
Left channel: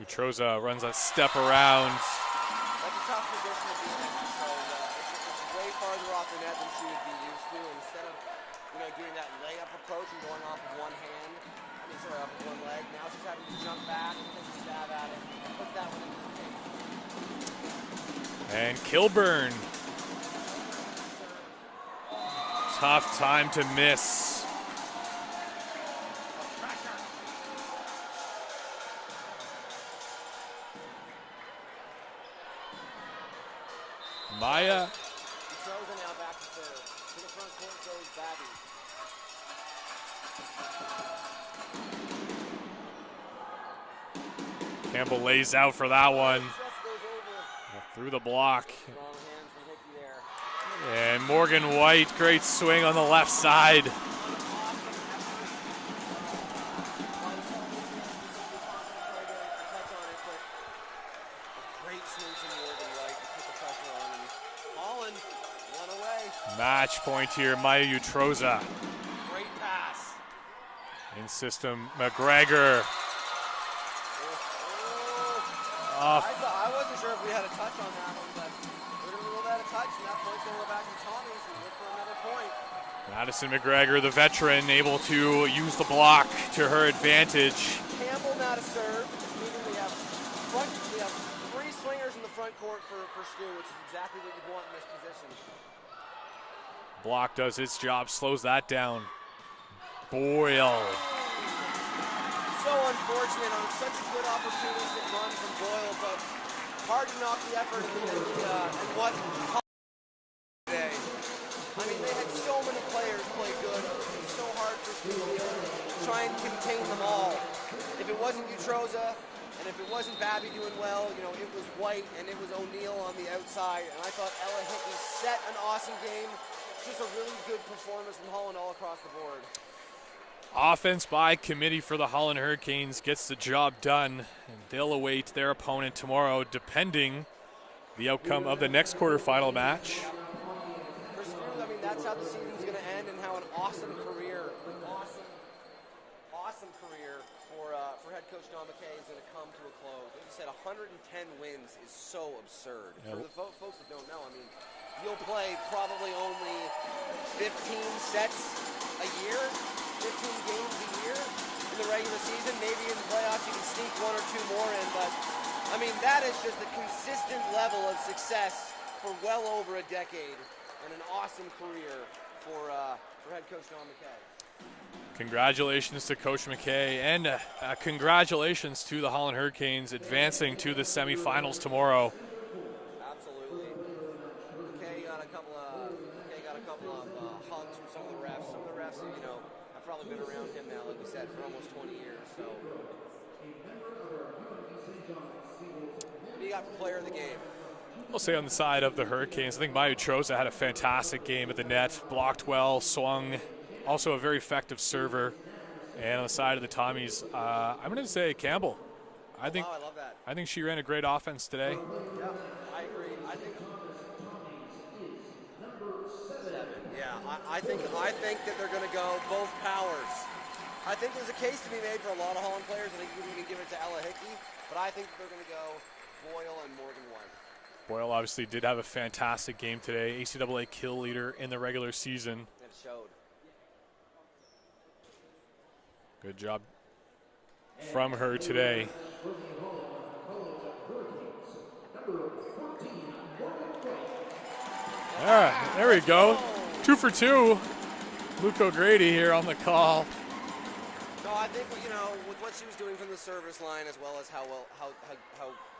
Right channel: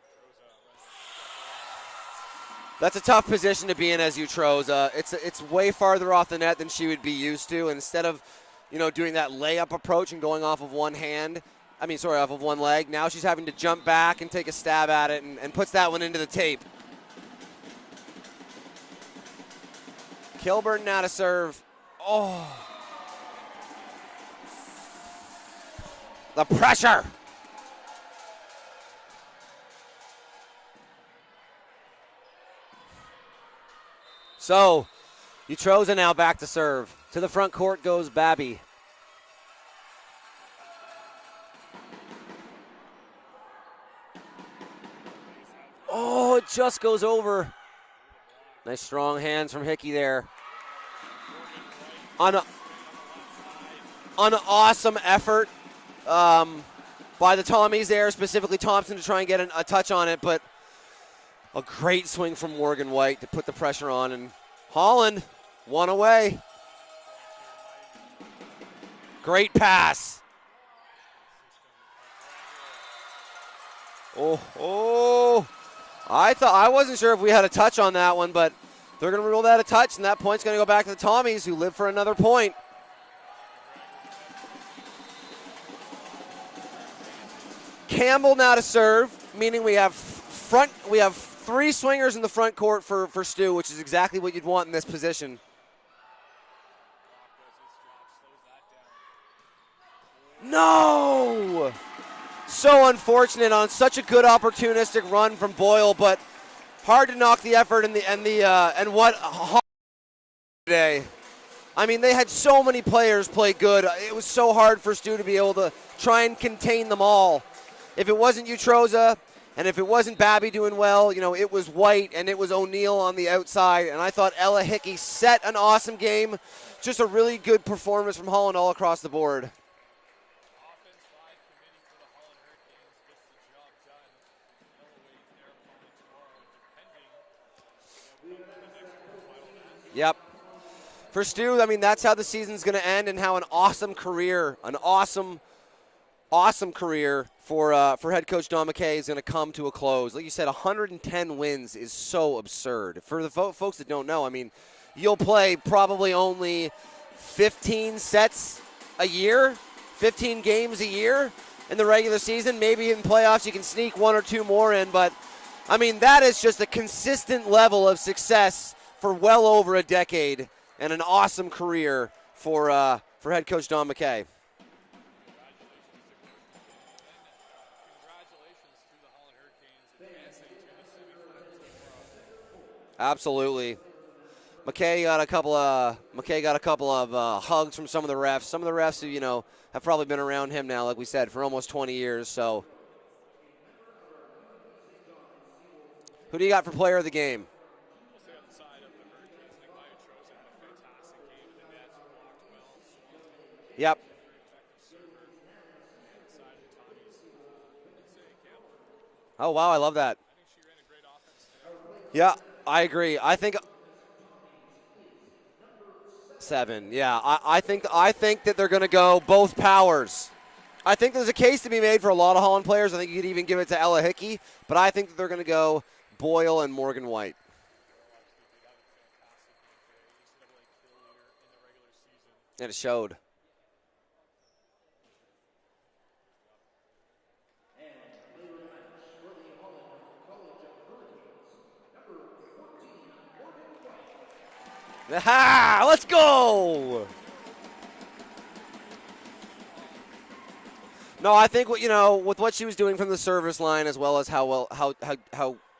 Utroza runs a step around. That's a tough position to be in as Utroza. It's way farther off the net than she would be used to. And instead of, doing that layup approach and going off of one off of one leg, now she's having to jump back and take a stab at it and puts that one into the tape. And Kilburn now to serve. Oh. Tough time to miss. The pressure. So, Utroza now back to serve. To the front court goes Babby. Campbell lays out for that one. Oh, it just goes over. Through the block. Nice strong hands from Hickey there. And Morgan White, great swing on the left side. An awesome effort by the Tommies there, specifically Thompson to try and get a touch on it, but a great swing from Morgan White to put the pressure on, and Holland one away. Match point here, Maya Utroza. Great pass. In system, McGregor. I wasn't sure if we had a touch on that one, but they're going to rule that a touch, and that point's going to go back to the Tommies, who live for another point. Madison McGregor, the veteran, able to use the block to her advantage. Campbell now to serve, meaning we have 3 swingers in the front court for STU, which is exactly what you'd want in this position. Block does its job, slows that down. Boy. No! So unfortunate on such a good opportunistic run from Boyle, but hard to knock the effort and what today. I mean, they had so many players play good. It was so hard for STU to be able to try and contain them all. If it wasn't Utroza and if it wasn't Babby doing well, it was White and it was O'Neal on the outside. And I thought Ella Hickey set an awesome game. Just a really good performance from Holland all across the board. Offense by committee for the Holland Hurricanes gets the job done, and they'll await their opponent tomorrow, depending the outcome of the next quarterfinal match. Yep. For STU, I mean, that's how the season's going to end, and how an awesome career for head coach Don McKay is going to come to a close. Like you said, 110 wins is so absurd. Yeah. For the folks that don't know, I mean, you'll play probably only 15 sets a year. 15 games a year in the regular season. Maybe in playoffs you can sneak 1 or 2 more in, but I mean, that is just a consistent level of success for well over a decade and an awesome career for head coach Don McKay. Congratulations to Coach McKay, and congratulations to the Holland Hurricanes advancing to the semifinals tomorrow. Absolutely. McKay got a couple of hugs from some of the refs. Some of the refs who, have probably been around him now, like we said, for almost 20 years. So, who do you got for player of the game? I'll say on the side of the Hurricanes, I think Maya Utroza had a fantastic game at the net, blocked well, swung, also a very effective server. And on the side of the Tommies, I'm going to say Campbell. I love that. I think she ran a great offense today. Yeah, I agree. I think 7. Yeah, I think that they're going to go both powers. I think there's a case to be made for a lot of Holland players. I think you could even give it to Ella Hickey, but I think that they're going to go Boyle and Morgan White. Boyle obviously did have a fantastic game today. ACAA kill leader in the regular season. And it showed. Good job from her today. There we go. 2 for 2. Luke O'Grady here on the call. No, I think with what she was doing from the service line, as well as how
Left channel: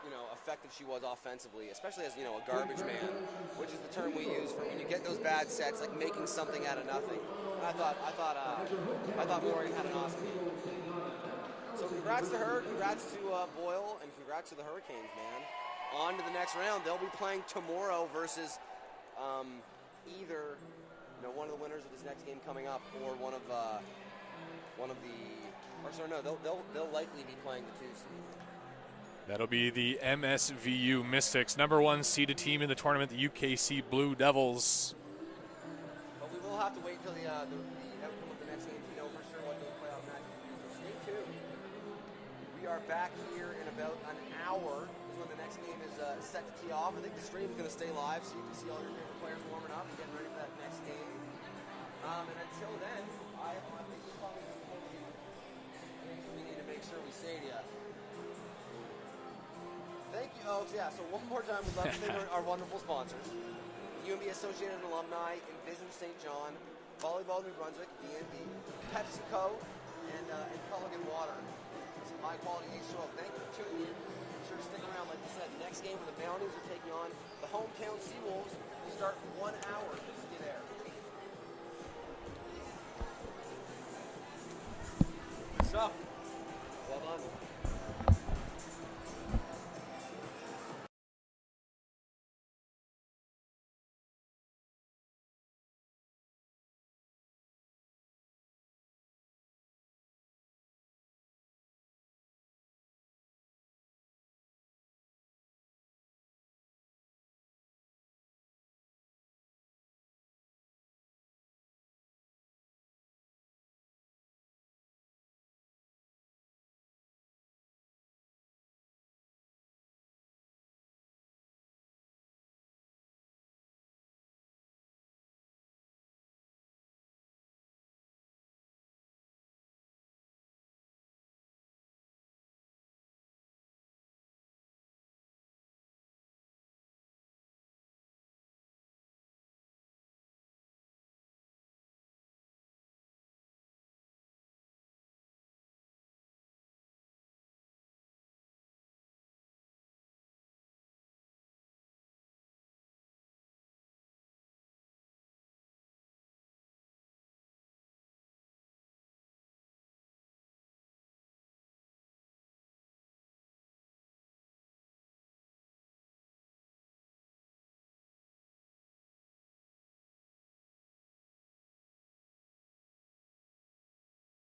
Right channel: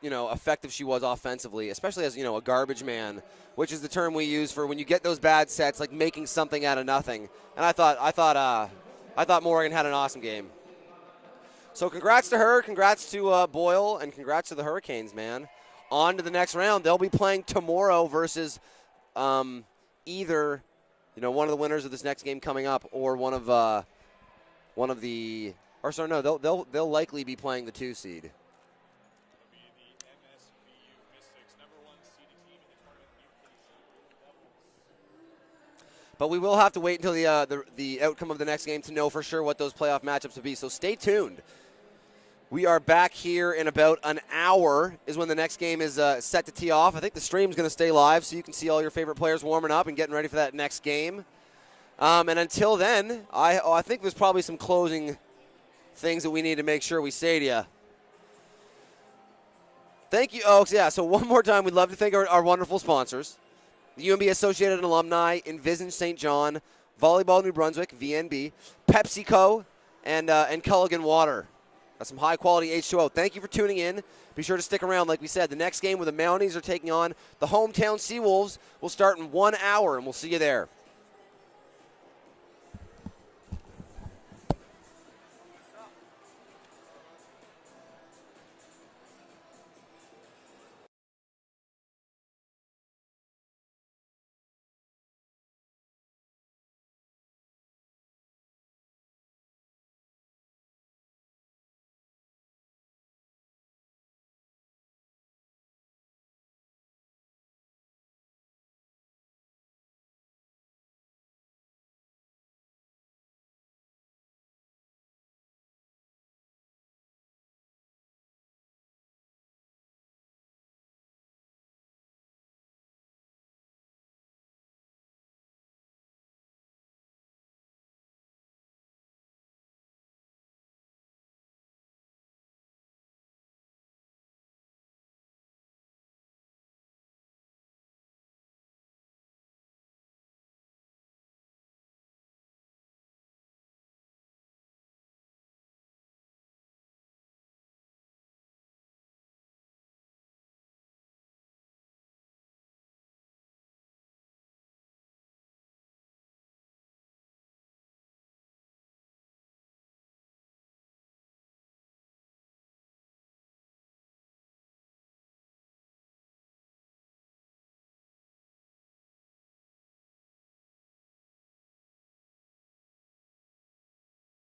effective she was offensively, especially as a garbage man, which is the term we use for when you get those bad sets, like making something out of nothing. And I thought Morgan had an awesome game. So congrats to her, congrats to Boyle, and congrats to the Hurricanes, man. On to the next round. They'll be playing tomorrow versus either one of the winners of this next game coming up, or they'll likely be playing the 2 seed. That'll be the MSVU Mystics, number 1 seeded team in the tournament, the UKC Blue Devils. But we will have to wait until the outcome of the next game to know for sure what those playoff matchups will be. So stay tuned. We are back here in about an hour is when the next game is set to tee off. I think the stream's going to stay live so you can see all your favorite players warming up and getting ready for that next game. And until then, I think there's probably some closing things that we need to make sure we say to you. Thank you, Oaks. Yeah, so one more time, we'd love to thank our wonderful sponsors. The UNB Associated Alumni, Envision St. John, Volleyball New Brunswick, VNB, PepsiCo, and Culligan Water. That's some high-quality H2O. Thank you for tuning in. Be sure to stick around. Like we said, the next game where the Mounties are taking on the hometown Seawolves will start in 1 hour, and we'll see you there.